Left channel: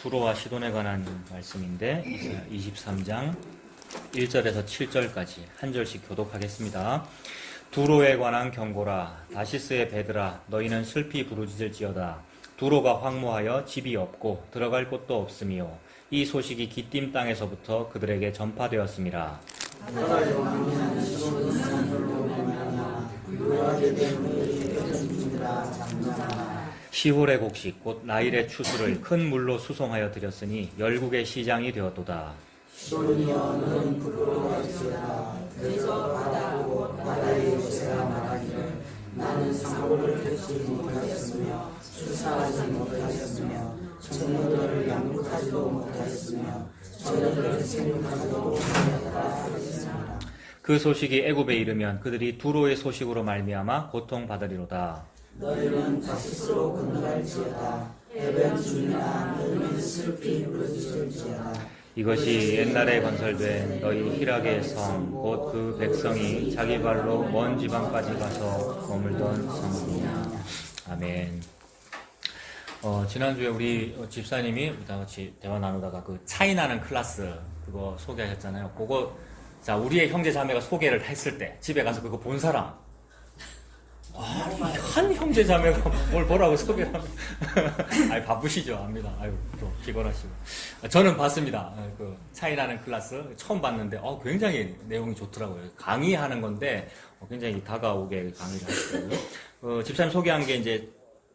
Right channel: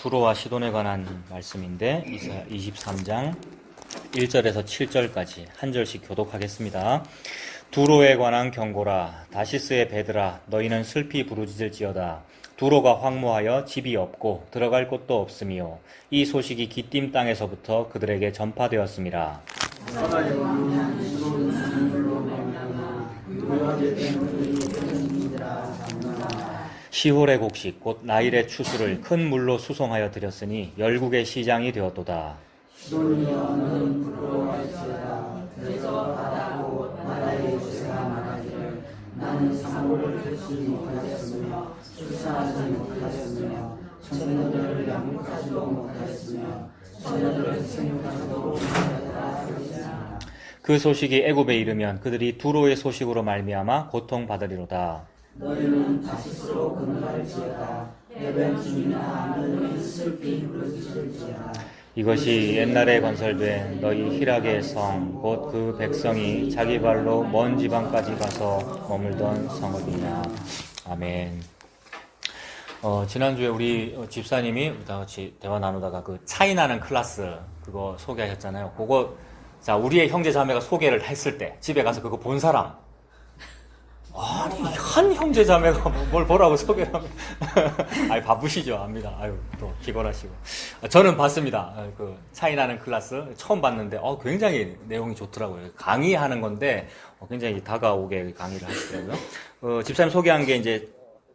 두로와 시돈에 관한 말씀인데 23장 1절에서 7절까지 한 절씩 교독하겠습니다. 두로에 관한 경고라. 다시스의 배들아, 너희는 슬피 부르짖을지어다. 두로가 황무하여 집이 없고 들어갈 곳도 없으며 이 소식이 기띔 땅에서부터 그들에게 전파되었음이라. 시홀의 곡식 곧 나일의 추수를 큰 물로 수송하여 드렸으니 열국의 시장이 되었도다. 시돈이여는 부끄러워할지어다. 그래서 바다고 바다의 요새가 말하기를 나는 사고를 듣지 못하였으며 출산하지 못하였으며 처녀들을 양육하지도 못하였으며 처녀들을 생육하지도 못하였다 하였으나 그 소식이 애굽에 이르면 그들이 두로의 소식으로 말미암아 고통받으리로다. 너희는 다시스로 건너갈지어다. 해변 주민아 너희는 슬피 부르짖을지어다. 이것이 옛날에 건설된 너희 히락의 성 곧 그 백성이 자기 발로 먼 지방까지 가서 머물던 성읍이냐. 아멘. 지난주에 우리 집사님이 우리랑 같이 대화 나누다가 그 차이 나는 클래스 그거 소개하셨잖아요. 그거 자 우리의 형제 자매가 소개를 했을 때 집에 가서 그거 본 사람, 아니 한 형제 자매가 뭘 보라고 소개를 하면 아니 바쁘시죠 압니다. 아유 또 기권하시고 저는 봤습니다. 그 차이 나는 클래스 처음 봤는데 굉장히 내용이 좋더라고요. 강의하는 건데 굉장히 다가오게 강의를 하시더라고요. 집사님 소개한 게 이제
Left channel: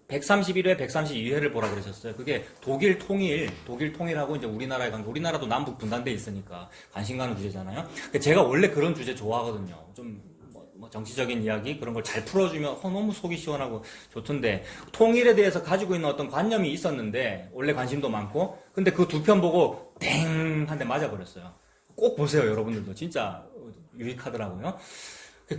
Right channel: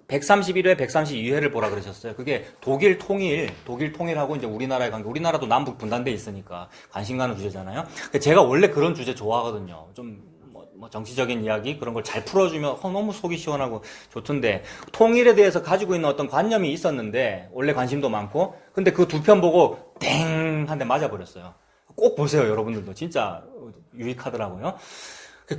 131회, 132회를 보라 그러셨어요. 그게 독일 통일하고 이제 우리나라의 관계, 우리나라도 남북 분단돼 있으니까 관심 가는 주제잖아요. 제가 원래 그런 주제 좋아하거든요. 좀 뭐 정치적인 이야기 그런 걸 잘 풀어주면 너무 속이 시원하고 좋던데, 통일에 대해서 가지고 있는 어떤 관념이 있었는데 원래 관심도 많고, 근데 그 두 편 보고 땡 한 대 맞아버렸어요. 꼭 보세요 여러분들도. 진짜 유익하더라고요.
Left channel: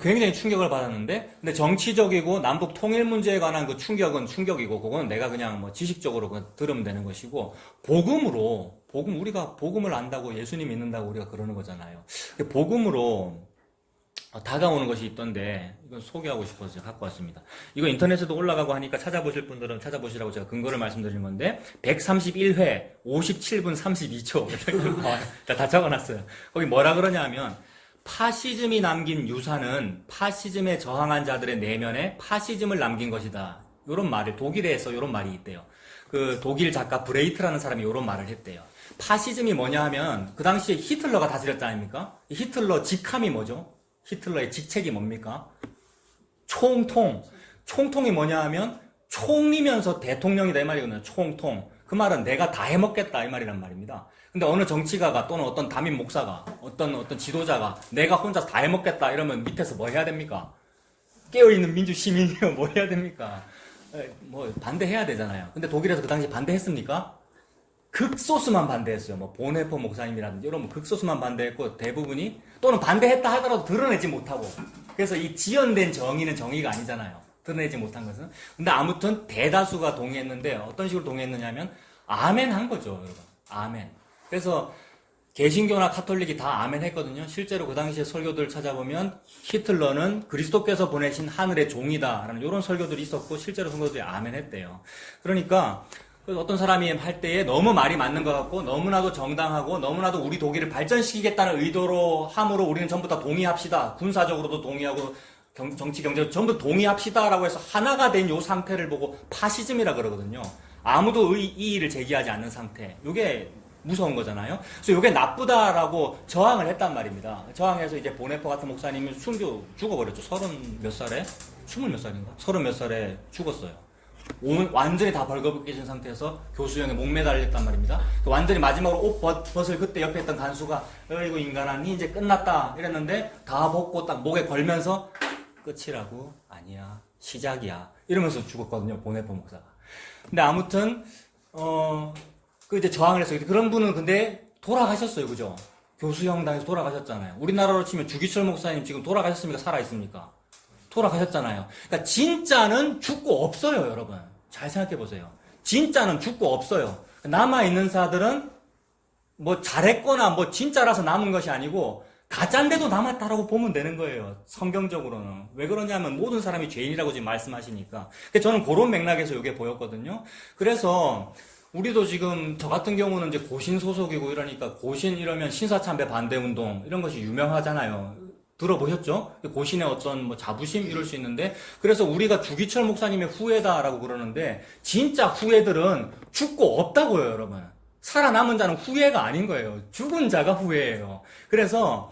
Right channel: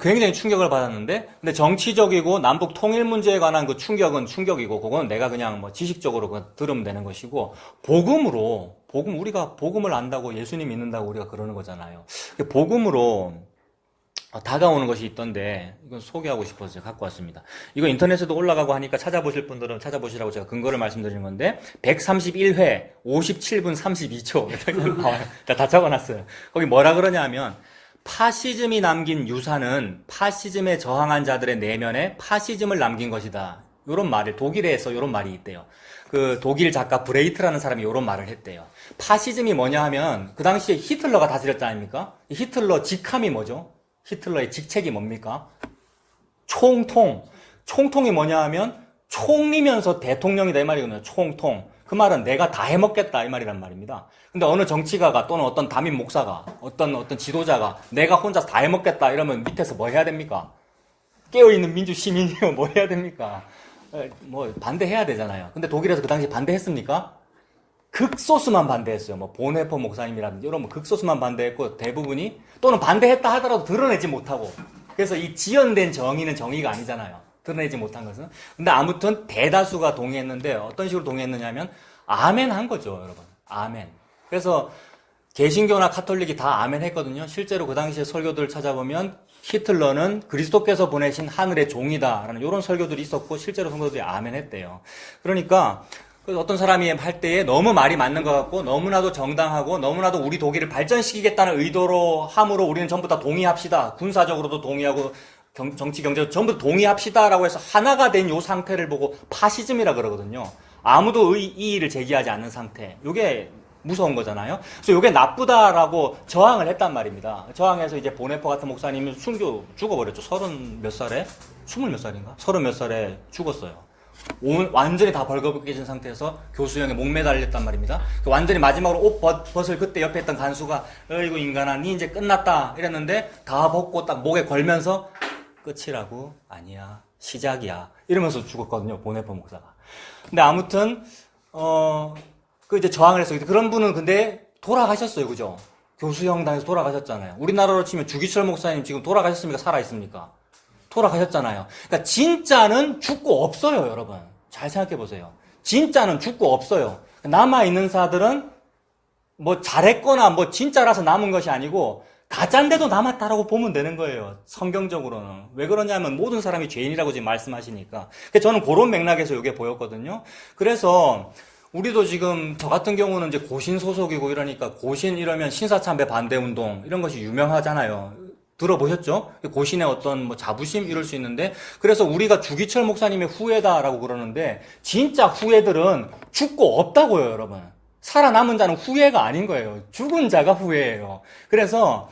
굉장히 충격을 받았는데, 근데 정치적이고 남북 통일 문제에 관한 그 충격은 충격이고, 그건 내가 그냥 뭐 지식적으로 들으면 되는 것이고, 우리가 복음을 안다고 예수님 믿는다고 우리가 그러는 거잖아요. 복음으로 다가오는 것이 있던데, 이건 소개하고 싶어서 갖고 왔습니다. 이거 인터넷에도 올라가고 하니까 찾아보실 분들은 찾아보시라고 제가 근거를 말씀드리는 건데, 131회 57분 32초 다 적어놨어요. 거기 뭐라 그러냐면, 파시즘이 남긴 유산은 파시즘에 저항한 자들의 내면에 파시즘을 남긴 것이다. 요런 말을, 독일에서 요런 말이 있대요. 그 독일 작가 브레이트라는 사람이 요런 말을 했대요. 파시즘이 뭐냐 하면, 그 당시에 히틀러가 다스렸지 않습니까? 히틀러 직함이 뭐죠? 히틀러의 직책이 뭡니까? 총통이 뭐냐 하면 총리면서 대통령이다 이 말이거든요. 총통. 그 말은 내가 다 해먹겠다 이 말이란 말입니다. 근데 어느 정치가가 또는 어떤 담임 목사가 어떤 지도자가 내가 혼자 다 해먹겠다 이러면 밑에서 뭐 해야 됩니까? 깨어있는 민주 시민이요 뭐 해야 됩니까? 뭐 반대해야 되잖아요. 근데 독일에서 그 당시 반대했습니까? 극소수만 반대했어요. 뭐 보네퍼 목사님이라든지 이런 극소수만 반대했고, 대부분이 또는 반대했다 하더라도 드러내지 못하고, 그래서 이 지연된 정의는 정의가 아니잖아요. 드러내지 못한 것은. 근데 아무튼 대다수가 동의했는데, 어떤 식으로 동의했느냐면 아멘 한 거죠, 여러분. 아멘. 그래서 개신교나 카톨릭이 다 아멘 했거든요. 실제로 그 당시에 설교들 찾아보면 히틀러는 그리스도께서 보내신 하늘의 종이다라는 이런 설교들이 있었고, 실제로 설교들이 아멘 했대요. 그러니까 어떤 사람이 할 때에 너무 말이 맞는 것 같고, 너무나도 정당하고, 너무나도 우리 독일을 발전시키겠다는 의도로 함으로 우리는 전부 다 동의합시다. 군사적으로도 동의하고, 정치, 경제도 전부 동의합시다라고 해서 하나가 된 요 상태를 보고 파시즘이라 그러거든요. 아무도 이의를 제기하지 않는 상태. 요게 무서운 거잖아요. 그래서 요게 나쁘다라고 저항을 했단 말입니다. 저항해서 이제 보네퍼 같은 목사님은 죽어버렸죠. 30 몇 살에? 20 몇 살인가? 30 몇 살에 죽었어요. 완전히 다 벌거벗겨진 상태에서 교수형에 목매달렸단 말입니다. 완전히 마지막으로 옷 벗을 그때 옆에 있던 간수가 어이구 인간아 니 이제 끝났다 이랬는데, 다 벗고 딱 목에 걸면서 끝이라고? 아니야 시작이야 이러면서 죽었거든요, 보네퍼 목사가. 근데 아무튼 그 이제 저항을 했어요. 그런 분은 근데 돌아가셨어요, 그죠? 교수형당에서 돌아가셨잖아요. 우리나라로 치면 주기철 목사님 지금 돌아가셨습니까? 살아있습니까? 돌아가셨잖아요. 그러니까 진짜는 죽고 없어요, 여러분. 잘 생각해 보세요. 진짜는 죽고 없어요. 남아있는 사들은 뭐 잘했거나 뭐 진짜라서 남은 것이 아니고 가짜인데도 남았다라고 보면 되는 거예요. 성경적으로는. 왜 그러냐면 모든 사람이 죄인이라고 지금 말씀하시니까. 저는 그런 맥락에서 이게 보였거든요. 그래서 우리도 지금 저 같은 경우는 이제 고신 소속이고 이러니까 고신 이러면 신사참배 반대 운동 이런 것이 유명하잖아요. 들어보셨죠? 고신의 어떤 뭐 자부심 이럴 수 있는데 그래서 우리가 주기철 목사님의 후예다라고 그러는데 진짜 후예들은 죽고 없다고요, 여러분. 살아남은 자는 후예가 아닌 거예요. 죽은 자가 후예예요. 그래서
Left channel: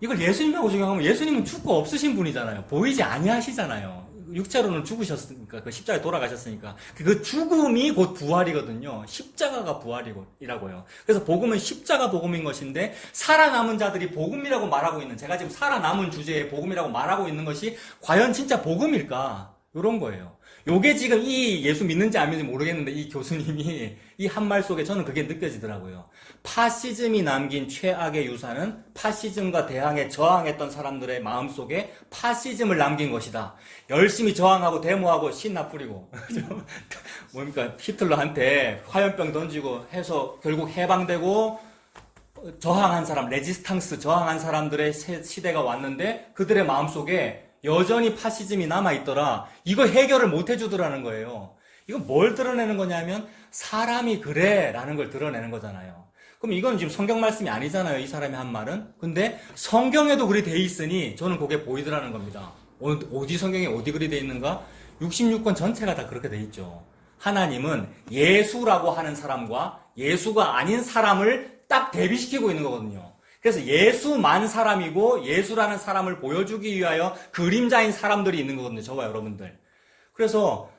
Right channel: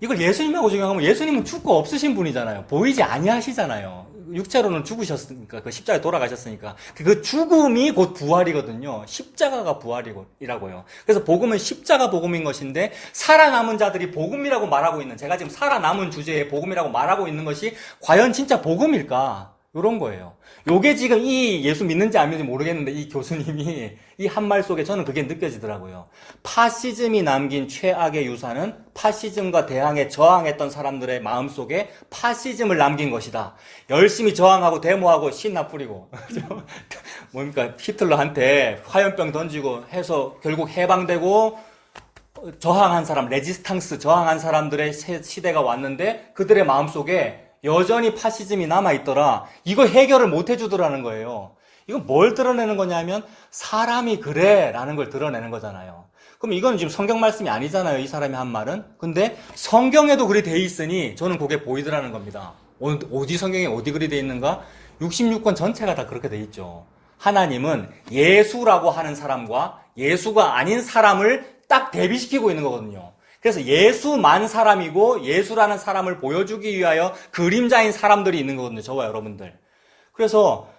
이걸 예수님하고 적용하면 예수님은 죽고 없으신 분이잖아요. 보이지 아니하시잖아요. 육체로는 죽으셨으니까, 그 십자가에 돌아가셨으니까. 그 죽음이 곧 부활이거든요. 십자가가 부활이라고요. 그래서 복음은 십자가 복음인 것인데, 살아남은 자들이 복음이라고 말하고 있는, 제가 지금 살아남은 주제에 복음이라고 말하고 있는 것이, 과연 진짜 복음일까? 이런 거예요. 요게 지금 이 예수 믿는지 안 믿는지 모르겠는데, 이 교수님이 이 한 말 속에 저는 그게 느껴지더라고요. 파시즘이 남긴 최악의 유산은 파시즘과 대항해 저항했던 사람들의 마음속에 파시즘을 남긴 것이다. 열심히 저항하고 데모하고 신나 뿌리고 뭡니까 히틀러한테 화염병 던지고 해서 결국 해방되고 저항한 사람, 레지스탕스 저항한 사람들의 시대가 왔는데 그들의 마음속에 여전히 파시즘이 남아있더라. 이거 해결을 못 해주더라는 거예요. 이건 뭘 드러내는 거냐면 사람이 그래 라는 걸 드러내는 거잖아요. 그럼 이건 지금 성경 말씀이 아니잖아요. 이 사람이 한 말은. 근데 성경에도 그리 돼 있으니 저는 그게 보이더라는 겁니다. 어디 성경에 어디 그리 돼 있는가? 66권 전체가 다 그렇게 돼 있죠. 하나님은 예수라고 하는 사람과 예수가 아닌 사람을 딱 대비시키고 있는 거거든요. 그래서 예수만 사람이고 예수라는 사람을 보여주기 위하여 그림자인 사람들이 있는 거거든요. 저와 여러분들. 그래서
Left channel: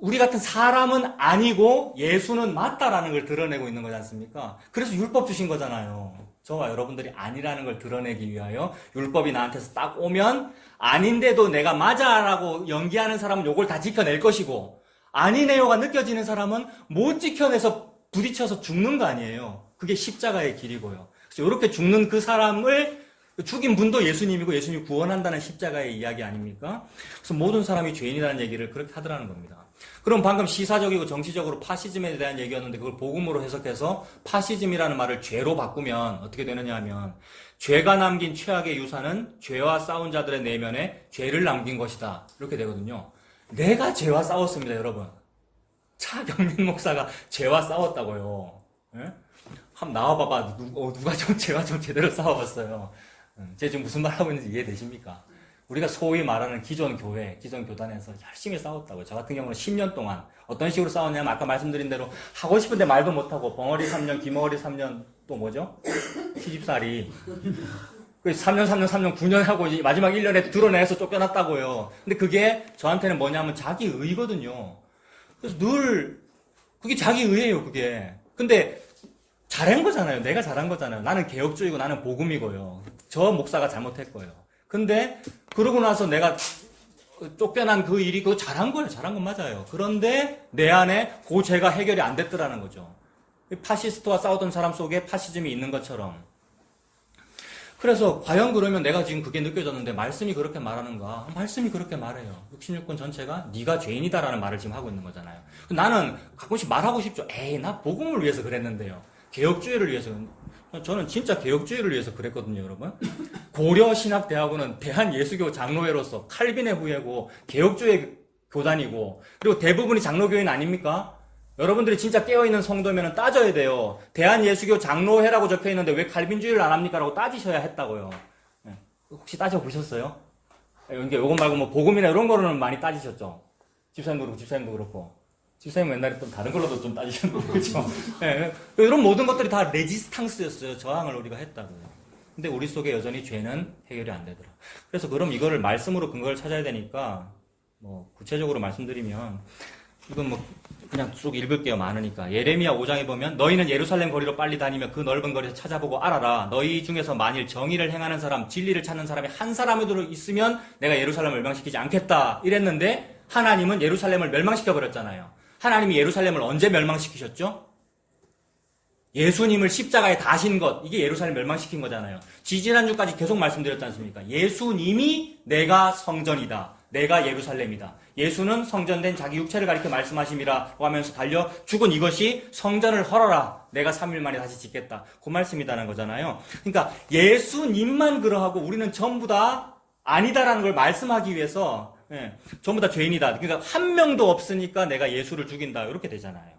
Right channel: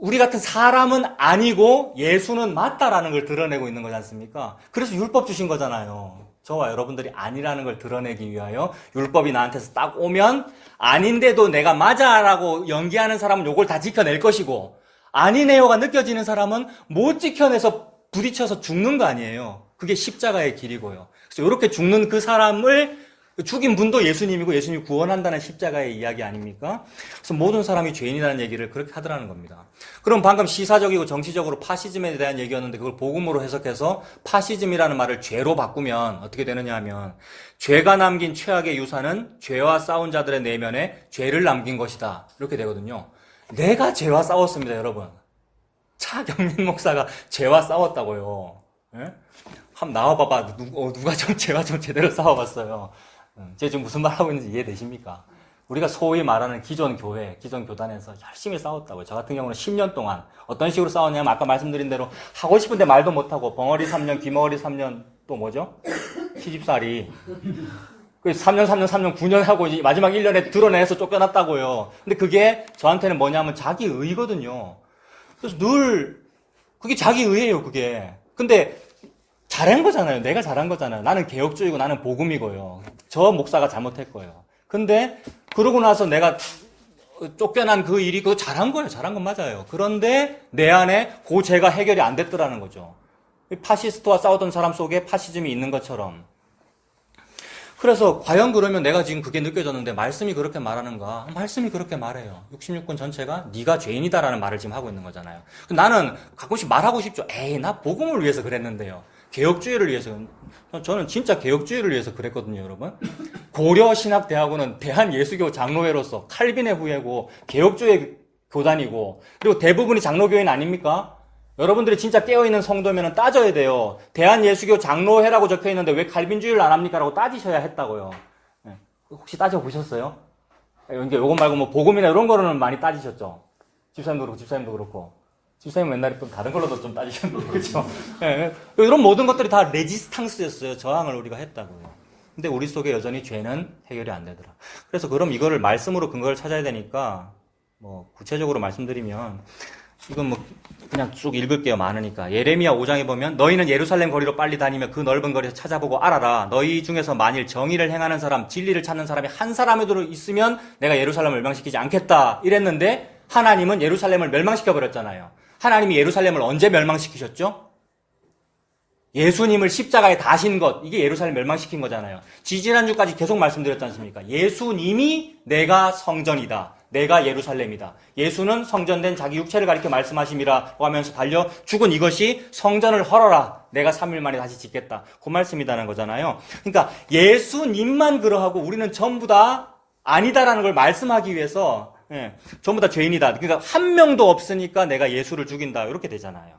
우리 같은 사람은 아니고 예수는 맞다라는 걸 드러내고 있는 거지 않습니까? 그래서 율법 주신 거잖아요. 저와 여러분들이 아니라는 걸 드러내기 위하여 율법이 나한테서 딱 오면 아닌데도 내가 맞아라고 연기하는 사람은 요걸 다 지켜낼 것이고 아니네요가 느껴지는 사람은 못 지켜내서 부딪혀서 죽는 거 아니에요. 그게 십자가의 길이고요. 그래서 이렇게 죽는 그 사람을 죽인 분도 예수님이고 예수님이 구원한다는 십자가의 이야기 아닙니까? 그래서 모든 사람이 죄인이라는 얘기를 그렇게 하더라는 겁니다. 그럼 방금 시사적이고 정치적으로 파시즘에 대한 얘기였는데 그걸 복음으로 해석해서 파시즘이라는 말을 죄로 바꾸면 어떻게 되느냐 하면 죄가 남긴 최악의 유산은 죄와 싸운 자들의 내면에 죄를 남긴 것이다. 이렇게 되거든요. 내가 죄와 싸웠습니다, 여러분. 차경민 목사가 죄와 싸웠다고요. 예? 한번 나와봐봐. 누가 좀 죄와 좀 제대로 싸워봤어요. 제가 지금 무슨 말 하고 있는지 이해되십니까? 우리가 소위 말하는 기존 교회, 기존 교단에서 열심히 싸웠다고요. 저 같은 경우는 10년 동안 어떤 식으로 싸웠냐면 아까 말씀드린 대로 하고 싶은데 말도 못하고 벙어리 3년, 귀머거리 3년 또 뭐죠? 시집살이. 그 3년, 9년 하고 마지막 1년에 드러내서 쫓겨났다고요. 근데 그게 저한테는 뭐냐면 자기 의거든요. 그래서 늘 그게 자기 의예요, 그게. 근데 잘한 거잖아요. 내가 잘한 거잖아요. 나는 개혁주의고 나는 복음이고요. 저 목사가 잘못했고요. 근데 그러고 나서 내가 쫓겨난 그 일이 그거 잘한 거예요. 잘한 건 맞아요. 그런데 내 안에 그 죄가 해결이 안 됐더라는 거죠. 파시스트와 싸우던 사람 속에 파시즘이 있는 것처럼. 그래서 과연 그러면 내가 지금 그게 느껴졌는데 말씀이 그렇게 말하는가? 말씀이 그렇게 말해요. 66권 전체가 네가 죄인이다라는 말을 지금 하고 있는 거잖아요. 나는 가끔씩 말하고 싶죠. 에이, 나 복음을 위해서 그랬는데요. 개혁주의를 위해서. 저는 진짜 개혁주의를 위해서 그랬거든요, 여러분. 고려신학대학원은 대한예수교 장로회로서 칼빈의 후예고 개혁주의 교단이고 그리고 대부분이 장로교인 아닙니까? 여러분들이 진짜 깨어있는 성도면 따져야 돼요. 대한예수교 장로회라고 적혀있는데 왜 칼빈주의를 안 합니까? 라고 따지셔야 했다고요. 혹시 따져보셨어요? 그러니까 요것 말고 뭐 복음이나 이런 거로는 많이 따지셨죠? 집사님도 그렇고. 집사님 옛날에 또 다른 걸로도 좀 따지셨는데, 그렇죠? 네, 이런 모든 것들이 다 레지스탕스였어요. 저항을 우리가 했다고요. 근데 우리 속에 여전히 죄는 해결이 안 되더라. 그래서 그럼 이거를 말씀으로 근거를 찾아야 되니까, 뭐, 구체적으로 말씀드리면, 이건 뭐, 그냥 쭉 읽을게요. 많으니까. 예레미야 5장에 보면, 너희는 예루살렘 거리로 빨리 다니며 그 넓은 거리에서 찾아보고 알아라. 너희 중에서 만일 정의를 행하는 사람, 진리를 찾는 사람이 한 사람이라도 있으면 내가 예루살렘을 멸망시키지 않겠다. 이랬는데, 하나님은 예루살렘을 멸망시켜버렸잖아요. 하나님이 예루살렘을 언제 멸망시키셨죠? 예수님을 십자가에 다신 것, 이게 예루살렘 멸망시킨 거잖아요. 지지난주까지 계속 말씀드렸지 않습니까? 예수님이 내가 성전이다. 내가 예루살렘이다. 예수는 성전된 자기 육체를 가리켜 말씀하심이라고 하면서 달려 죽은 이것이 성전을 헐어라. 내가 3일 만에 다시 짓겠다. 그 말씀이라는 거잖아요. 그러니까 예수님만 그러하고 우리는 전부 다 아니다라는 걸 말씀하기 위해서 전부 다 죄인이다. 그러니까 한 명도 없으니까 내가 예수를 죽인다. 이렇게 되잖아요.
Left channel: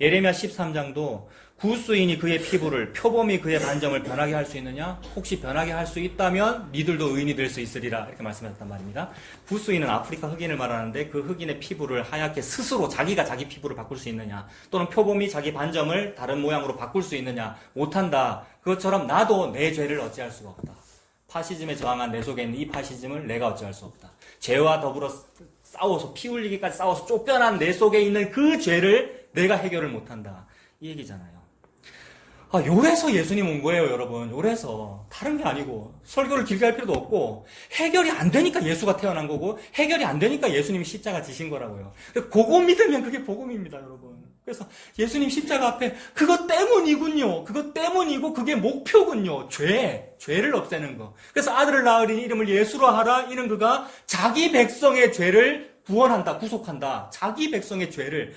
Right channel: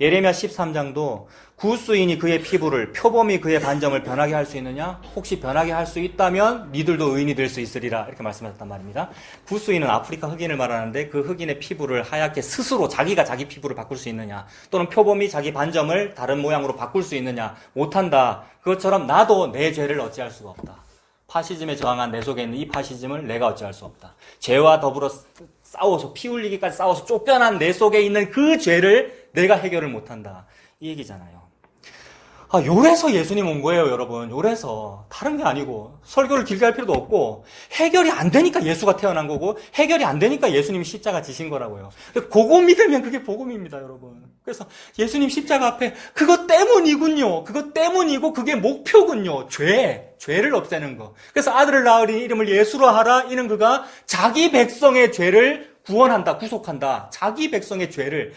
예레미야 13장도 구스인이 그의 피부를 표범이 그의 반점을 변하게 할 수 있느냐? 혹시 변하게 할 수 있다면 니들도 의인이 될 수 있으리라 이렇게 말씀하셨단 말입니다. 구스인은 아프리카 흑인을 말하는데 그 흑인의 피부를 하얗게 스스로 자기가 자기 피부를 바꿀 수 있느냐? 또는 표범이 자기 반점을 다른 모양으로 바꿀 수 있느냐? 못한다. 그것처럼 나도 내 죄를 어찌할 수가 없다. 파시즘에 저항한 내 속에 있는 이 파시즘을 내가 어찌할 수 없다. 죄와 더불어 싸워서 피 흘리기까지 싸워서 쫓겨난 내 속에 있는 그 죄를 내가 해결을 못한다. 이 얘기잖아요. 요래서 예수님 온 거예요, 여러분. 요래서. 다른 게 아니고. 설교를 길게 할 필요도 없고, 해결이 안 되니까 예수가 태어난 거고, 해결이 안 되니까 예수님이 십자가 지신 거라고요. 그거 믿으면 그게 복음입니다, 여러분. 그래서 예수님 십자가 앞에 그것 때문이군요. 그것 때문이고, 그게 목표군요. 죄를 없애는 거. 그래서 아들을 낳으리 이름을 예수로 하라. 이는 그가 자기 백성의 죄를 구원한다, 구속한다. 자기 백성의 죄를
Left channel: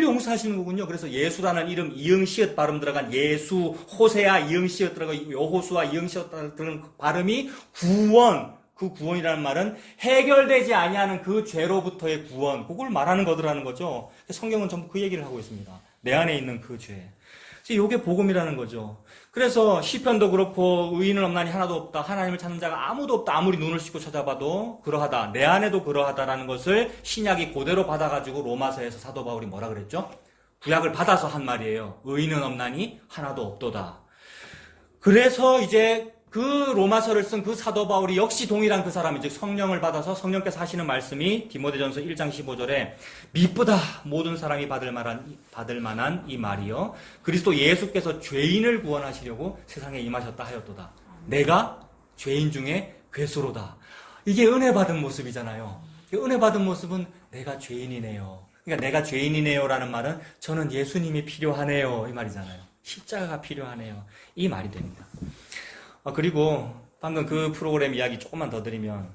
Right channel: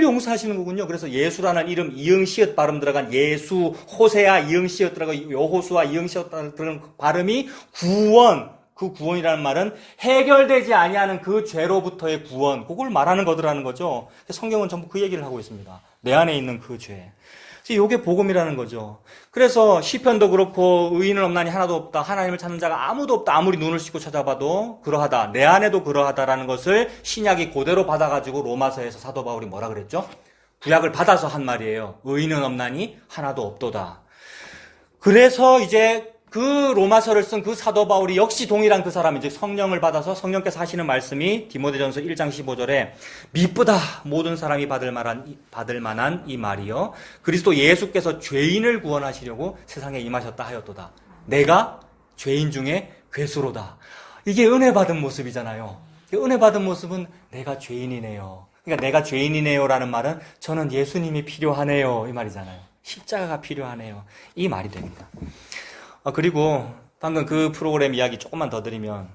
용서하시는 거군요. 그래서 예수라는 이름 이응시읒 발음 들어간 예수, 호세아 이응시읒 들어간 여호수아 이응시읒 들어간 발음이 구원. 그 구원이라는 말은 해결되지 아니하는 그 죄로부터의 구원. 그걸 말하는 거더라는 거죠. 성경은 전부 그 얘기를 하고 있습니다. 내 안에 있는 그 죄. 이게 복음이라는 거죠. 그래서 시편도 그렇고 의인은 없나니 하나도 없다. 하나님을 찾는 자가 아무도 없다. 아무리 눈을 씻고 찾아봐도 그러하다. 내 안에도 그러하다라는 것을 신약이 그대로 받아가지고 로마서에서 사도 바울이 뭐라 그랬죠? 구약을 받아서 한 말이에요. 의인은 없나니 하나도 없도다. 그래서 이제 그 로마서를 쓴 그 사도 바울이 역시 동일한 그 사람, 이제 성령을 받아서 성령께서 하시는 말씀이 디모데전서 1장 15절에 미쁘다 모든 사람이 받을 만한 이 말이요 그리스도 예수께서 죄인을 구원하시려고 세상에 임하셨다 하였도다. 내가 죄인 중에 괴수로다. 이게 은혜 받은 모습이잖아요. 은혜 받은 모습은 내가 죄인이네요. 그러니까 내가 죄인이네요라는 말은 저는 예수님이 필요하네요 이 말이잖아요. 십자가가 필요하네요 이 말이 됩니다. 그리고 방금 그 프로그램 이야기 조금만 더 드리면,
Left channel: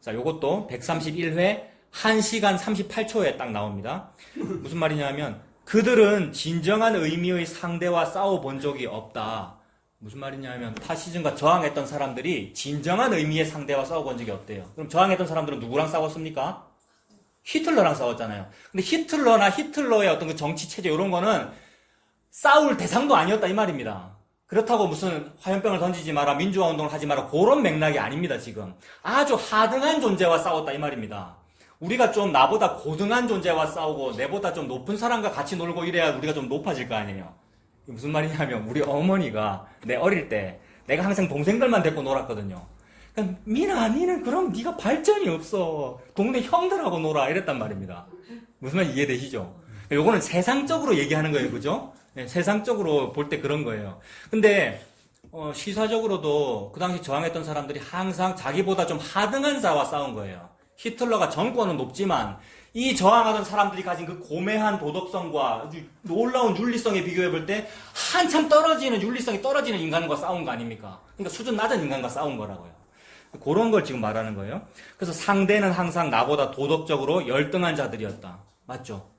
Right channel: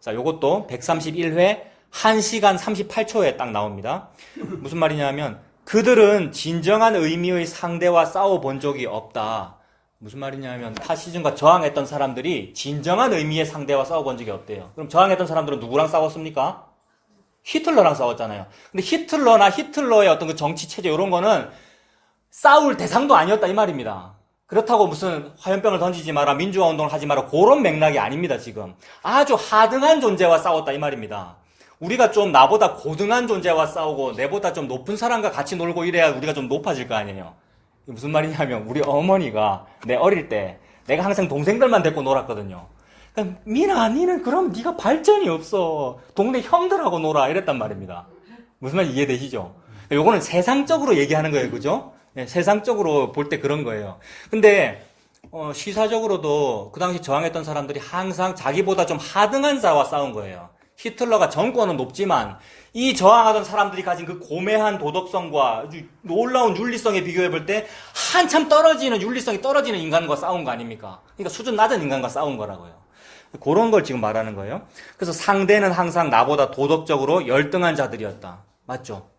자, 요것도 131회 1시간 38초에 딱 나옵니다. 무슨 말이냐면, 그들은 진정한 의미의 상대와 싸워본 적이 없다. 무슨 말이냐면, 파시즘과 저항했던 사람들이 진정한 의미의 상대와 싸워본 적이 없대요. 그럼 저항했던 사람들은 누구랑 싸웠습니까? 히틀러랑 싸웠잖아요. 근데 히틀러나 히틀러의 어떤 그 정치 체제, 이런 거는 싸울 대상도 아니었다, 이 말입니다. 그렇다고 무슨 화염병을 던지지 마라, 민주화 운동을 하지 마라, 그런 맥락이 아닙니다, 지금. 아주 하등한 존재와 싸웠다, 이 말입니다. 우리가 좀 나보다 고등한 존재와 싸우고, 내보다 좀 높은 사람과 같이 놀고 이래야 우리가 좀 높아질 거 아니에요. 이게 무슨 말이냐면, 우리 어머니가 내 어릴 때, 내가 항상 동생들만 데리고 놀았거든요. 그러니까, 미나, 니는 그럼 네가 발전이 없어. 동네 형들하고 놀아. 이랬단 말입니다. 무슨 말인지 이해되시죠? 요거는 세상적으로 얘기하는 거예요, 그죠? 네, 세상적으로 볼 때 그런 거예요. 근데 시사적으로도 그 당시 저항했던 사람들이 항상 자기보다 좀 하등한 자와 싸운 거예요. 히틀러가 정권은 높지만 이 저항하던 사람들이 가진 그 고매한 도덕성과 놀라운 윤리성에 비교해 볼 때 한참 떨어지는 윤리성이 떨어지는 인간과 싸운 거 아닙니까? 그러니까 수준 낮은 인간과 싸운 거라고요. 그런 걸 지금 말하는 거예요. 그래서 상대는 항상 나보다 도덕적으로 열등한 자들이었다. 맞죠?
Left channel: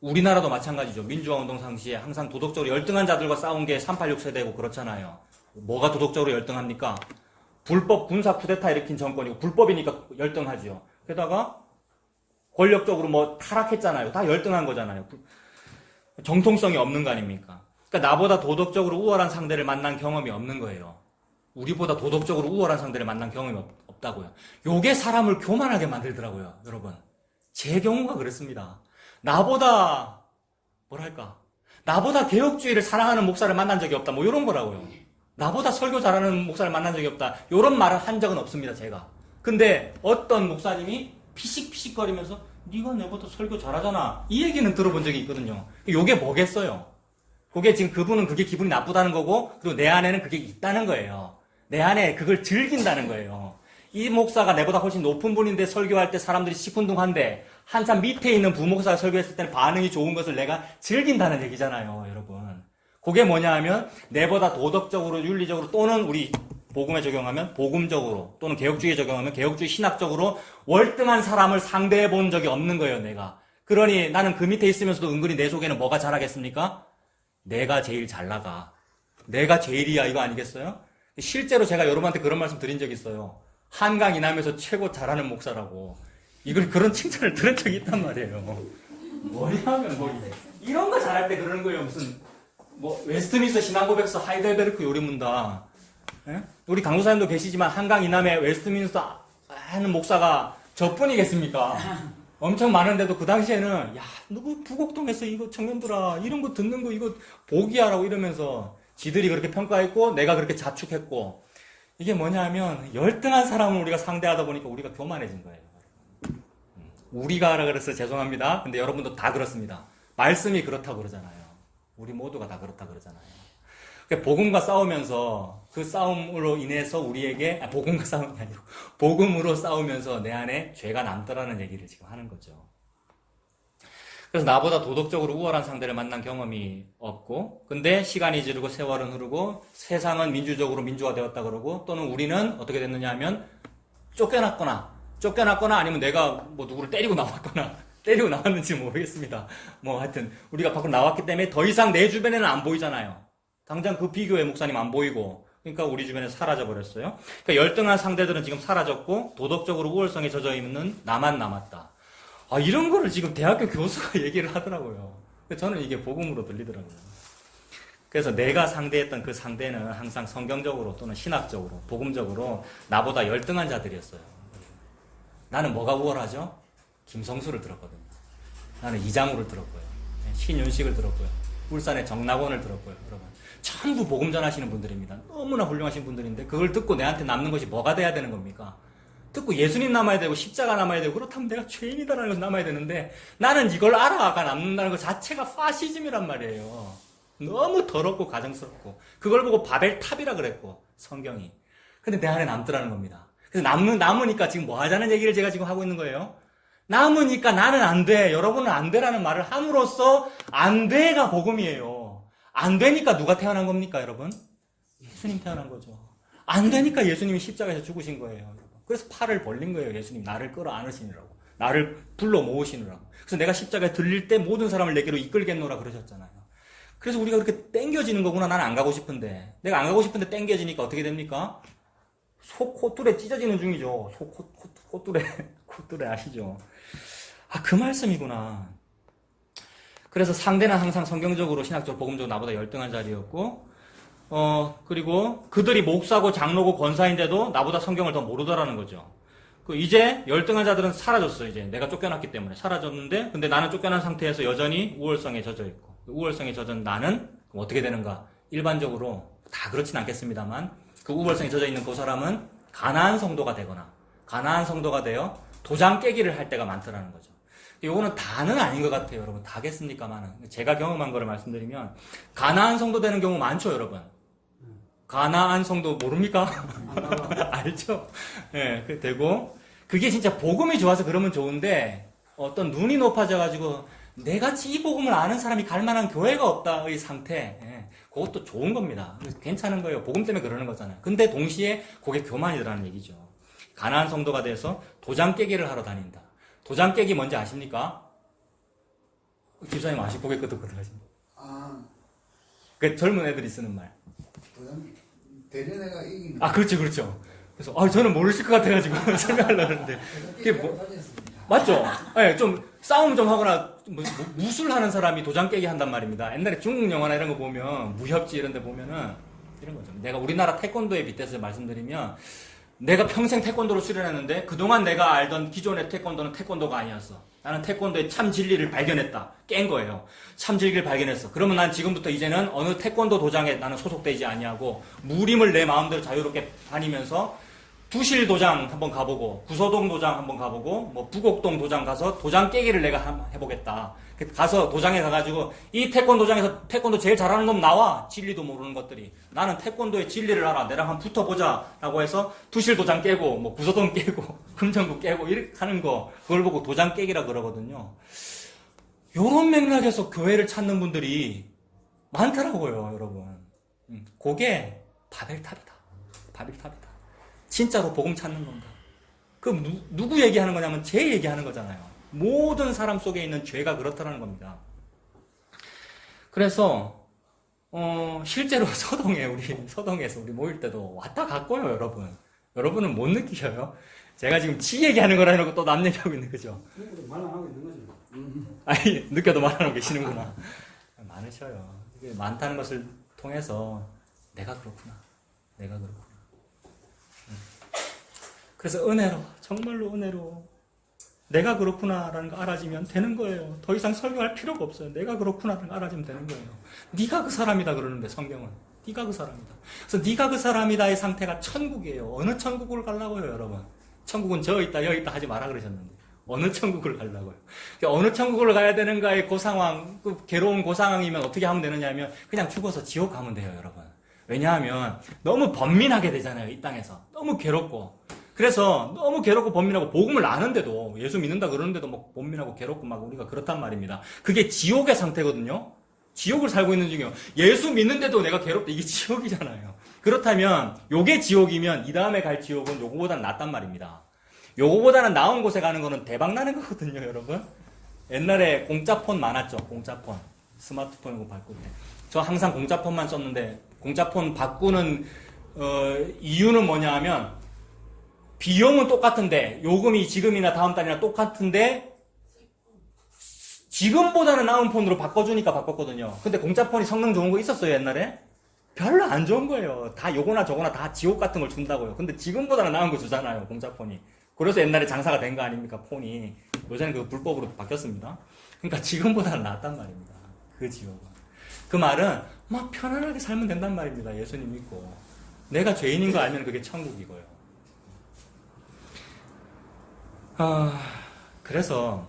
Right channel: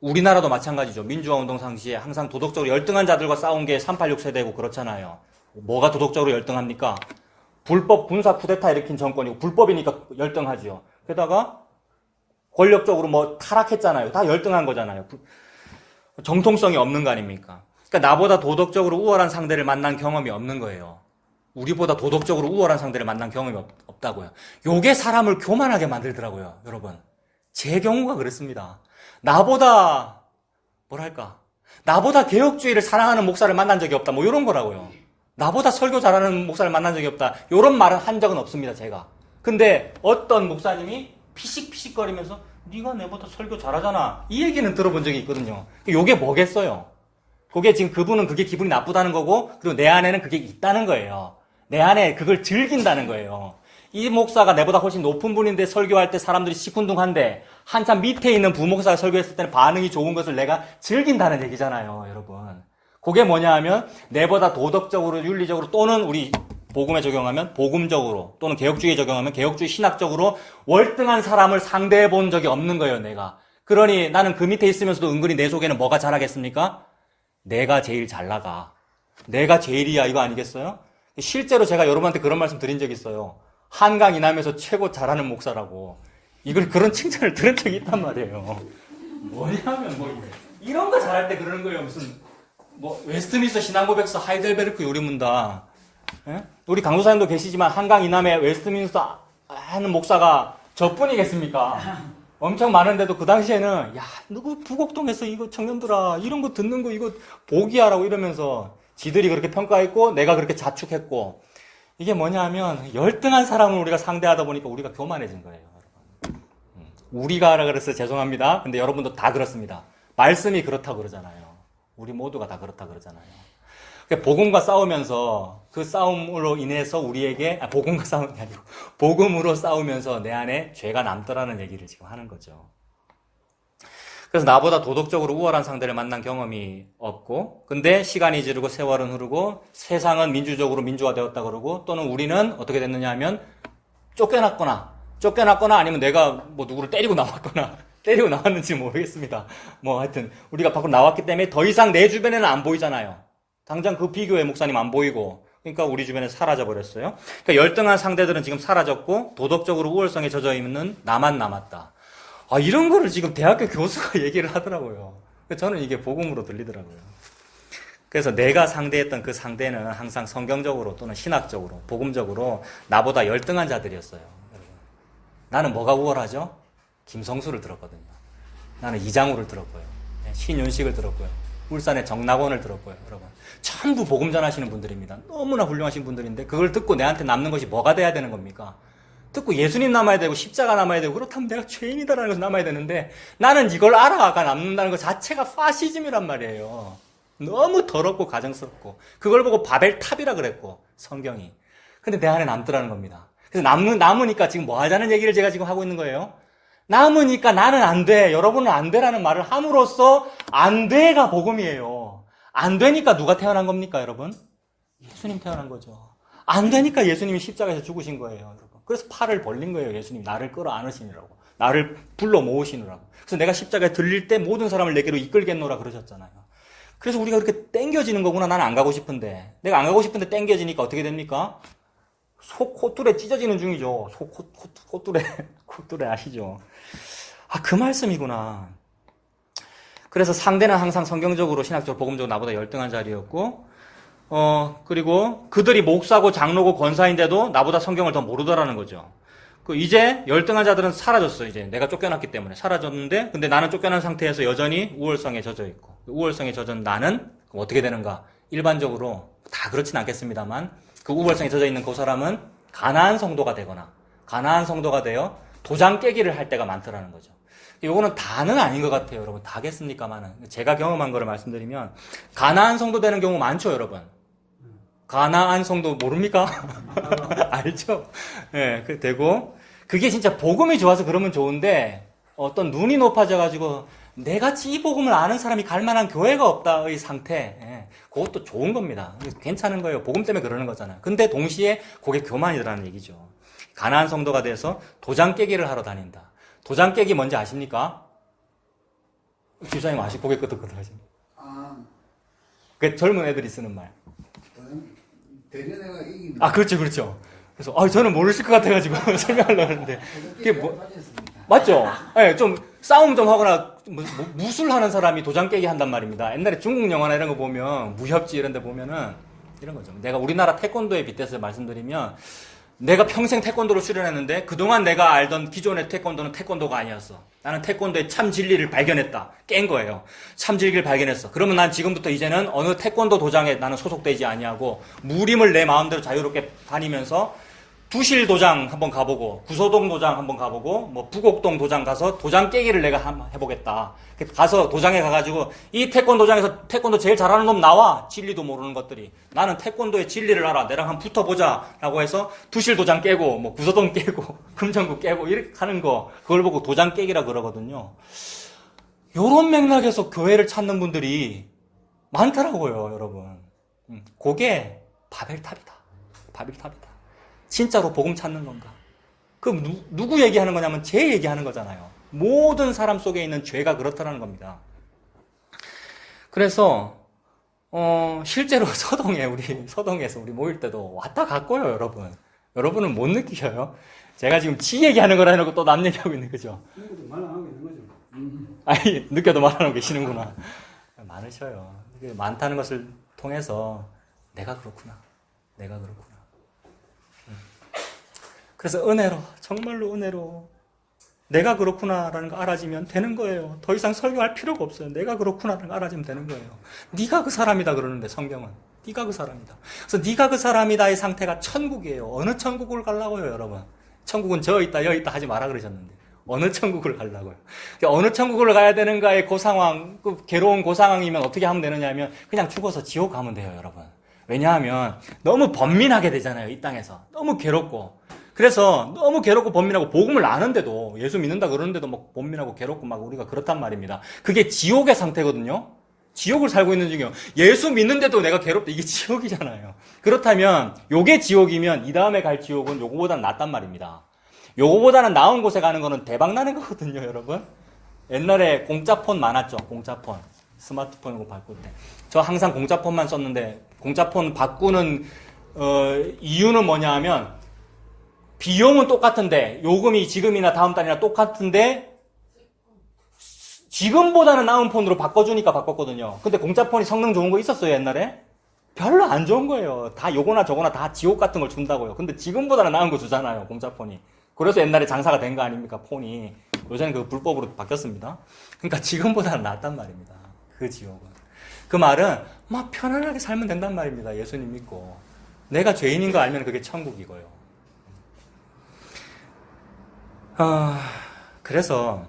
우리나라도 마찬가지죠. 민주화 운동 당시에 항상 도덕적으로 열등한 자들과 싸운 게 386 세대고 그렇잖아요. 뭐가 도덕적으로 열등합니까? 불법 군사 쿠데타 일으킨 정권이고 불법이니까 열등하지요. 게다가 권력적으로 뭐 타락했잖아요. 다 열등한 거잖아요. 정통성이 없는 거 아닙니까? 그러니까 나보다 도덕적으로 우월한 상대를 만난 경험이 없는 거예요. 우리보다 도덕적으로 우월한 상대를 만난 경험이 없다고요. 요게 사람을 교만하게 만들더라고요, 여러분. 제 경우가 그렇습니다. 나보다 개혁주의를 사랑하는 목사를 만난 적이 없다. 뭐 이런 거라고요. 나보다 설교 잘하는 목사를 만난 적이 없다. 이런 말을 한 적은 없습니다, 제가. 근데 어떤 목사님이 피식피식거리면서 네가 내보다 설교 잘하잖아. 이 얘기는 들어본 적이 있거든요. 이게 뭐겠어요? 그게 지금 그분은 그게 기분이 나쁘다는 거고, 그리고 내 안에는 그게 있다는 거예요. 내 안에 그걸 즐긴다는 거예요. 이 목사가 내보다 훨씬 높은 분인데 설교할 때 사람들이 시큰둥한데 한참 밑에 있는 부목사가 설교했을 때는 반응이 좋은 것을 내가 즐긴다는 얘기잖아요, 여러분. 그게 뭐냐 하면 내보다 도덕적으로, 윤리적으로 또는 우리 복음에 적용하면 복음적으로 또는 개혁주의에 적용하면 개혁주의 신학적으로 월등한 사람을 상대해 본 적이 없는 거예요, 내가. 그러니 나는 그 밑에 있으면서도 은근히 내 속에는 뭐가 자라겠습니까? 내가 제일 잘 나가. 내가 제일이야, 이거 아니겠어요? 실제로 제가 여러분한테 그런 말씀 드린 적이 있어요. 한강 이남에서 최고 잘하는 목사라고. 이걸 그런 칭찬을 들은 적이 있단 말이에요. 뭐냐면 뭐 이래. 이런 거 잘할 때 그러는 거예요. 무슨 뭐 웨스트민스터 신앙고백서 하이델베르크 요리문다. 예? 우리 강도사님도 계시지만 한강 이남에 웨스트민스터 하는 목사가 저뿐이겠습니까? 엄청 많은데도 그 당시에는 야 누구 부곡동에서 이거 청년들아 이런 거 듣는 거 이거 복이야라고 이러면서 지들이 그렇게 평가했고 내가 그렇게 자축했고 이게 뭐냐면 열등한 사람을 우리가 상대하다 보니까 우리가 교만해진 거예요. 우리가라 그래서 죄송합니다. 근데 여러분도 다 그렇습니다. 말씀이 그렇다고 그러잖아요. 우리 모두가 다 그렇다고 그러잖아요. 복음과 싸우면서 그 싸움으로 인해서 우리에게 복음과 싸움이 아니고 복음으로 싸우면서 내 안에 죄가 남더라는 얘기를 지금 하는 거죠. 그래서 나보다 도덕적으로 우월한 상대를 만난 경험이 없고 근데 시간이 지르고 세월은 흐르고 세상은 민주적으로 민주화되었다 그러고 또는 우리는 어떻게 됐느냐 하면 쫓겨났거나 아니면 내가 뭐 누구를 때리고 나왔는지 모르겠습니다. 뭐 하여튼 우리가 밖으로 나왔기 때문에 더 이상 내 주변에는 안 보이잖아요. 당장 그 비교의 목사님 안 보이고 그러니까 우리 주변에 사라져 버렸어요. 그러니까 열등한 상대들은 지금 사라졌고 도덕적으로 우월성에 젖어 있는 나만 남았다. 이런 거를 지금 대학교 교수가 얘기를 하더라고요. 저는 이게 복음으로 들리더라고요. 그래서 내가 상대했던 그 상대는 항상 성경적으로 또는 신학적으로 복음적으로 나보다 열등한 자들이었어요. 나는 뭐가 우월하죠? 김성수를 들었거든요. 나는 이장우를 들었고요. 신윤식을 들었고요. 울산의 정낙원을 들었고요. 여러분 전부 복음 전하시는 분들입니다. 너무나 훌륭하신 분들인데 그걸 듣고 내한테 남는 것이 뭐가 돼야 되는 겁니까? 듣고 예수님 남아야 되고 십자가 남아야 되고 그렇다면 내가 죄인이다라는 것을 남아야 되는데 나는 이걸 알아가 남는다는 것 자체가 파시즘이란 말이에요. 너무 더럽고 가정스럽고 그걸 보고 바벨탑이라 그랬고 성경이. 근데 내 안에 남더라는 겁니다. 그래서 남으니까 지금 뭐 하자는 얘기를 제가 지금 하고 있는 거예요. 남으니까 나는 안 돼. 여러분은 안 돼라는 말을 함으로써 안 돼가 복음이에요. 안 되니까 누가 태어난 겁니까, 여러분? 예수님 태어난 거죠. 안 되니까 예수님이 십자가에서 죽으신 거예요, 여러분. 그래서 팔을 벌린 거예요, 예수님. 나를 끌어안으시느라고. 나를 불러 모으시느라고. 그래서 내가 십자가에 들릴 때 모든 사람을 내게로 이끌겠노라 그러셨잖아요. 그래서 우리가 그렇게 땡겨지는 거구나. 나는 안 가고 싶은데. 내가 안 가고 싶은데 땡겨지니까 어떻게 됩니까? 속 콧줄에 찢어지는 중이죠. 콧줄에 아시죠? 그 말씀이구나. 그래서 상대는 항상 성경적으로 신학적 복음적으로 나보다 열등한 자리였고 그리고 그들이 목사고 장로고 권사인데도 나보다 성경을 더 모르더라는 거죠. 이제 열등한 자들은 사라졌어. 이제 내가 쫓겨났기 때문에 사라졌는데 근데 나는 쫓겨난 상태에서 여전히 우월성에 젖어 있고 우월성에 젖은 나는 어떻게 되는가? 일반적으로 다 그렇진 않겠습니다만 그 우월성에 젖어 있는 그 사람은 가나안 성도가 되거나 가나안 성도가 되어 도장 깨기를 할 때가 많더라는 거죠. 요거는 다는 아닌 것 같아요, 여러분. 다겠습니까만은. 제가 경험한 거를 말씀드리면, 가나안 성도 되는 경우 많죠, 여러분. 가나안 성도 모릅니까? 알죠? 예, 그 되고, 그게 진짜 복음이 좋아서 그러면 좋은데, 어떤 눈이 높아져가지고, 내같이 이 복음을 아는 사람이 갈 만한 교회가 없다의 상태, 예, 그것도 좋은 겁니다. 괜찮은 거예요. 복음 때문에 그러는 거잖아요. 근데 동시에 그게 교만이라는 얘기죠. 가나안 성도가 돼서 도장 깨기를 하러 다닌다. 도장 깨기 뭔지 아십니까? 집사님 아시고 고개 끄덕끄덕 하십니다. 그 젊은 애들이 쓰는 말. 대련애가 이긴. 그렇죠. 그래서 저는 모르실 것 같아가지고 설명하려고 하는데 그게 뭐 맞죠? 네, 좀 싸움 좀 하거나 무술하는 사람이 도장 깨기 한단 말입니다. 옛날에 중국 영화나 이런 거 보면 무협지 이런 데 보면은 이런 거죠. 내가 우리나라 태권도에 빗대서 말씀드리면 내가 평생 태권도를 수련했는데 그동안 내가 알던 기존의 태권도는 태권도가 아니었어. 나는 태권도의 참 진리를 발견했다. 깬 거예요. 참 진리를 발견했어. 그러면 난 지금부터 이제는 어느 태권도 도장에 나는 소속되지 아니하고 무림을 내 마음대로 자유롭게 다니면서 두실 도장 한번 가보고 구소동 도장 한번 가보고 뭐 부곡동 도장 가서 도장 깨기를 내가 한번 해보겠다. 가서 도장에 가가지고 이 태권도장에서 태권도 제일 잘하는 놈 나와. 진리도 모르는 것들이. 나는 태권도의 진리를 알아. 내랑 한번 붙어보자. 라고 해서 두실 도장 깨고 뭐 구소동 깨고 금정구 깨고 이렇게 하는 거 그걸 보고 도장 깨기라 그러거든요. 요런 맥락에서 교회를 찾는 분들이 많더라고요, 여러분. 그게 바벨탑이다. 바벨탑이다. 진짜로 복음 찾는 건가? 누구 얘기하는 거냐면 제 얘기하는 거잖아요. 모든 사람 속에 있는 죄가 그렇다는 겁니다. 그래서 실제로 서동에서 우리 모일 때도 왔다 갔고요, 여러분. 여러분은 못 느끼셔요? 제가 지금 지 얘기하는 거라 해놓고 또 남 얘기하고 있는 거죠. 말안 하고 있는 거죠. 아니, 느껴도 말하고 계시는구나. 많으셔요. 이게 많다는 것을 통해서 내가 그렇구나. 내가 그렇구나. 그래서 은혜로, 정말로 은혜로 내가 그렇구나라는 거 알아지면 되는 거예요. 더 이상 설교할 필요가 없어요. 내가 그렇구나라는 거 알아지면 되는 거예요. 네가 그 사람이다 그러는데 성경은. 네가 그 사람이다. 그래서 네가 그 사람이다의 상태가 천국이에요. 어느 천국을 가려고요, 여러분? 천국은 저 있다, 여 있다 하지 마라 그러셨는데. 어느 천국을 가려고요? 그러니까 어느 천국을 가야 되는가의 그 상황, 그 괴로운 그 상황이면 어떻게 하면 되느냐 하면 그냥 죽어서 지옥 가면 돼요, 여러분. 왜냐하면 너무 번민하게 되잖아요, 이 땅에서. 너무 괴롭고. 그래서 너무 괴롭고 번민하고 복음을 아는데도 예수 믿는다 그러는데도 막 번민하고 괴롭고 막 우리가 그렇단 말입니다. 그게 지옥의 상태거든요. 지옥을 살고 있는 중이에요. 예수 믿는데도 내가 괴롭다. 이게 지옥이잖아요. 그렇다면 요게 지옥이면 이 다음에 갈 지옥은 요거보다 낫단 말입니다. 요거보다는 나은 곳에 가는 거는 대박 나는 거거든요, 여러분. 옛날에 공짜폰 많았죠. 공짜폰. 스마트폰 이거 바꿀 때. 저 항상 공짜폰만 썼는데 공짜폰 바꾸는 이유는 뭐냐 하면 비용은 똑같은데 요금이 지금이나 다음 달이나 똑같은데 지금보다는 나은 폰으로 바꿔주니까 바꿨거든요. 근데 공짜폰이 성능 좋은 거 있었어요, 옛날에? 별로 안 좋은 거예요. 다 요거나 저거나 다 지옥 같은 걸 준다고요. 근데 지금보다는 나은 거 주잖아요, 공짜폰이. 그래서 옛날에 장사가 된 거 아닙니까, 폰이. 요새는 그 불법으로 바뀌었습니다. 그러니까 지금보다는 낫단 말입니다. 그 지옥은. 그 말은 막 편안하게 살면 된단 말입니다. 예수님 믿고. 내가 죄인인 거 알면 그게 천국이고요. 그래서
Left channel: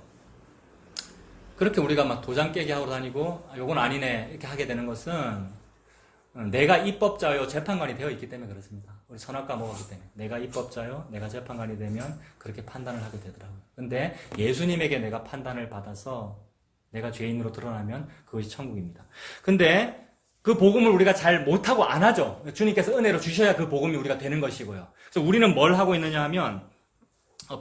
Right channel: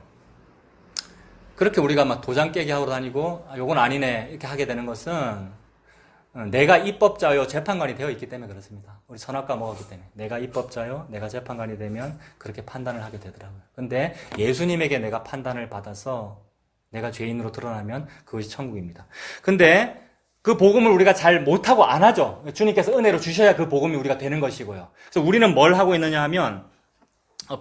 그렇게 우리가 막 도장 깨기 하고 다니고 요건 아니네 이렇게 하게 되는 것은 내가 입법자요 재판관이 되어 있기 때문에 그렇습니다. 우리 선악과 먹었기 때문에 내가 입법자요 내가 재판관이 되면 그렇게 판단을 하게 되더라고요. 근데 예수님에게 내가 판단을 받아서 내가 죄인으로 드러나면 그것이 천국입니다. 근데 그 복음을 우리가 잘 못하고 안 하죠. 주님께서 은혜로 주셔야 그 복음이 우리가 되는 것이고요. 그래서 우리는 뭘 하고 있느냐 하면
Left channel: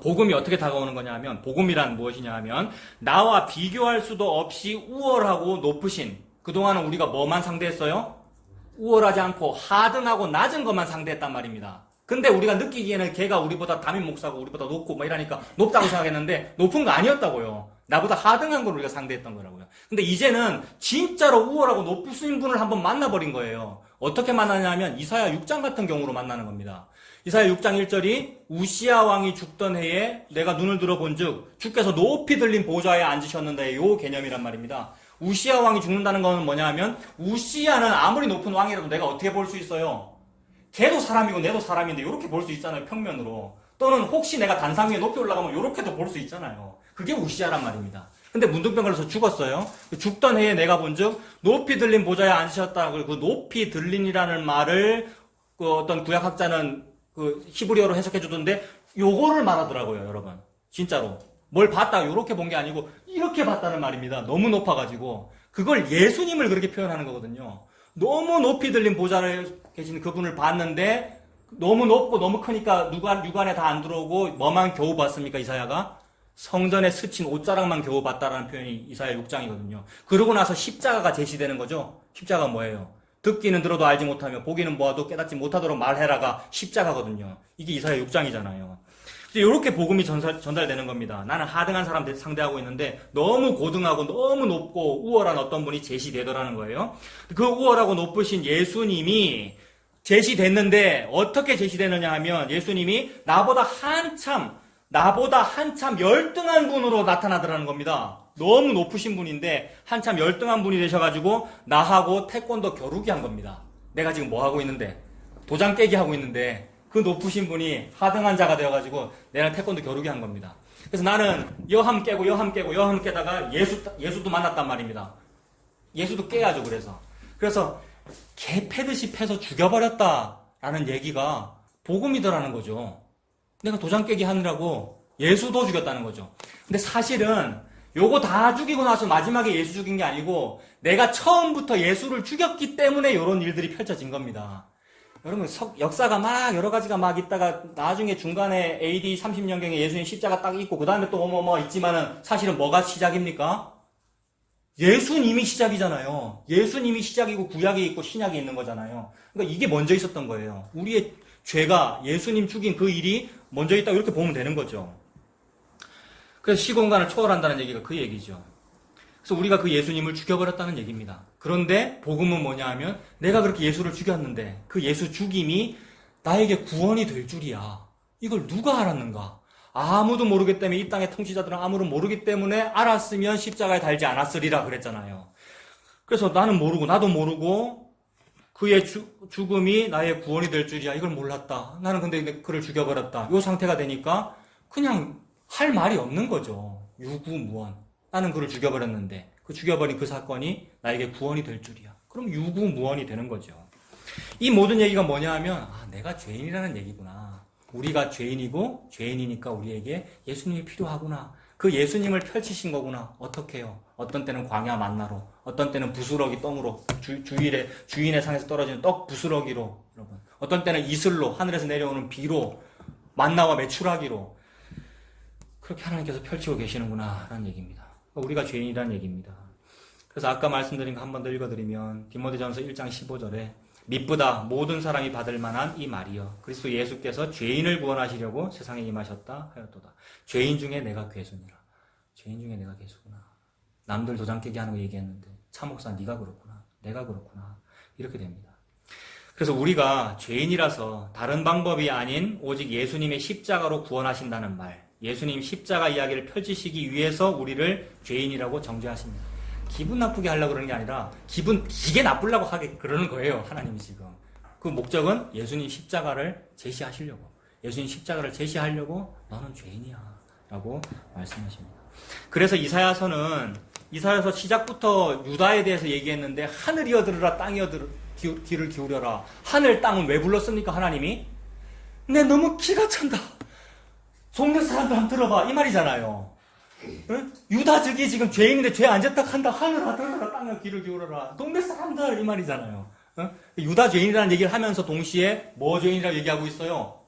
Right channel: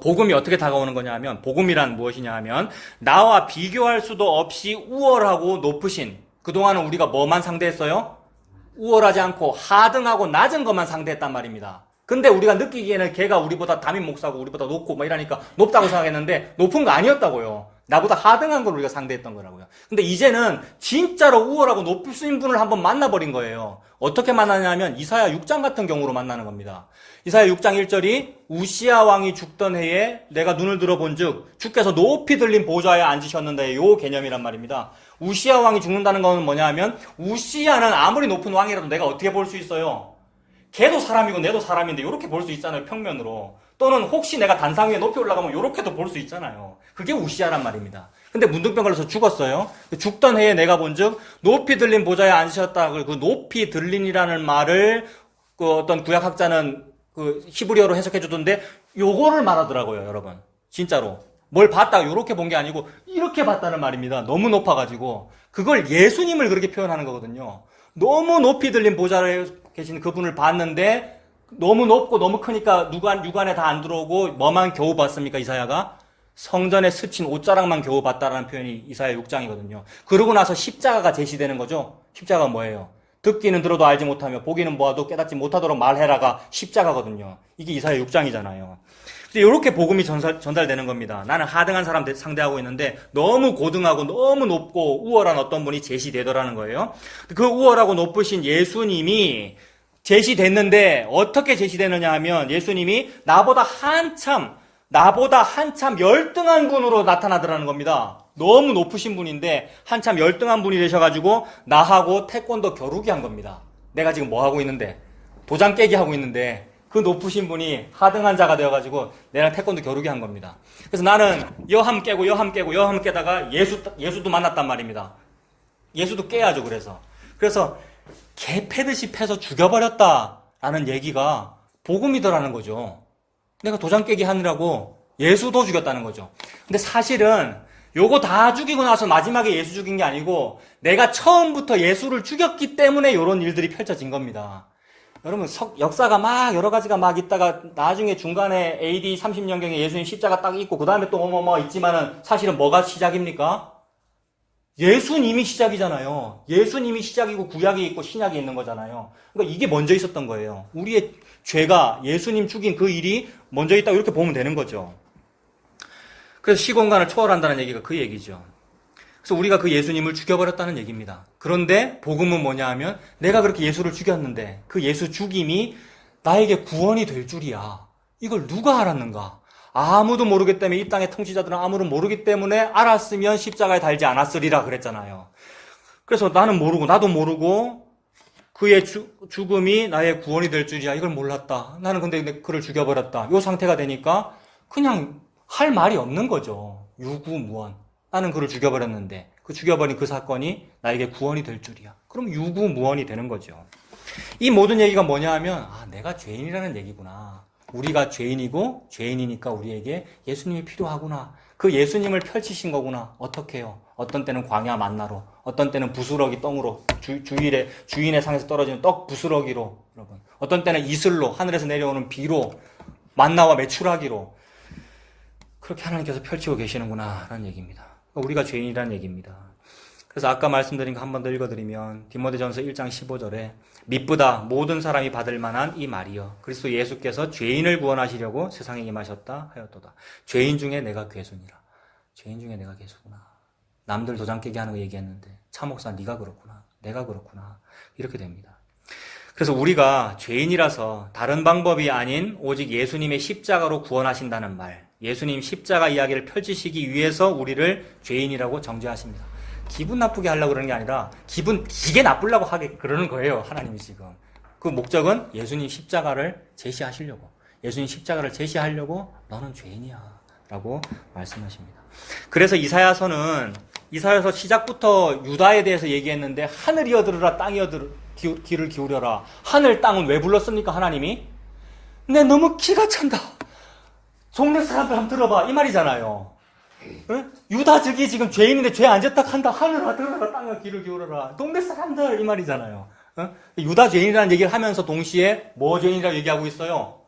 복음이 어떻게 다가오는 거냐 하면 복음이란 무엇이냐 하면 나와 비교할 수도 없이 우월하고 높으신 그동안은 우리가 뭐만 상대했어요? 우월하지 않고 하등하고 낮은 것만 상대했단 말입니다. 근데 우리가 느끼기에는 걔가 우리보다 담임 목사고 우리보다 높고 뭐 이러니까 높다고 생각했는데 높은 거 아니었다고요. 나보다 하등한 걸 우리가 상대했던 거라고요. 근데 이제는 진짜로 우월하고 높으신 분을 한번 만나버린 거예요. 어떻게 만나냐면 이사야 6장 같은 경우로 만나는 겁니다. 이사야 6장 1절이 우시야 왕이 죽던 해에 내가 눈을 들어본 즉 주께서 높이 들린 보좌에 앉으셨는데 요 개념이란 말입니다. 우시야 왕이 죽는다는 것은 뭐냐 하면 우시야는 아무리 높은 왕이라도 내가 어떻게 볼 수 있어요? 걔도 사람이고 내도 사람인데 이렇게 볼 수 있잖아요, 평면으로. 또는 혹시 내가 단상 위에 높이 올라가면 이렇게도 볼 수 있잖아요. 그게 우시야란 말입니다. 근데 문둥병 걸려서 죽었어요. 죽던 해에 내가 본즉 높이 들린 보좌에 앉으셨다. 그 높이 들린이라는 말을 그 어떤 구약학자는 그 히브리어로 해석해 주던데 요거를 말하더라고요, 여러분. 진짜로. 뭘 봤다가 요렇게 본 게 아니고 이렇게 봤다는 말입니다. 너무 높아가지고. 그걸 예수님을 그렇게 표현하는 거거든요. 너무 높이 들린 보좌에 계신 그분을 봤는데 너무 높고 너무 크니까 육안에 다 안 들어오고 뭐만 겨우 봤습니까, 이사야가? 성전에 스친 옷자락만 겨우 봤다라는 표현이 이사야 6장이거든요. 그러고 나서 십자가가 제시되는 거죠. 십자가가 뭐예요? 듣기는 들어도 알지 못하며 보기는 보아도 깨닫지 못하도록 말해라가 십자가거든요. 이게 이사야 6장이잖아요. 이렇게 복음이 전달되는 겁니다. 나는 하등한 사람 상대하고 있는데 너무 고등하고 너무 높고 우월한 어떤 분이 제시되더라는 거예요. 그 우월하고 높으신 예수님이 제시됐는데 어떻게 제시되느냐 하면 예수님이 나보다 한참 열등한 분으로 나타나더라는 겁니다. 너무 높으신 분인데 한참 열등한 분이 되셔가지고 나하고 태권도 겨루기 한 겁니다. 내가 지금 뭐 하고 있는데 도장 깨기 하고 있는데 그 높으신 분이 하등한 자가 되어가지고 내랑 태권도 겨루기 한 겁니다. 그래서 나는 여함 깨고 깨다가 예수도 만났단 말입니다. 예수도 깨야죠. 그래서 개 패듯이 패서 죽여버렸다라는 얘기가 복음이더라는 거죠. 내가 도장 깨기 하느라고 예수도 죽였다는 거죠. 근데 사실은 요거 다 죽이고 나서 마지막에 예수 죽인 게 아니고 내가 처음부터 예수를 죽였기 때문에 이런 일들이 펼쳐진 겁니다. 여러분 역사가 막 여러 가지가 막 있다가 나중에 중간에 AD 30년경에 예수님 십자가 딱 있고 그 다음에 또 뭐뭐 있지만은 사실은 뭐가 시작입니까? 예수님이 시작이잖아요. 예수님이 시작이고 구약이 있고 신약이 있는 거잖아요. 그러니까 이게 먼저 있었던 거예요. 우리의 죄가 예수님 죽인 그 일이 먼저 있다고 이렇게 보면 되는 거죠. 그래서 시공간을 초월한다는 얘기가 그 얘기죠. 그래서 우리가 그 예수님을 죽여버렸다는 얘기입니다. 그런데 복음은 뭐냐 하면 내가 그렇게 예수를 죽였는데 그 예수 죽임이 나에게 구원이 될 줄이야. 이걸 누가 알았는가? 아무도 모르기 때문에 이 땅의 통치자들은 아무도 모르기 때문에 알았으면 십자가에 달지 않았으리라 그랬잖아요. 그래서 나는 모르고 나도 모르고 그의 죽음이 나의 구원이 될 줄이야. 이걸 몰랐다. 나는 근데 그를 죽여버렸다. 이 상태가 되니까 그냥 할 말이 없는 거죠. 유구무원. 나는 그를 죽여버렸는데 그 죽여버린 그 사건이 나에게 구원이 될 줄이야. 그럼 유구무원이 되는 거죠. 이 모든 얘기가 뭐냐 하면 내가 죄인이라는 얘기구나. 우리가 죄인이고 죄인이니까 우리에게 예수님이 필요하구나. 그 예수님을 펼치신 거구나. 어떻게 해요? 어떤 때는 광야 만나로, 어떤 때는 부스러기 똥으로, 주인의 상에서 떨어지는 떡 부스러기로, 여러분. 어떤 때는 이슬로, 하늘에서 내려오는 비로, 만나와 메추라기로 그렇게 하나님께서 펼치고 계시는구나 라는 얘기입니다. 우리가 죄인이라는 얘기입니다. 그래서 아까 말씀드린 거 한 번 더 읽어드리면 디모데전서 1장 15절에 미쁘다 모든 사람이 받을 만한 이 말이여 그리스도 예수께서 죄인을 구원하시려고 세상에 임하셨다 하였도다. 죄인 중에 내가 괴수니라. 죄인 중에 내가 괴수구나. 남들 도장 깨게 하는 거 얘기했는데 차 목사 네가 그렇구나. 내가 그렇구나. 이렇게 됩니다. 그래서 우리가 죄인이라서 다른 방법이 아닌 오직 예수님의 십자가로 구원하신다는 말, 예수님 십자가 이야기를 펼치시기 위해서 우리를 죄인이라고 정죄하십니다. 기분 나쁘게 하려고 그러는 게 아니라 기분 되게 나쁘려고 하게 그러는 거예요. 하나님이 지금. 그 목적은 예수님 십자가를 제시하시려고. 예수님 십자가를 제시하려고 너는 죄인이야 라고 말씀하십니다. 그래서 이사야서 시작부터 유다에 대해서 얘기했는데 하늘이여 들으라 땅이여 귀를 기울여라. 하늘 땅은 왜 불렀습니까? 하나님이? 내 너무 기가 찬다. 속내 사람들 한번 들어봐. 이 말이잖아요. 응? 유다족이 지금 죄인인데 죄 안 졌다 한다. 하늘아 들어라 땅아 귀를 기울여라. 동네 사람들 이 말이잖아요. 응? 유다 죄인이라는 얘기를 하면서 동시에 뭐 죄인이라고 얘기하고 있어요?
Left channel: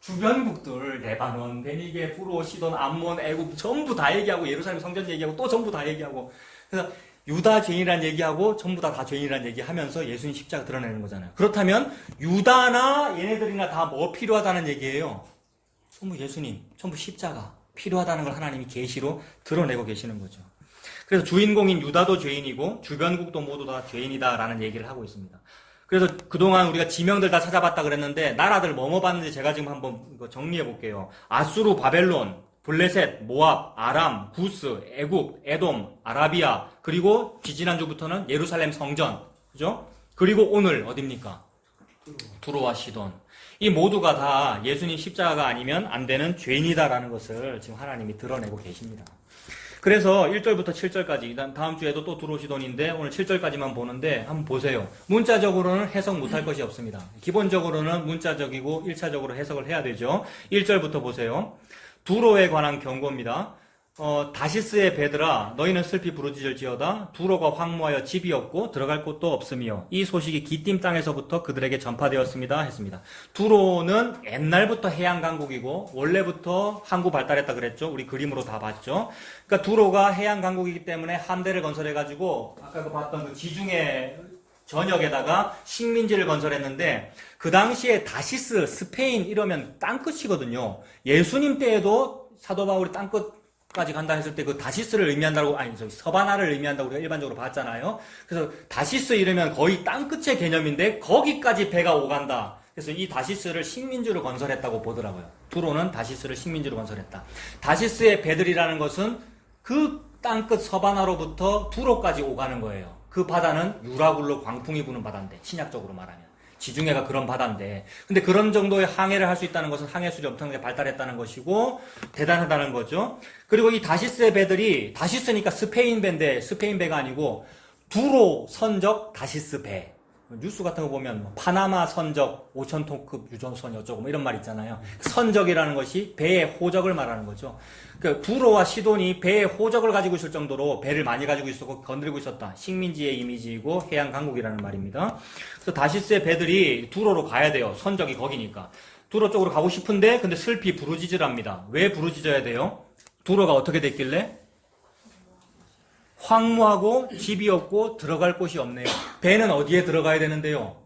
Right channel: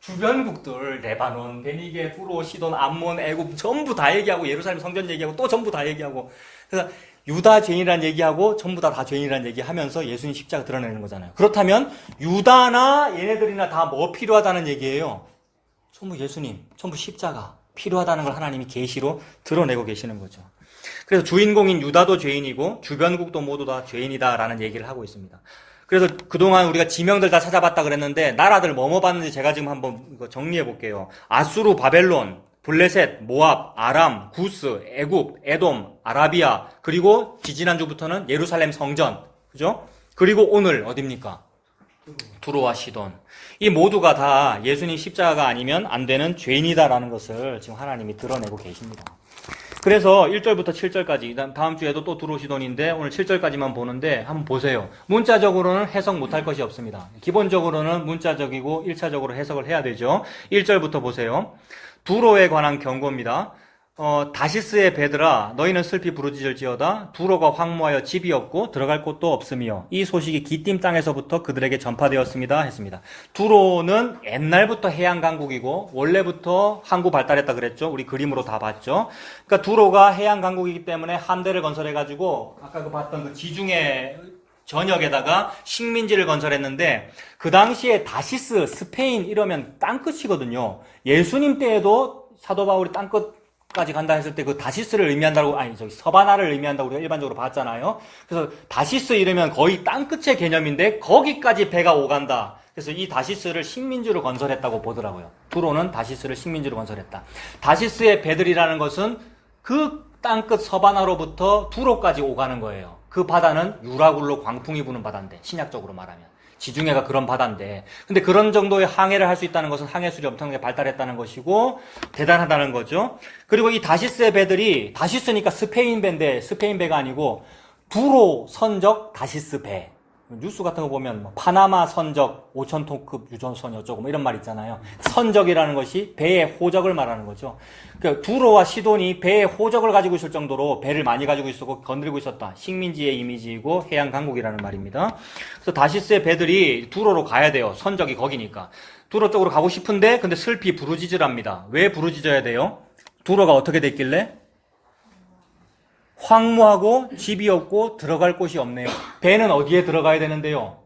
주변국들 레바논, 베니게, 후로, 시돈, 암몬, 애굽 전부 다 얘기하고 예루살렘 성전 얘기하고 또 전부 다 얘기하고 그래서 유다 죄인이라는 얘기하고 전부 다 죄인이라는 얘기하면서 예수님 십자가 드러내는 거잖아요. 그렇다면 유다나 얘네들이나 다 뭐 필요하다는 얘기예요? 전부 예수님, 전부 십자가 필요하다는 걸 하나님이 계시로 드러내고 계시는 거죠. 그래서 주인공인 유다도 죄인이고 주변국도 모두 다 죄인이다라는 얘기를 하고 있습니다. 그래서 그동안 우리가 지명들 다 찾아봤다 그랬는데 나라들 뭐뭐 봤는지 제가 지금 한번 정리해 볼게요. 아수르, 바벨론, 블레셋, 모압, 아람, 구스, 애굽, 에돔, 아라비아 그리고 지지난주부터는 예루살렘 성전 그죠? 그리고 오늘 어딥니까? 두로와 시돈. 이 모두가 다 예수님 십자가가 아니면 안 되는 죄인이다라는 것을 지금 하나님이 드러내고 계십니다. 그래서 1절부터 7절까지, 다음 주에도 또 두로 시돈인데 오늘 7절까지만 보는데 한번 보세요. 문자적으로는 해석 못할 것이 없습니다. 기본적으로는 문자적이고 1차적으로 해석을 해야 되죠. 1절부터 보세요. 두로에 관한 경고입니다. 다시스의 배들아 너희는 슬피 부르짖을지어다 두로가 황무하여 집이 없고 들어갈 곳도 없으며 이 소식이 기띔 땅에서부터 그들에게 전파되었습니다 했습니다. 두로는 옛날부터 해양 강국이고 원래부터 항구 발달했다 그랬죠. 우리 그림으로 다 봤죠. 그러니까 두로가 해양 강국이기 때문에 함대를 건설해 가지고 아까도 봤던 그 지중해 전역에다가 식민지를 건설했는데 그 당시에 다시스, 스페인 이러면 땅끝이거든요. 예수님 때에도 사도 바울이 땅끝까지 간다 했을 때 그 다시스를 의미한다고 서바나를 의미한다고 우리가 일반적으로 봤잖아요. 그래서 다시스 이러면 거의 땅끝의 개념인데 거기까지 배가 오간다. 그래서 이 다시스를 식민지로 건설했다고 보더라고요. 두로는 다시스를 식민지로 건설했다. 다시스의 배들이라는 것은 그 땅끝 서바나로부터 두로까지 오가는 거예요. 그 바다는 유라굴로 광풍이 부는 바다인데 신약적으로 말하면 지중해가 그런 바다인데 근데 그런 정도의 항해를 할 수 있다는 것은 항해술이 엄청나게 발달했다는 것이고 대단하다는 거죠. 그리고 이 다시스의 배들이 다시스니까 스페인 배인데 스페인 배가 아니고 두로 선적 다시스 배. 뉴스 같은 거 보면 뭐 파나마 선적 5,000톤급 유조선이 어쩌고 뭐 이런 말 있잖아요. 선적이라는 것이 배의 호적을 말하는 거죠. 그러니까 두로와 시돈이 배의 호적을 가지고 있을 정도로 배를 많이 가지고 있었고 건드리고 있었다. 식민지의 이미지이고 해양 강국이라는 말입니다. 그래서 다시스의 배들이 두로로 가야 돼요. 선적이 거기니까. 두로 쪽으로 가고 싶은데 근데 슬피 부르짖으랍니다. 왜 부르짖어야 돼요? 두로가 어떻게 됐길래? 황무하고 집이 없고 들어갈 곳이 없네요. 배는 어디에 들어가야 되는데요?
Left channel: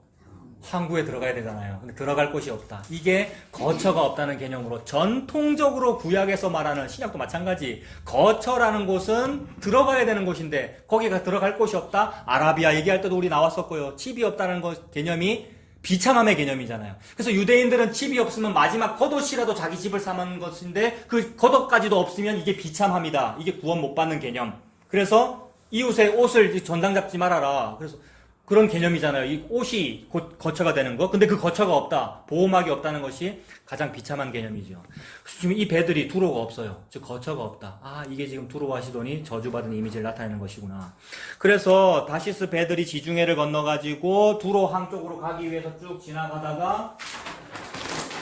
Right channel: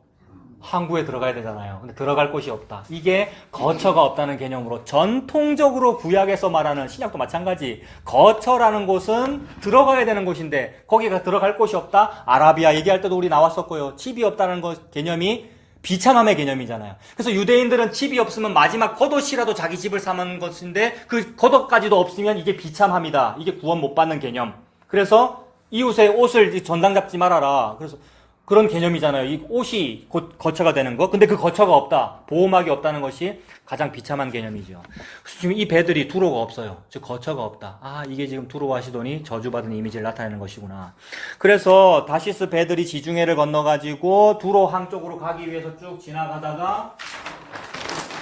항구에 들어가야 되잖아요. 근데 들어갈 곳이 없다. 이게 거처가 없다는 개념으로 전통적으로 구약에서 말하는 신약도 마찬가지. 거처라는 곳은 들어가야 되는 곳인데 거기가 들어갈 곳이 없다. 아라비아 얘기할 때도 우리 나왔었고요. 집이 없다는 것 개념이 비참함의 개념이잖아요. 그래서 유대인들은 집이 없으면 마지막 겉옷이라도 자기 집을 사는 것인데 그 겉옷까지도 없으면 이게 비참함이다. 이게 구원 못 받는 개념. 그래서 이웃의 옷을 전당 잡지 말아라. 그래서 그런 개념이잖아요. 이 옷이 곧 거처가 되는 거. 근데 그 거처가 없다. 보호막이 없다는 것이 가장 비참한 개념이죠. 지금 이 배들이 두로가 없어요. 즉 거처가 없다. 아, 이게 지금 두로와 시돈이 저주받은 이미지를 나타내는 것이구나. 그래서 다시스 배들이 지중해를 건너가지고 두로항 쪽으로 가기 위해서 쭉 지나가다가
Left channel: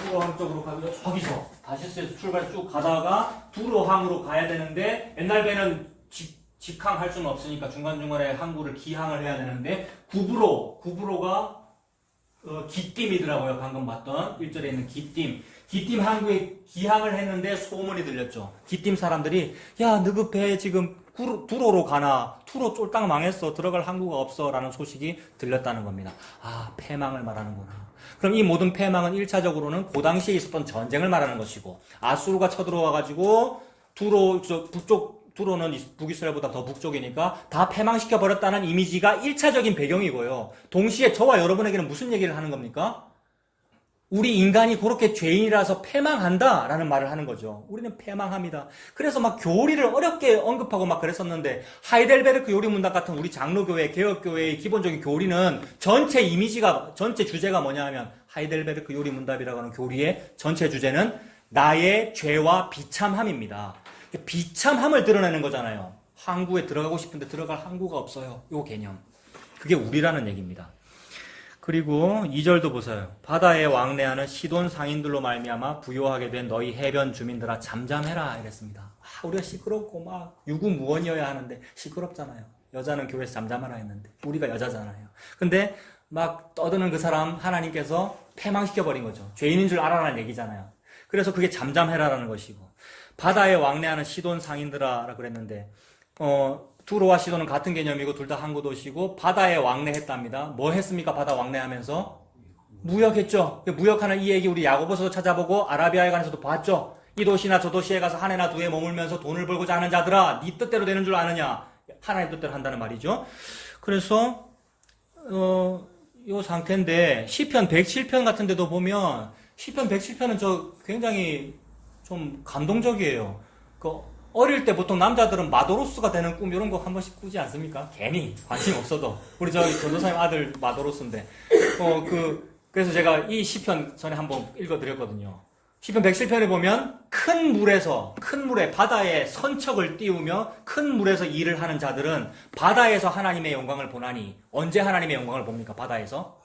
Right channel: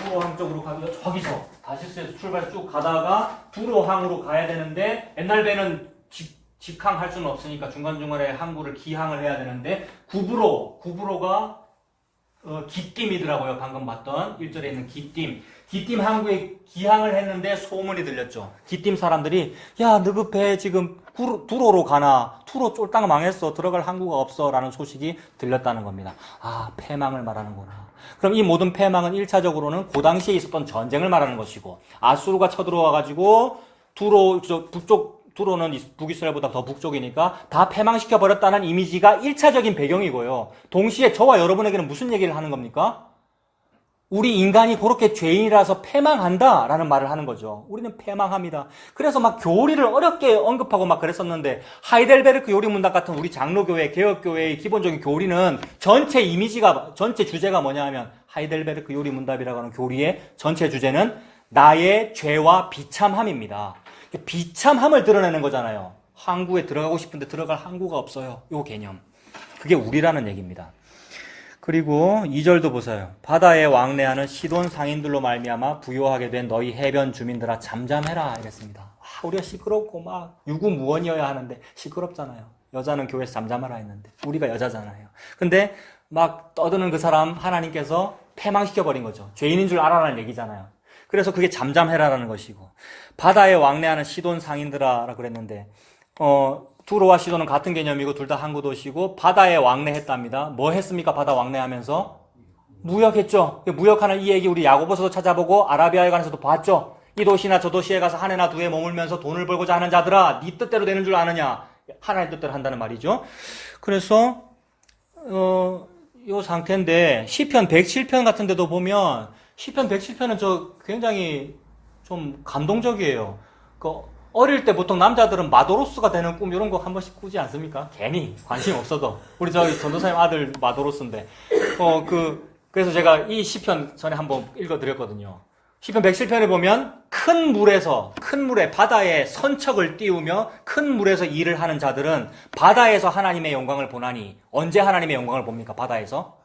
두로항 쪽으로 가기 위해서 저기서 다시스에서 출발해서 쭉 가다가 두로항으로 가야 되는데 옛날 배는 직항할 수는 없으니까 중간중간에 항구를 기항을 해야 되는데 구브로가 기띔이더라고요. 방금 봤던 1절에 있는 기띔 항구에 기항을 했는데 소문이 들렸죠. 기띔 사람들이 야, 너그 배 지금 두로로 가나? 두로 쫄딱 망했어. 들어갈 항구가 없어. 라는 소식이 들렸다는 겁니다. 아, 패망을 말하는구나. 그럼 이 모든 패망은 1차적으로는 그 당시에 있었던 전쟁을 말하는 것이고 아수르가 쳐들어와가지고 두로는 북이스라엘보다 더 북쪽이니까 다 패망시켜버렸다는 이미지가 1차적인 배경이고요. 동시에 저와 여러분에게는 무슨 얘기를 하는 겁니까? 우리 인간이 그렇게 죄인이라서 패망한다라는 말을 하는 거죠. 우리는 패망합니다. 그래서 막 교리를 어렵게 언급하고 막 그랬었는데 하이델베르크 요리문답 같은 우리 장로교회, 개혁교회의 기본적인 교리는 전체 주제가 뭐냐 하면 하이델베르크 요리문답이라고 하는 교리의 전체 주제는 나의 죄와 비참함입니다. 비참함을 드러내는 거잖아요. 항구에 들어가고 싶은데 들어갈 항구가 없어요. 요 개념. 그게 우리라는 얘기입니다. 그리고 2절도 보세요. 바다에 왕래하는 시돈 상인들로 말미암아 부요하게 된 너희 해변 주민들아 잠잠해라 이랬습니다. 아, 우리가 시끄럽고 막 유구무원이어야 하는데 시끄럽잖아요. 여자는 교회에서 잠잠하라 했는데 우리가 여자잖아요. 근데 막 떠드는 그 사람 하나님께서 패망시켜버린 거죠. 죄인인 줄 알아라는 얘기잖아요. 그래서 그게 잠잠해라라는 것이고 바다에 왕래하는 시돈 상인들아라고 그랬는데 두로와 시돈은 같은 개념이고 둘 다 항구 도시고 바다에 왕래했답니다. 뭐 했습니까? 바다 왕래하면서 무역했죠. 무역하는 이 얘기 우리 야고보서도 찾아보고 아라비아에 관해서도 봤죠. 이 도시나 저 도시에 가서 한 해나 두 해 머물면서 돈을 벌고자 하는 자들아 네 뜻대로 되는 줄 아느냐. 하나님 뜻대로 한다는 말이죠. 그래서 요 상태인데 시편 107편 같은 데도 보면 시편 107편은 저 굉장히 좀 감동적이에요. 어릴 때 보통 남자들은 마도로스가 되는 꿈 이런 거 한 번씩 꾸지 않습니까? 괜히 관심 없어도. 우리 저희 전도사님 아들 마도로스인데. 그래서 제가 이 시편 전에 한번 읽어드렸거든요. 시편 107편에 보면 큰 물에 바다에 선척을 띄우며 큰 물에서 일을 하는 자들은 바다에서 하나님의 영광을 보나니 언제 하나님의 영광을 봅니까? 바다에서?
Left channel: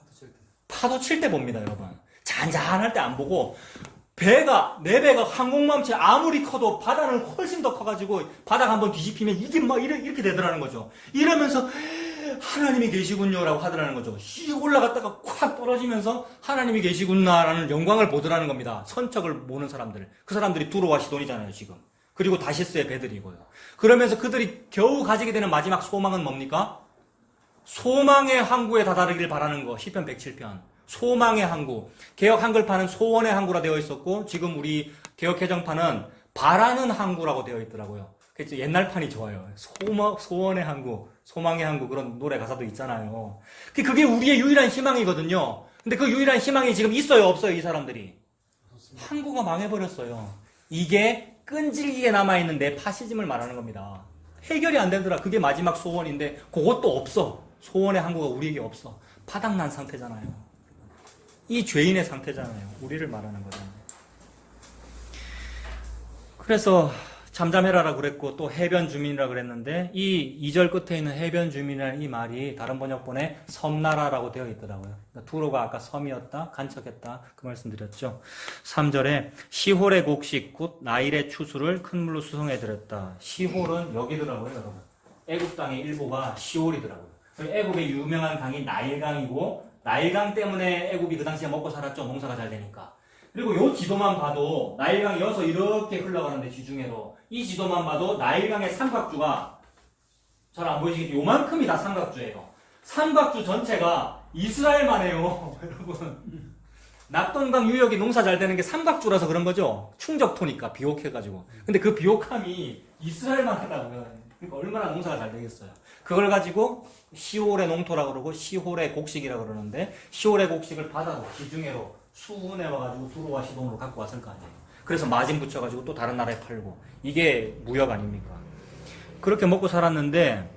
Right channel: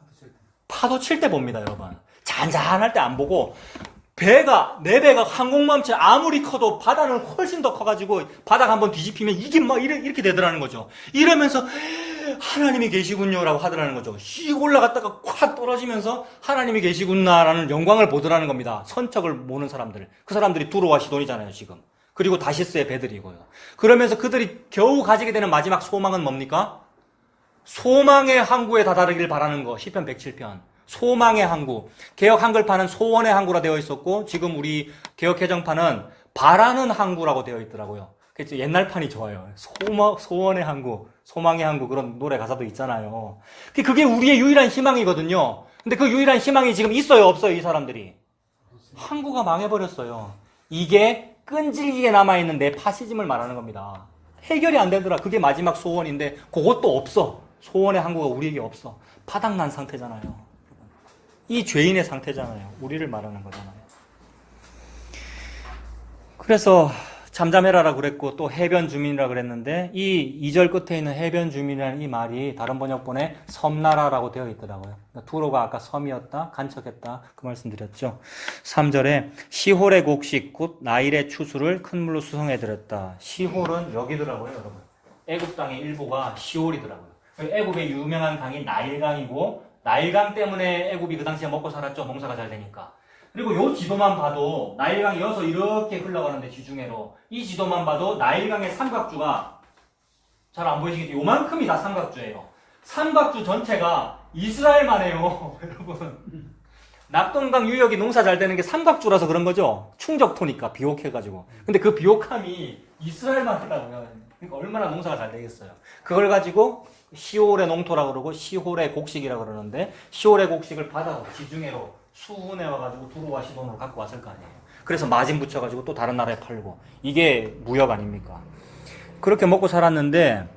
파도 칠 때 봅니다, 여러분. 잔잔할 때 안 보고 내 배가 항공모함체 아무리 커도 바다는 훨씬 더 커가지고 바다가 한번 뒤집히면 이게 막 이렇게 되더라는 거죠. 이러면서 하나님이 계시군요라고 하더라는 거죠. 씩 올라갔다가 콱 떨어지면서 하나님이 계시구나라는 영광을 보더라는 겁니다. 선척을 모는 사람들. 그 사람들이 두로와 시돈이잖아요, 지금. 그리고 다시스의 배들이고요. 그러면서 그들이 겨우 가지게 되는 마지막 소망은 뭡니까? 소망의 항구에 다다르길 바라는 거. 시편 107편. 소망의 항구. 개혁 한글판은 소원의 항구라 되어 있었고 지금 우리 개혁 개정판은 바라는 항구라고 되어 있더라고요. 그래서 옛날 판이 좋아요. 소원의 항구, 소망의 항구 그런 노래 가사도 있잖아요. 그게 우리의 유일한 희망이거든요. 근데 그 유일한 희망이 지금 있어요, 없어요, 이 사람들이? 항구가 망해버렸어요. 이게 끈질기게 남아있는 내 파시즘을 말하는 겁니다. 해결이 안 되더라. 그게 마지막 소원인데 그것도 없어. 소원의 항구가 우리에게 없어. 파닥난 상태잖아요. 이 죄인의 상태잖아요. 우리를 말하는 거잖아요. 그래서 잠잠해라라고 그랬고 또 해변 주민이라고 그랬는데 이 2절 끝에 있는 해변 주민이라는 이 말이 다른 번역본에 섬나라라고 되어 있더라고요. 그러니까 두로가 아까 섬이었다, 간척했다 그 말씀 드렸죠. 3절에 시홀의 곡식 곧 나일의 추수를 큰 물로 수송해드렸다. 시홀은 여기더라고요, 여러분. 애굽 땅의 일부가 시홀이더라고요. 애굽의 유명한 강이 나일강이고 나일강 때문에 애굽이 그 당시에 먹고 살았죠. 농사가 잘 되니까. 그리고 요 지도만 봐도 나일강이 이어서 이렇게 흘러가는데 지중해로 이 지도만 봐도 나일강의 삼각주가 잘 안 보이시겠죠? 요만큼이 다 삼각주예요. 삼각주 전체가 이스라엘만 해요. 여러분. 낙동강 유역이 농사 잘 되는 게 삼각주라서 그런 거죠. 충적토니까 비옥해가지고. 근데 그 비옥함이 이스라엘만 하다고요. 그러니까 얼마나 농사가 잘 되겠어요. 그걸 가지고 시홀의 농토라고 그러고 시홀의 곡식이라고 그러는데 시홀의 곡식을 바다로 지중해로 수운해 와가지고 두로와 시돈으로 갖고 왔을 거 아니에요. 그래서 마진 붙여가지고 또 다른 나라에 팔고 이게 무역 아닙니까? 그렇게 먹고 살았는데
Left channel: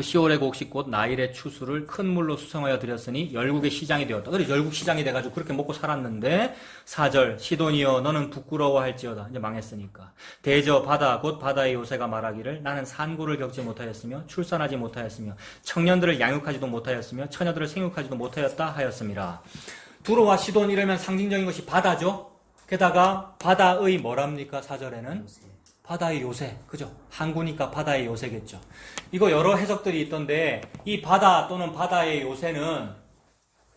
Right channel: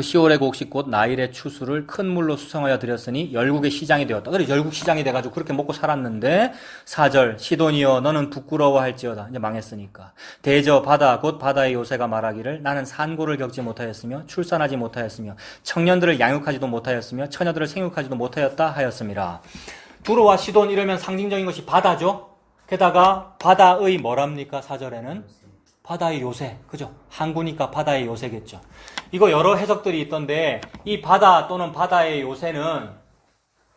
시올의 곡식 곧 나일의 추수를 큰 물로 수성하여 드렸으니 열국의 시장이 되었다. 그래서 열국 시장이 돼가지고 그렇게 먹고 살았는데 4절 시돈이여 너는 부끄러워할지어다. 이제 망했으니까. 대저 바다 곧 바다의 요새가 말하기를 나는 산고를 겪지 못하였으며 출산하지 못하였으며 청년들을 양육하지도 못하였으며 처녀들을 생육하지도 못하였다 하였습니다. 두로와 시돈 이러면 상징적인 것이 바다죠. 게다가 바다의 뭐랍니까? 4절에는 바다의 요새, 그죠? 항구니까 바다의 요새겠죠. 이거 여러 해석들이 있던데 이 바다 또는 바다의 요새는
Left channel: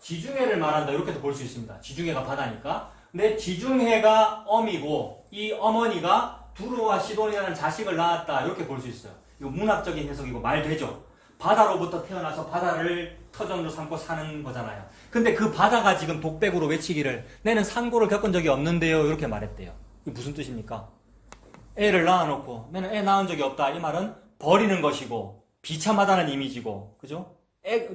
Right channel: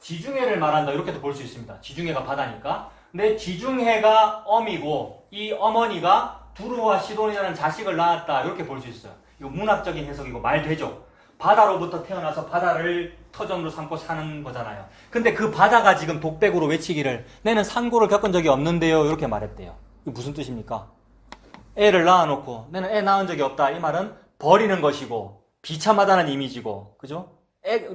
지중해를 말한다 이렇게도 볼 수 있습니다. 지중해가 바다니까. 근데 지중해가 어미고 이 어머니가 두루와 시돈이라는 자식을 낳았다 이렇게 볼 수 있어요. 이거 문학적인 해석이고 말 되죠. 바다로부터 태어나서 바다를 터전으로 삼고 사는 거잖아요. 근데 그 바다가 지금 독백으로 외치기를 내는 산고를 겪은 적이 없는데요 이렇게 말했대요. 이게 무슨 뜻입니까? 애를 낳아놓고 내는 애 낳은 적이 없다. 이 말은 버리는 것이고 비참하다는 이미지고 그죠?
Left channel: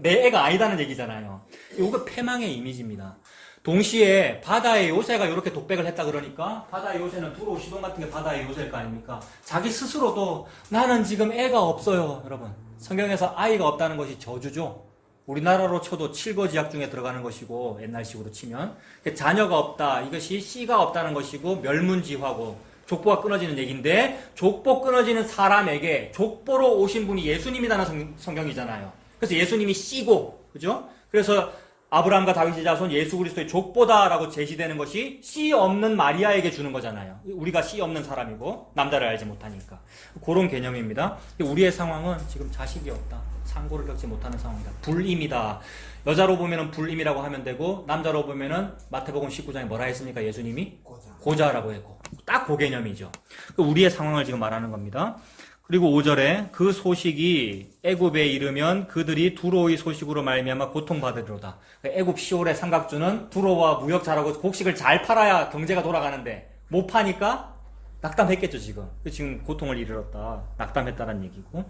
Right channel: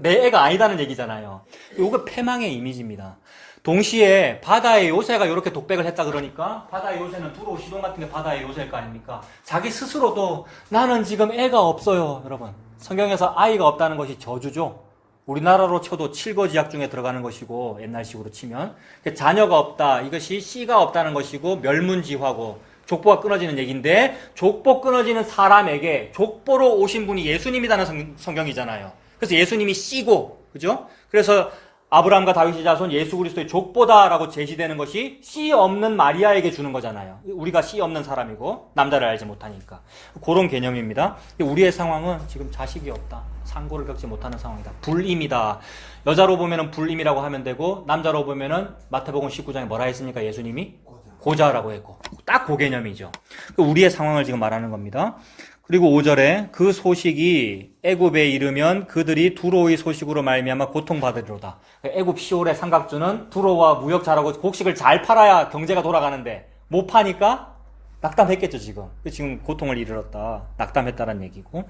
내 애가 아니다는 얘기잖아요. 이거 패망의 이미지입니다. 동시에 바다의 요새가 이렇게 독백을 했다 그러니까 바다의 요새는 두로 시돈 같은 게 바다의 요새일 거 아닙니까? 자기 스스로도 나는 지금 애가 없어요. 여러분 성경에서 아이가 없다는 것이 저주죠. 우리나라로 쳐도 칠거지약 중에 들어가는 것이고 옛날식으로 치면 자녀가 없다. 이것이 씨가 없다는 것이고 멸문지화고 족보가 끊어지는 얘기인데 족보 끊어지는 사람에게 족보로 오신 분이 예수님이라는 성경이잖아요. 그래서 예수님이 씨고 그죠? 그래서 아브라함과 다윗의 자손 예수 그리스도의 족보다라고 제시되는 것이 씨 없는 마리아에게 주는 거잖아요. 우리가 씨 없는 사람이고 남자를 알지 못하니까 그런 개념입니다. 우리의 상황은 지금 자식이 없다. 상고를 겪지 못하는 상황이다. 불임이다. 여자로 보면은 불임이라고 하면 되고 남자로 보면은 마태복음 19장에 뭐라 했습니까? 예수님이 고자라고 했고 딱 그 개념이죠. 우리의 상황을 지금 말하는 겁니다. 그리고 5절에 그 소식이 애굽에 이르면 그들이 두로의 소식으로 말미암아 고통받으리로다. 애굽 시올의 삼각주는 두로와 무역 잘하고 곡식을 잘 팔아야 경제가 돌아가는데 못 파니까 낙담했겠죠 지금. 지금 고통을 이르렀다. 낙담했다는 얘기고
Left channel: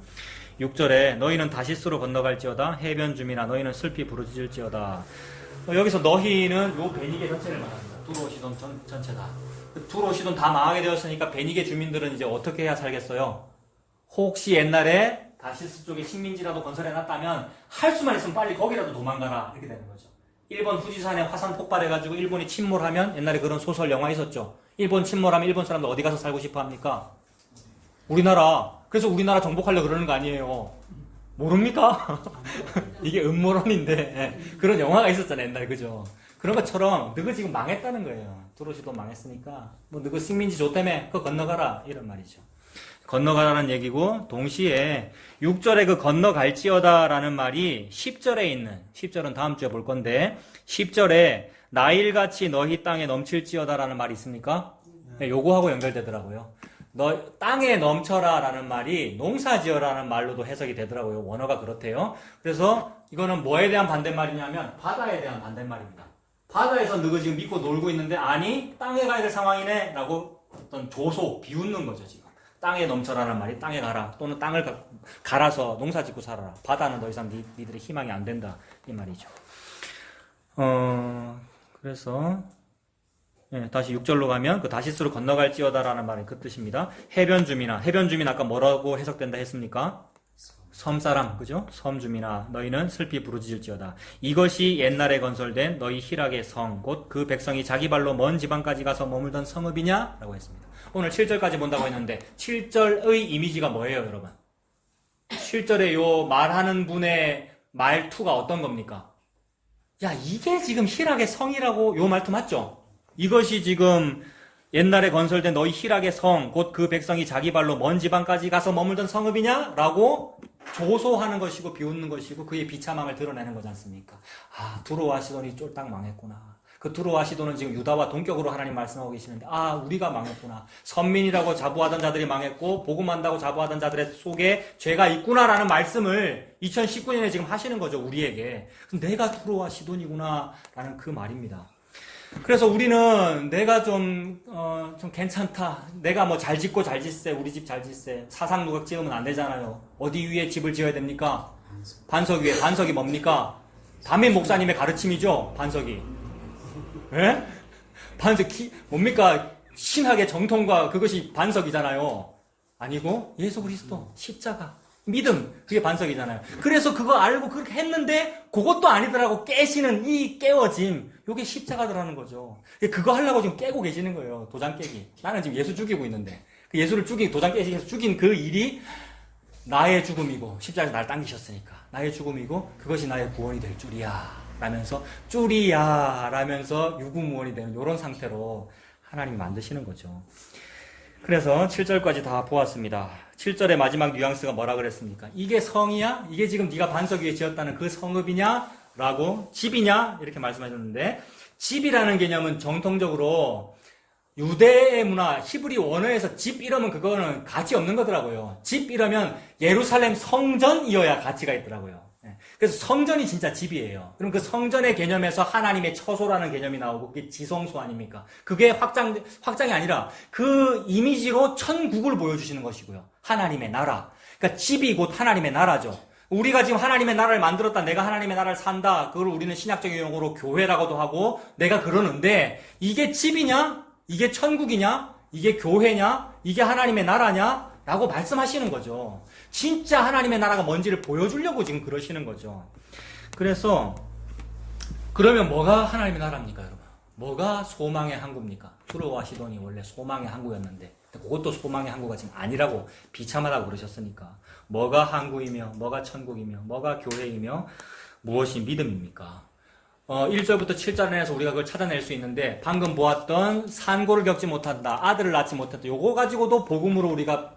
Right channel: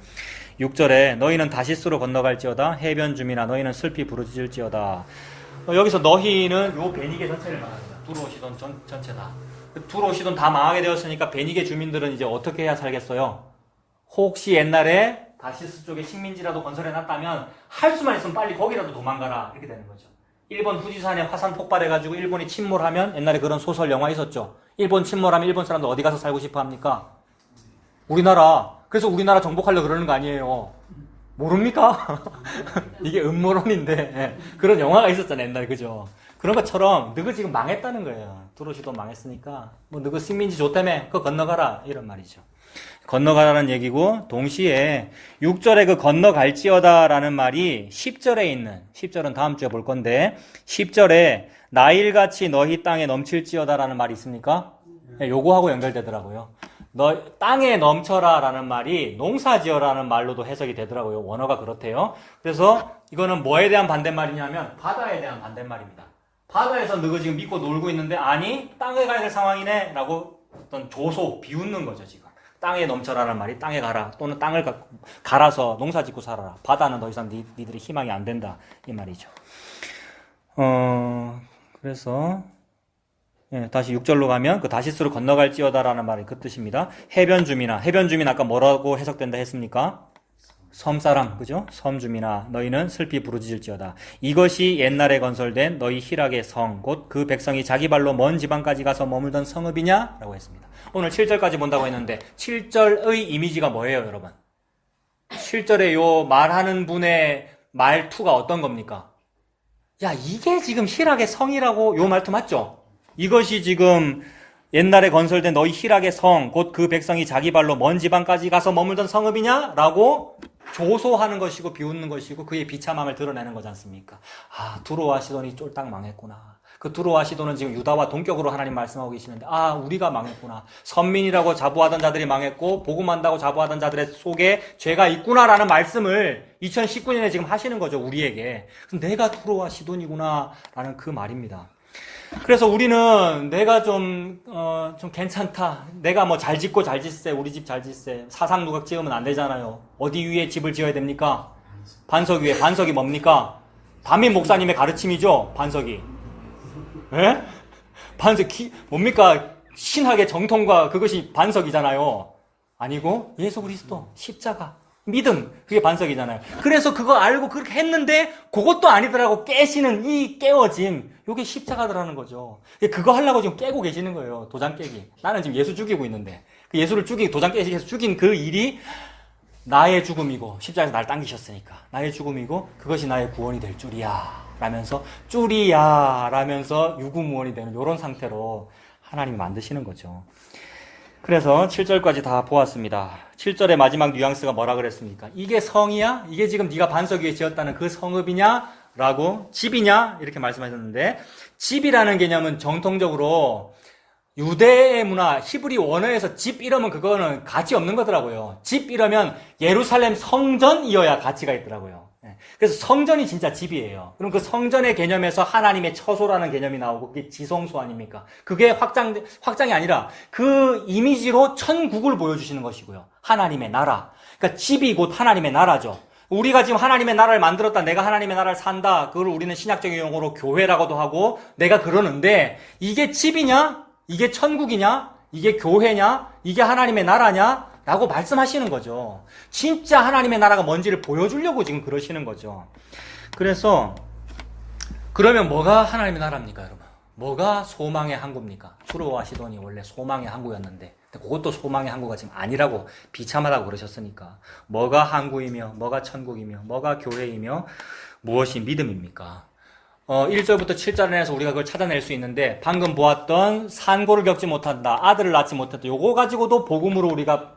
6절에 너희는 다시스로 건너갈지어다. 해변 주민아 너희는 슬피 부르짖을지어다. 여기서 너희는 요 베니게 전체를 말합니다. 두로 시돈 전체다. 두로 시돈 다 망하게 되었으니까 베니게 주민들은 이제 어떻게 해야 살겠어요? 혹시 옛날에 다시스 쪽에 식민지라도 건설해놨다면 할 수만 있으면 빨리 거기라도 도망가라 이렇게 되는 거죠. 일본 후지산에 화산 폭발해가지고 일본이 침몰하면 옛날에 그런 소설 영화 있었죠. 일본 침몰하면 일본 사람들 어디 가서 살고 싶어 합니까? 우리나라. 그래서 우리나라 정복하려고 그러는 거 아니에요. 모릅니까? 이게 음모론인데 네. 그런 영화가 있었잖아요 옛날에 그죠? 그런 것처럼 너가 지금 망했다는 거예요. 두로시도 망했으니까 뭐 너가 식민지 좋다며 그거 건너가라 이런 말이죠. 건너가라는 얘기고 동시에 6절에 그 건너갈지어다라는 말이 10절에 있는 10절은 다음 주에 볼 건데 10절에 나일같이 너희 땅에 넘칠지어다라는 말이 있습니까? 네, 요거하고 연결되더라고요. 너 땅에 넘쳐라라는 말이 농사지어라는 말로도 해석이 되더라고요. 원어가 그렇대요. 그래서 이거는 뭐에 대한 반대말이냐면 바다에 대한 반대말입니다. 바다에서 너가 지금 믿고 놀고 있는데 아니 땅에 가야 될 상황이네 라고 어떤 조소 비웃는 거죠 지금. 땅에 넘쳐라는 말이 땅에 가라 또는 땅을 갈아서 농사 짓고 살아라. 바다는 더 이상 니들의 희망이 안 된다 이 말이죠. 그래서 예, 다시 6절로 가면 그 다시스로 건너갈지어다라는 말이 그 뜻입니다. 해변 주민아 해변 주민 아까 뭐라고 해석된다 했습니까? 섬사람 그죠? 섬 주민아 너희는 슬피 부르짖을지어다. 이것이 옛날에 건설된 너희 희락의 성 곧 그 백성이 자기 발로 먼 지방까지 가서 머물던 성읍이냐? 라고 했습니다. 오늘 7절까지 본다고 했는데 7절의 이미지가 뭐예요 여러분? 7절에 요 말하는 분의 말투가 어떤 겁니까? 야 이게 지금 희락의 성이라고 요 말투 맞죠? 이것이 지금 옛날에 건설된 너희 희락의 성 곧 그 백성이 자기 발로 먼 지방까지 가서 머물던 성읍이냐? 라고 조소하는 것이고 비웃는 것이고 그의 비참함을 드러내는 거지 않습니까? 아 두로와 시돈이 쫄딱 망했구나. 그 두로와 시돈은 지금 유다와 동격으로 하나님 말씀하고 계시는데, 아, 우리가 망했구나. 선민이라고 자부하던 자들이 망했고 복음한다고 자부하던 자들의 속에 죄가 있구나라는 말씀을 2019년에 지금 하시는 거죠, 우리에게. 내가 두로와 시돈이구나 라는 그 말입니다. 그래서 우리는 내가 좀 괜찮다. 내가 뭐 잘 짓고 잘 짓세. 우리 집 잘 짓세. 사상 누각 지으면 안 되잖아요. 어디 위에 집을 지어야 됩니까? 반석 위에. 반석이 뭡니까? 담임 목사님의 가르침이죠, 반석이. 예? 반석, 뭡니까? 신학의 정통과 그것이 반석이잖아요. 아니고, 예수 그리스도, 십자가, 믿음, 그게 반석이잖아요. 그래서 그거 알고 그렇게 했는데, 그것도 아니더라고 깨시는 이 깨어짐, 요게 십자가더라는 거죠. 그거 하려고 지금 깨고 계시는 거예요, 도장 깨기. 나는 지금 예수 죽이고 있는데, 그 예수를 죽이고 도장 깨기 해서 죽인 그 일이 나의 죽음이고, 십자가에서 날 당기셨으니까, 나의 죽음이고, 그것이 나의 구원이 될 줄이야. 라면서 쭈리야 라면서 유구무원이 되는 이런 상태로 하나님 만드시는 거죠. 그래서 7절까지 다 보았습니다. 7절의 마지막 뉘앙스가 뭐라 그랬습니까? 이게 성이야? 이게 지금 네가 반석 위에 지었다는 그 성읍이냐? 라고 집이냐? 이렇게 말씀하셨는데, 집이라는 개념은 정통적으로 유대의 문화, 히브리 원어에서 집 이러면 그거는 가치 없는 거더라고요. 집 이러면 예루살렘 성전이어야 가치가 있더라고요. 그래서 성전이 진짜 집이에요. 그럼 그 성전의 개념에서 하나님의 처소라는 개념이 나오고 그게 지성소 아닙니까? 그게 확장이 아니라 그 이미지로 천국을 보여주시는 것이고요. 하나님의 나라. 그러니까 집이 곧 하나님의 나라죠. 우리가 지금 하나님의 나라를 만들었다. 내가 하나님의 나라를 산다. 그걸 우리는 신약적인 용어로 교회라고도 하고 내가 그러는데 이게 집이냐? 이게 천국이냐? 이게 교회냐? 이게 하나님의 나라냐? 라고 말씀하시는 거죠. 진짜 하나님의 나라가 뭔지를 보여주려고 지금 그러시는 거죠. 그래서 그러면 뭐가 하나님의 나라입니까, 여러분? 뭐가 소망의 항구입니까? 투로와 시돈이 원래 소망의 항구였는데 그것도 소망의 항구가 지금 아니라고 비참하다고 그러셨으니까 뭐가 항구이며 뭐가 천국이며 뭐가 교회이며 무엇이 믿음입니까? 1절부터 7절에서 우리가 그걸 찾아낼 수 있는데 방금 보았던 산고를 겪지 못한다, 아들을 낳지 못했다, 요거 가지고도 복음으로 우리가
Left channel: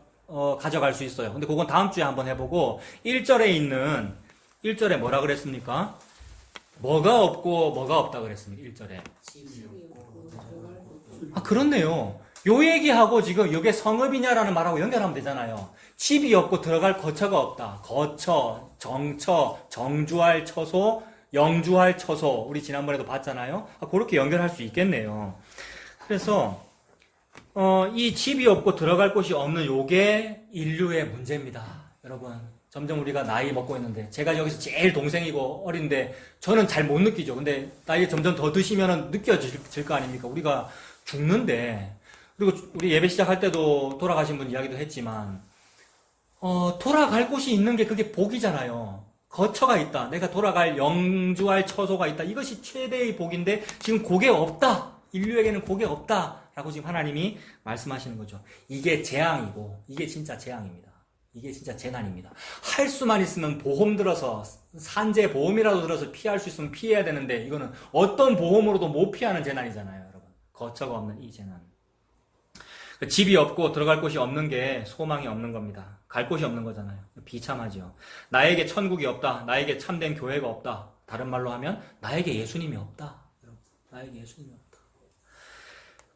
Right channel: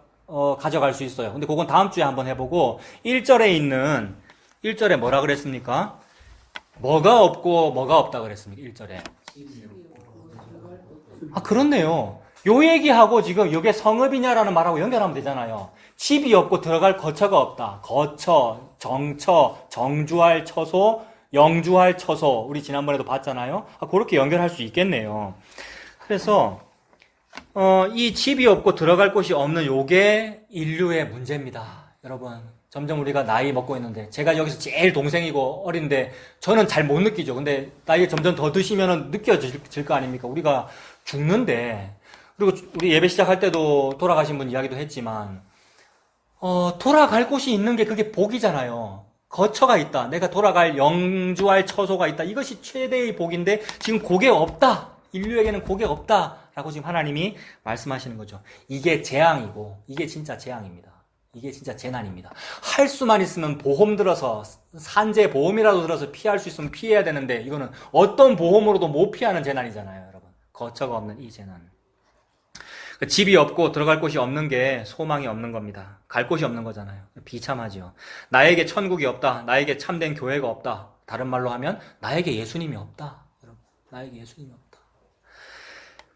가져갈 수 있어요. 근데 그건 다음 주에 한번 해보고 1절에 뭐라 그랬습니까? 뭐가 없고 뭐가 없다 그랬습니다. 1절에. 아, 그렇네요. 요 얘기하고 지금 이게 성읍이냐라는 말하고 연결하면 되잖아요. 집이 없고 들어갈 거처가 없다. 거처, 정처, 정주할 처소, 영주할 처소. 우리 지난번에도 봤잖아요. 아, 그렇게 연결할 수 있겠네요. 그래서 이 집이 없고 들어갈 곳이 없는 요게 인류의 문제입니다. 여러분, 점점 우리가 나이 먹고 있는데 제가 여기서 제일 동생이고 어린데 저는 잘 못 느끼죠. 근데 나이 점점 더 드시면 느껴질 거 아닙니까? 우리가 죽는데, 그리고 우리 예배 시작할 때도 돌아가신 분 이야기도 했지만 돌아갈 곳이 있는 게 그게 복이잖아요. 거처가 있다. 내가 돌아갈 영주할 처소가 있다. 이것이 최대의 복인데 지금 그게 없다. 인류에게는 그게 없다. 라고 지금 하나님이 말씀하시는 거죠. 이게 재앙이고 이게 진짜 재앙입니다. 이게 진짜 재난입니다. 할 수만 있으면 보험 들어서 산재 보험이라도 들어서 피할 수 있으면 피해야 되는데 이거는 어떤 보험으로도 못 피하는 재난이잖아요, 여러분. 거처가 없는 이 재난. 집이 없고 들어갈 곳이 없는 게 소망이 없는 겁니다. 갈 곳이 없는 거잖아요. 비참하죠. 나에게 천국이 없다. 나에게 참된 교회가 없다. 다른 말로 하면 나에게 예수님이 없다. 여러분, 나에게 예수님이 없다.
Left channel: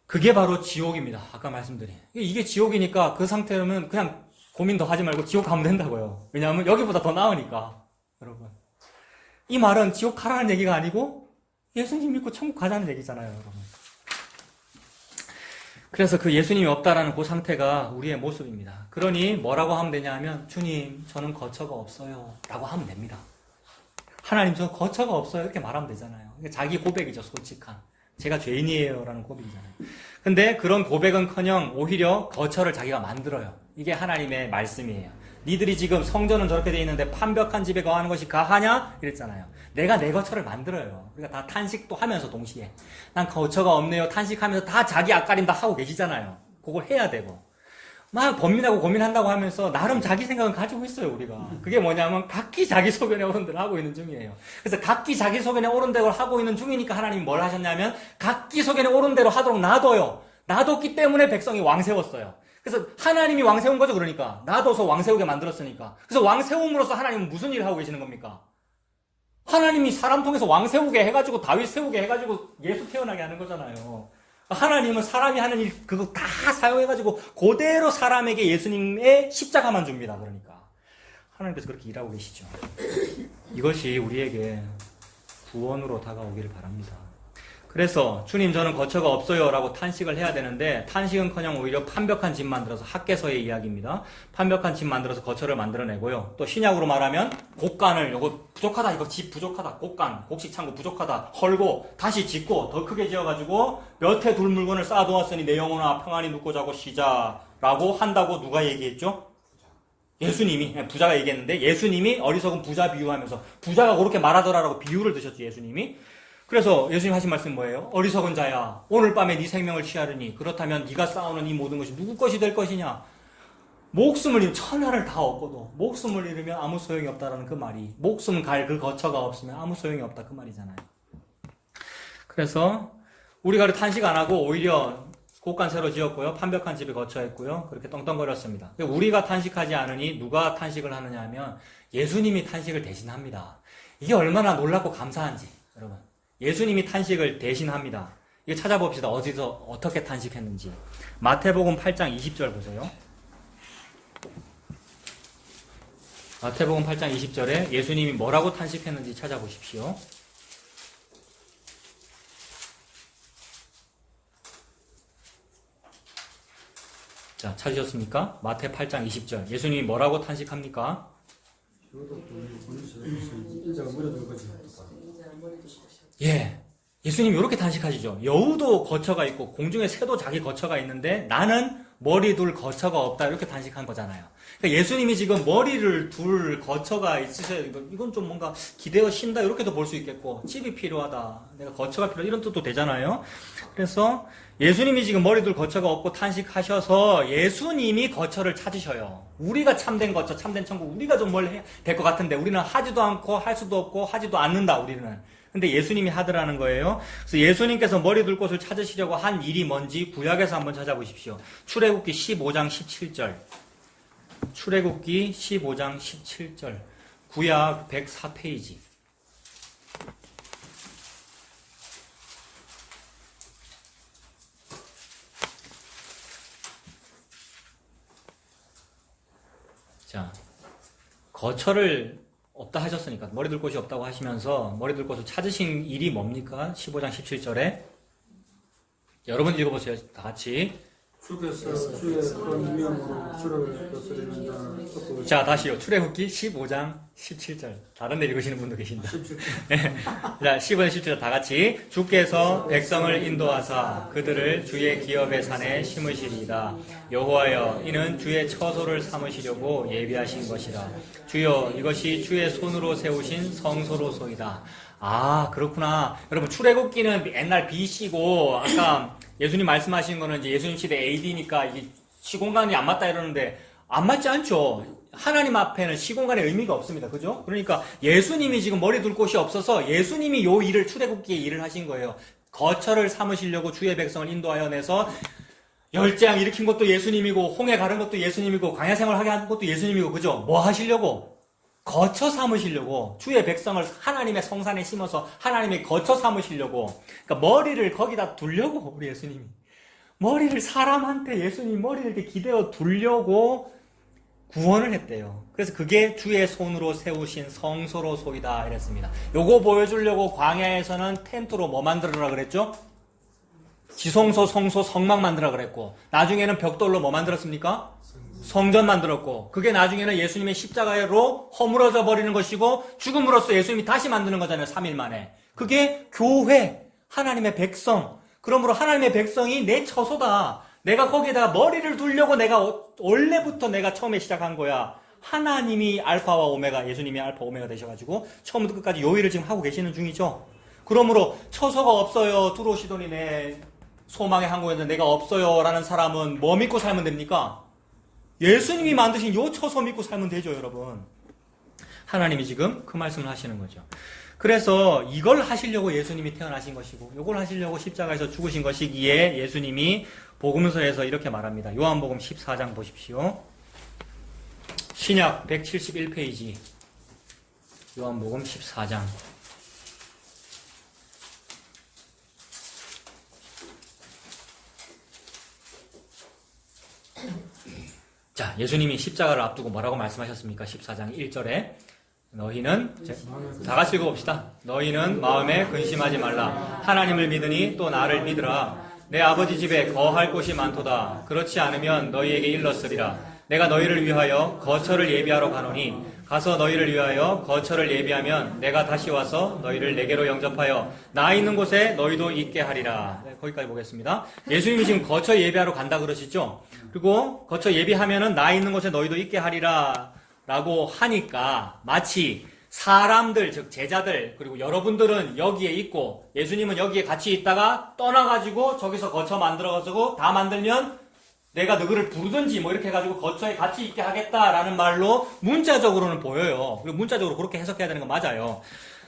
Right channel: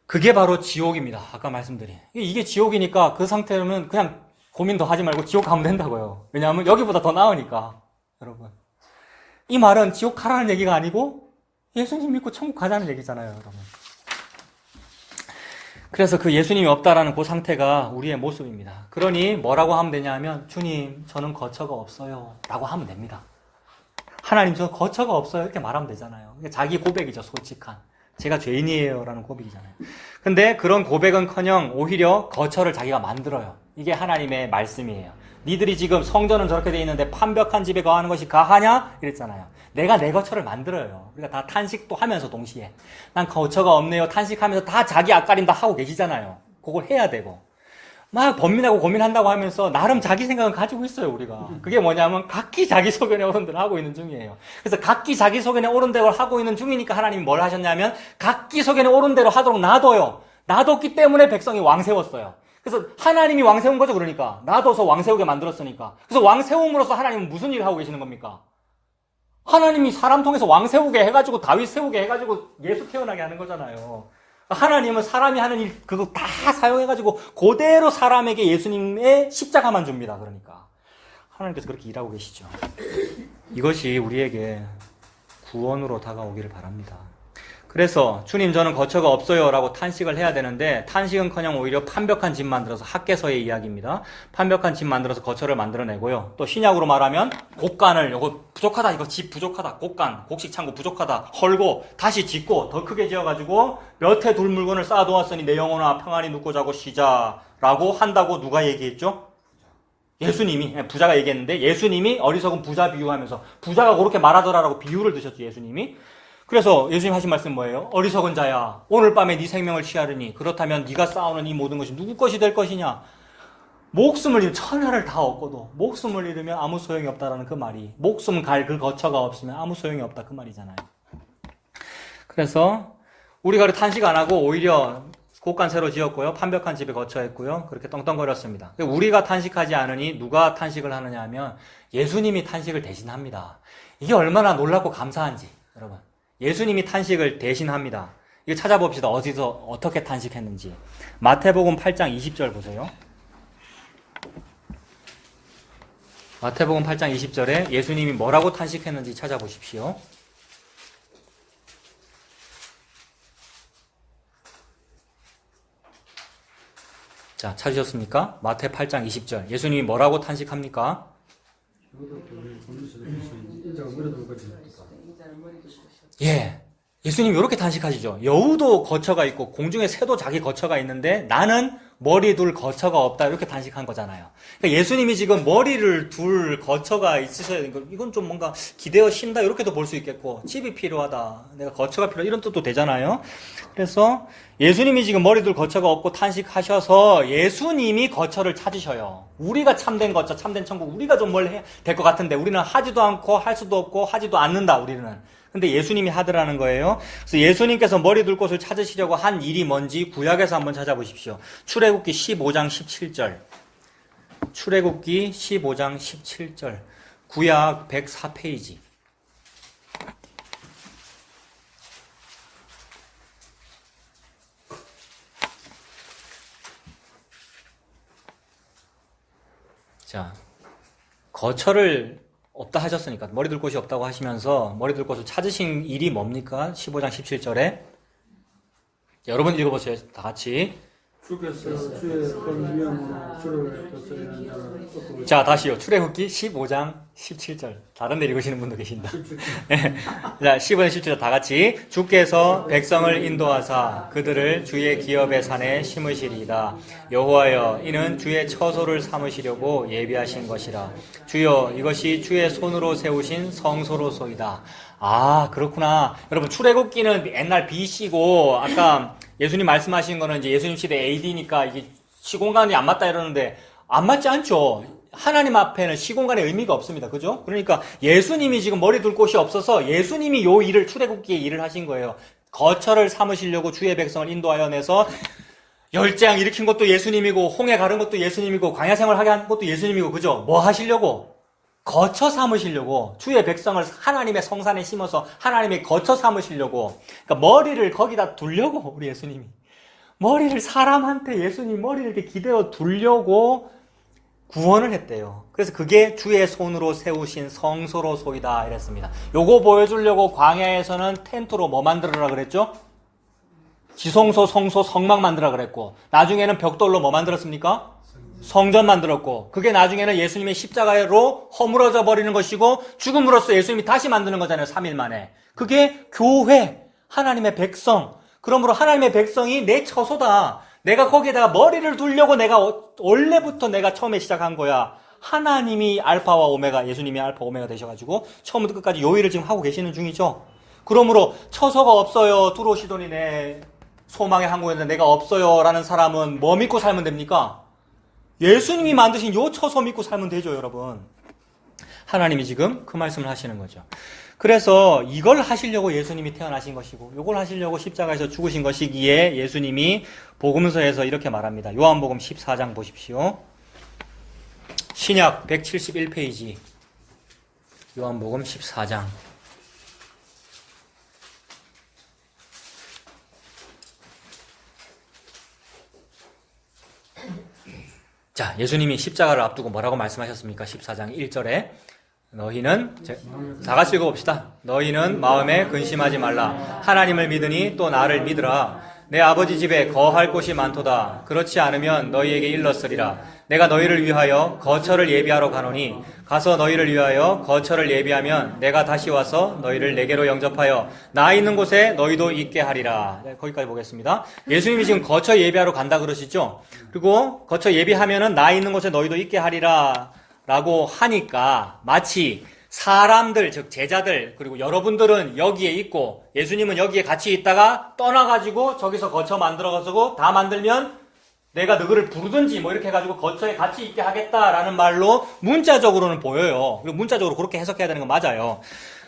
그게 바로 지옥입니다. 아까 말씀드린. 이게 지옥이니까 그 상태로는 그냥 고민 더 하지 말고 지옥 가면 된다고요. 왜냐하면 여기보다 더 나으니까. 여러분, 이 말은 지옥 가라는 얘기가 아니고 예수님 믿고 천국 가자는 얘기잖아요, 여러분. 그래서 그 예수님이 없다라는 그 상태가 우리의 모습입니다. 그러니 뭐라고 하면 되냐 하면 주님, 저는 거처가 없어요 라고 하면 됩니다. 하나님, 저 거처가 없어요 이렇게 말하면 되잖아요. 자기 고백이죠. 솔직한. 제가 죄인이에요 라는 고백이잖아요. 근데 그런 고백은커녕 오히려 거처를 자기가 만들어요. 이게 하나님의 말씀이에요. 니들이 지금 성전은 저렇게 돼 있는데 판벽한 집에 거하는 것이 가하냐? 이랬잖아요. 내가 내 거처를 만들어요. 우리가 다 탄식도 하면서 동시에 난 거처가 없네요 탄식하면서 다 자기 앞가림 다 하고 계시잖아요. 그걸 해야 되고 막 번민하고 고민한다고 하면서 나름 자기 생각은 가지고 있어요. 우리가 그게 뭐냐면 각기 자기 소견에 옳은 대로 하고 있는 중이에요. 그래서 각기 자기 소견에 옳은 대로 하고 있는 중이니까 하나님이 뭘 하셨냐면 각기 소견에 옳은 대로 하도록 놔둬요. 놔뒀기 때문에 백성이 왕 세웠어요. 그래서 하나님이 왕 세운 거죠. 그러니까 놔둬서 왕 세우게 만들었으니까. 그래서 왕 세움으로써 하나님은 무슨 일을 하고 계시는 겁니까? 하나님이 사람 통해서 왕 세우게 해가지고 다윗 세우게 해가지고 예수 태어나게 하는 거잖아요. 하나님은 사람이 하는 일 그거 다 사용해가지고 그대로 사람에게 예수님의 십자가만 줍니다. 그러니까 하나님께서 그렇게 일하고 계시죠. 이것이 우리에게 구원으로 다가오기를 바랍니다. 그래서 주님 저는 거처가 없어요 라고 탄식을 해야 되는데 탄식은커녕 오히려 판벽한 집 만들어서 학개서의 이야기입니다. 판벽한 집 만들어서 거처를 만들어내고요. 또 신약으로 말하면 곡간을 요거 부족하다 이거 집 부족하다 곡간 곡식창고 부족하다 헐고 다시 짓고 더 크게 지어가지고 몇 해 둘 물건을 쌓아두었으니 내 영혼아 평안히 눕고 자고 쉬자 라고 한다고 누가 얘기했죠? 예수님이 부자가 얘기했는데 예수님이 어리석은 부자 비유하면서 부자가 그렇게 말하더라라고 비유를 드셨죠. 예수님이. 그래서 예수님 하신 말씀 뭐예요? 어리석은 자야 오늘 밤에 네 생명을 취하르니 그렇다면 네가 쌓아놓은 이 모든 것이 누구 것이 될 것이냐. 목숨을 잃으면 천하를 다 얻고도 목숨을 잃으면 아무 소용이 없다라는 그 말이 목숨 갈 그 거처가 없으면 아무 소용이 없다 그 말이잖아요. 그래서 우리가 탄식 안 하고 오히려 곡간 새로 지었고요. 판벽한 집에 거처했고요. 그렇게 떵떵거렸습니다. 우리가 탄식하지 않으니 누가 탄식을 하느냐 하면 예수님이 탄식을 대신합니다. 이게 얼마나 놀랍고 감사한지 여러분. 예수님이 탄식을 대신합니다. 이거 찾아봅시다. 어디서 어떻게 탄식했는지. 마태복음 8장 20절 보세요. 마태복음 8장 20절에 예수님이 뭐라고 탄식했는지 찾아보십시오. 자, 찾으셨습니까? 마태 8장 20절. 예수님이 뭐라고 탄식합니까? 예. 예수님이 이렇게 탄식하시죠. 여우도 거처가 있고 공중에 새도 자기 거처가 있는데 나는 머리 둘 거처가 없다 이렇게 탄식한 거잖아요. 그러니까 예수님이 지금 머리를 둘 거처가 있으셔야 이건 좀 뭔가 기대어 쉰다 이렇게도 볼 수 있겠고 집이 필요하다 내가 거처가 필요하다 이런 뜻도 되잖아요. 그래서 예수님이 지금 머리 둘 거처가 없고 탄식하셔서 예수님이 거처를 찾으셔요. 우리가 참된 거처 참된 천국 우리가 좀 뭘 해야 될 것 같은데 우리는 하지도 않고 할 수도 없고 하지도 않는다 우리는. 근데 예수님이 하더라는 거예요. 그래서 예수님께서 머리 둘 곳을 찾으시려고 한 일이 뭔지 구약에서 한번 찾아보십시오. 출애굽기 15장 17절. 출애굽기 15장 17절. 구약 104페이지. 자, 거처를 없다 하셨으니까 머리 둘 곳이 없다고 하시면서 머리 둘 곳을 찾으신 일이 뭡니까? 15장 17절에 여러분 읽어보세요. 다 같이. 주께서 주의 권명으로 주를 거스르는 자는 쏟고 자, 다시요. 출애굽기 15장 17절. 다른 데 읽으시는 분도 계신다. 자, 15장 17절 다 같이. 주께서 백성을 인도하사 그들을 주의 기업의 산에 심으시리이다. 여호와여 이는 주의 처소를 삼으시려고 예비하신 것이라. 주여 이것이 주의 손으로 세우신 성소로소이다. 아, 그렇구나. 여러분, 출애굽기는 옛날 BC고 아까 예수님 말씀하신 거는 이제 예수님 시대 AD니까 이게 시공간이 안 맞다 이러는데 안 맞지 않죠. 하나님 앞에는 시공간의 의미가 없습니다. 그죠? 그러니까 예수님이 지금 머리 둘 곳이 없어서 예수님이 요 일을 출애굽기에 일을 하신 거예요. 거처를 삼으시려고 주의 백성을 인도하여 내서 열재앙 일으킨 것도 예수님이고 홍해 가른 것도 예수님이고 광야 생활하게 한 것도 예수님이고 그죠? 뭐 하시려고? 거처 삼으시려고 주의 백성을 하나님의 성산에 심어서 하나님의 거처 삼으시려고 그러니까 머리를 거기다 두려고 우리 예수님이 머리를 사람한테 예수님이 머리를 이렇게 기대어 두려고 구원을 했대요. 그래서 그게 주의 손으로 세우신 성소로소이다 이랬습니다. 요거 보여주려고 광야에서는 텐트로 뭐 만들어라 그랬죠? 지성소, 성소, 성막 만들어라 그랬고 나중에는 벽돌로 뭐 만들었습니까? 성전 만들었고 그게 나중에는 예수님의 십자가로 허물어져 버리는 것이고 죽음으로써 예수님이 다시 만드는 거잖아요. 3일 만에. 그게 교회, 하나님의 백성. 그러므로 하나님의 백성이 내 처소다. 내가 거기에다가 머리를 두려고 내가 원래부터 내가 처음에 시작한 거야. 하나님이 알파와 오메가, 예수님이 알파 오메가 되셔가지고 처음부터 끝까지 요 일을 지금 하고 계시는 중이죠. 그러므로 처소가 없어요. 들어오시더니 내 소망의 항구였는데 내가 없어요. 라는 사람은 뭐 믿고 살면 됩니까? 예수님이 만드신 요 처소 믿고 살면 되죠, 여러분. 하나님이 지금 그 말씀을 하시는 거죠. 그래서 이걸 하시려고 예수님이 태어나신 것이고 이걸 하시려고 십자가에서 죽으신 것이기에 예수님이 복음서에서 이렇게 말합니다. 요한복음 14장 보십시오. 신약 171페이지 요한복음 14장 자, 예수님이 십자가를 앞두고 뭐라고 말씀하셨습니까? 14장 1절에 너희는 다 같이 읽어봅시다. 너희는 마음에 근심하지 말라. 하나님을 믿으니 또 나를 믿으라. 내 아버지 집에 거할 곳이 많도다. 그렇지 않으면 너희에게 일렀으리라. 내가 너희를 위하여 거처를 예비하러 가노니 가서 너희를 위하여 거처를 예비하면 내가 다시 와서 너희를 내게로 영접하여 나 있는 곳에 너희도 있게 하리라. 네, 거기까지 보겠습니다. 예수님이 지금 거처 예비하러 간다 그러시죠? 그리고 거처 예비하면은 나 있는 곳에 너희도 있게 하리라 라고 하니까 마치 사람들, 즉 제자들, 그리고 여러분들은 여기에 있고 예수님은 여기에 같이 있다가 떠나가지고 저기서 거처 만들어가지고 다 만들면 내가 너희를 부르든지 뭐 이렇게 해가지고 거처에 같이 있게 하겠다라는 말로 문자적으로는 보여요. 그리고 문자적으로 그렇게 해석해야 되는 건 맞아요.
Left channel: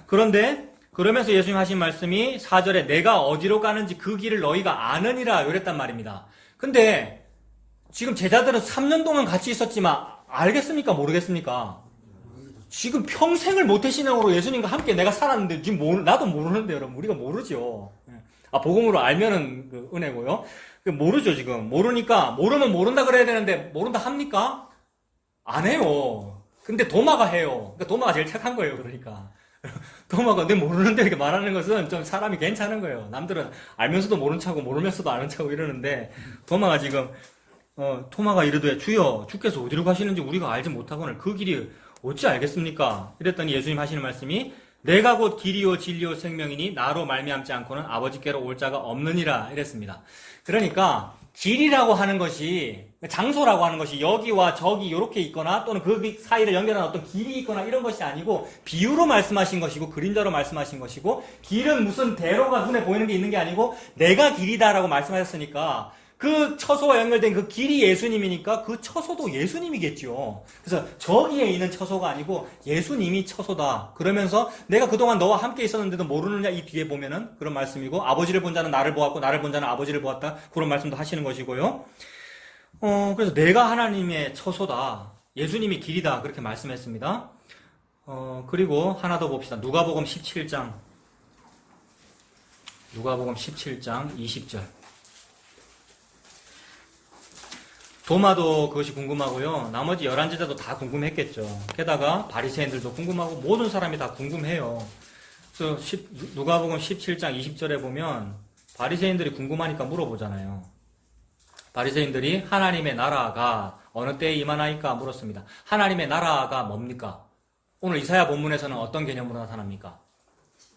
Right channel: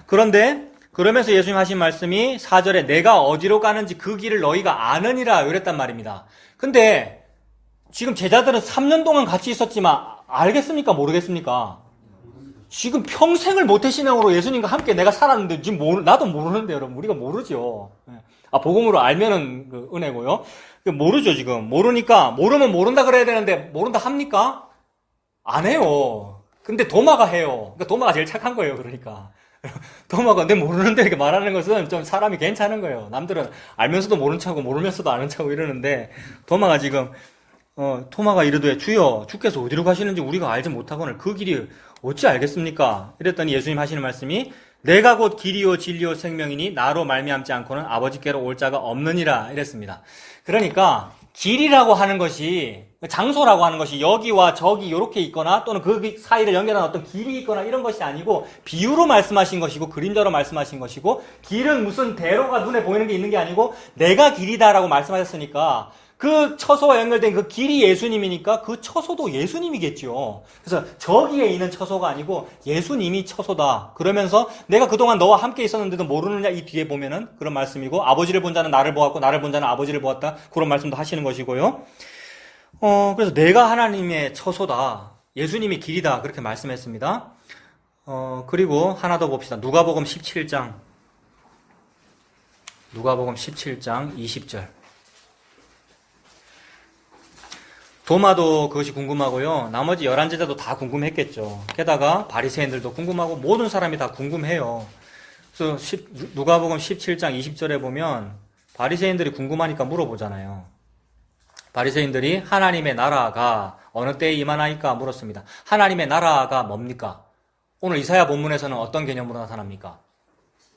그런데 그러면서 예수님 하신 말씀이 4절에 내가 어디로 가는지 그 길을 너희가 아느니라 이랬단 말입니다. 근데 지금 제자들은 3년 동안 같이 있었지만 알겠습니까? 모르겠습니까? 지금 평생을 모태신앙으로 예수님과 함께 내가 살았는데 지금 나도 모르는데 여러분 우리가 모르죠. 복음으로 알면은 그 은혜고요. 모르죠 지금. 모르니까 모르면 모른다 그래야 되는데 모른다 합니까? 안 해요. 근데 도마가 해요. 그러니까 도마가 제일 착한 거예요. 그러니까 도마가 내 모르는데 이렇게 말하는 것은 좀 사람이 괜찮은 거예요. 남들은 알면서도 모른 척하고 모르면서도 아는 척하고 이러는데 도마가 지금 토마가 이르되 주여 주께서 어디로 가시는지 우리가 알지 못하거늘 그 길이 어찌 알겠습니까? 이랬더니 예수님 하시는 말씀이 내가 곧 길이요 진리요 생명이니 나로 말미암지 않고는 아버지께로 올 자가 없느니라 이랬습니다. 그러니까 길이라고 하는 것이 장소라고 하는 것이 여기와 저기 이렇게 있거나 또는 그 사이를 연결하는 어떤 길이 있거나 이런 것이 아니고 비유로 말씀하신 것이고 그림자로 말씀하신 것이고 길은 무슨 대로가 눈에 보이는 게 있는 게 아니고 내가 길이다라고 말씀하셨으니까 그 처소와 연결된 그 길이 예수님이니까 그 처소도 예수님이겠죠. 그래서 저기에 있는 처소가 아니고 예수님이 처소다. 그러면서 내가 그동안 너와 함께 있었는데도 모르느냐 이 뒤에 보면은 그런 말씀이고 아버지를 본 자는 나를 보았고 나를 본 자는 아버지를 보았다. 그런 말씀도 하시는 것이고요. 그래서 내가 하나님의 처소다. 예수님이 길이다. 그렇게 말씀했습니다. 그리고 하나 더 봅시다. 누가복음 17장 20절. 도마도 그것이 궁금하고요. 나머지 11제자도 다 궁금했겠죠. 게다가 바리새인들도 궁금하고 모든 사람이 다 궁금해요. 그래서 누가복음 17장 20절에 보면 바리새인들이 궁금하니까 물어보잖아요. 바리새인들이 하나님의 나라가 어느 때에 임하나이까 물었습니다. 하나님의 나라가 뭡니까? 오늘 이사야 본문에서는 어떤 개념으로 나타납니까?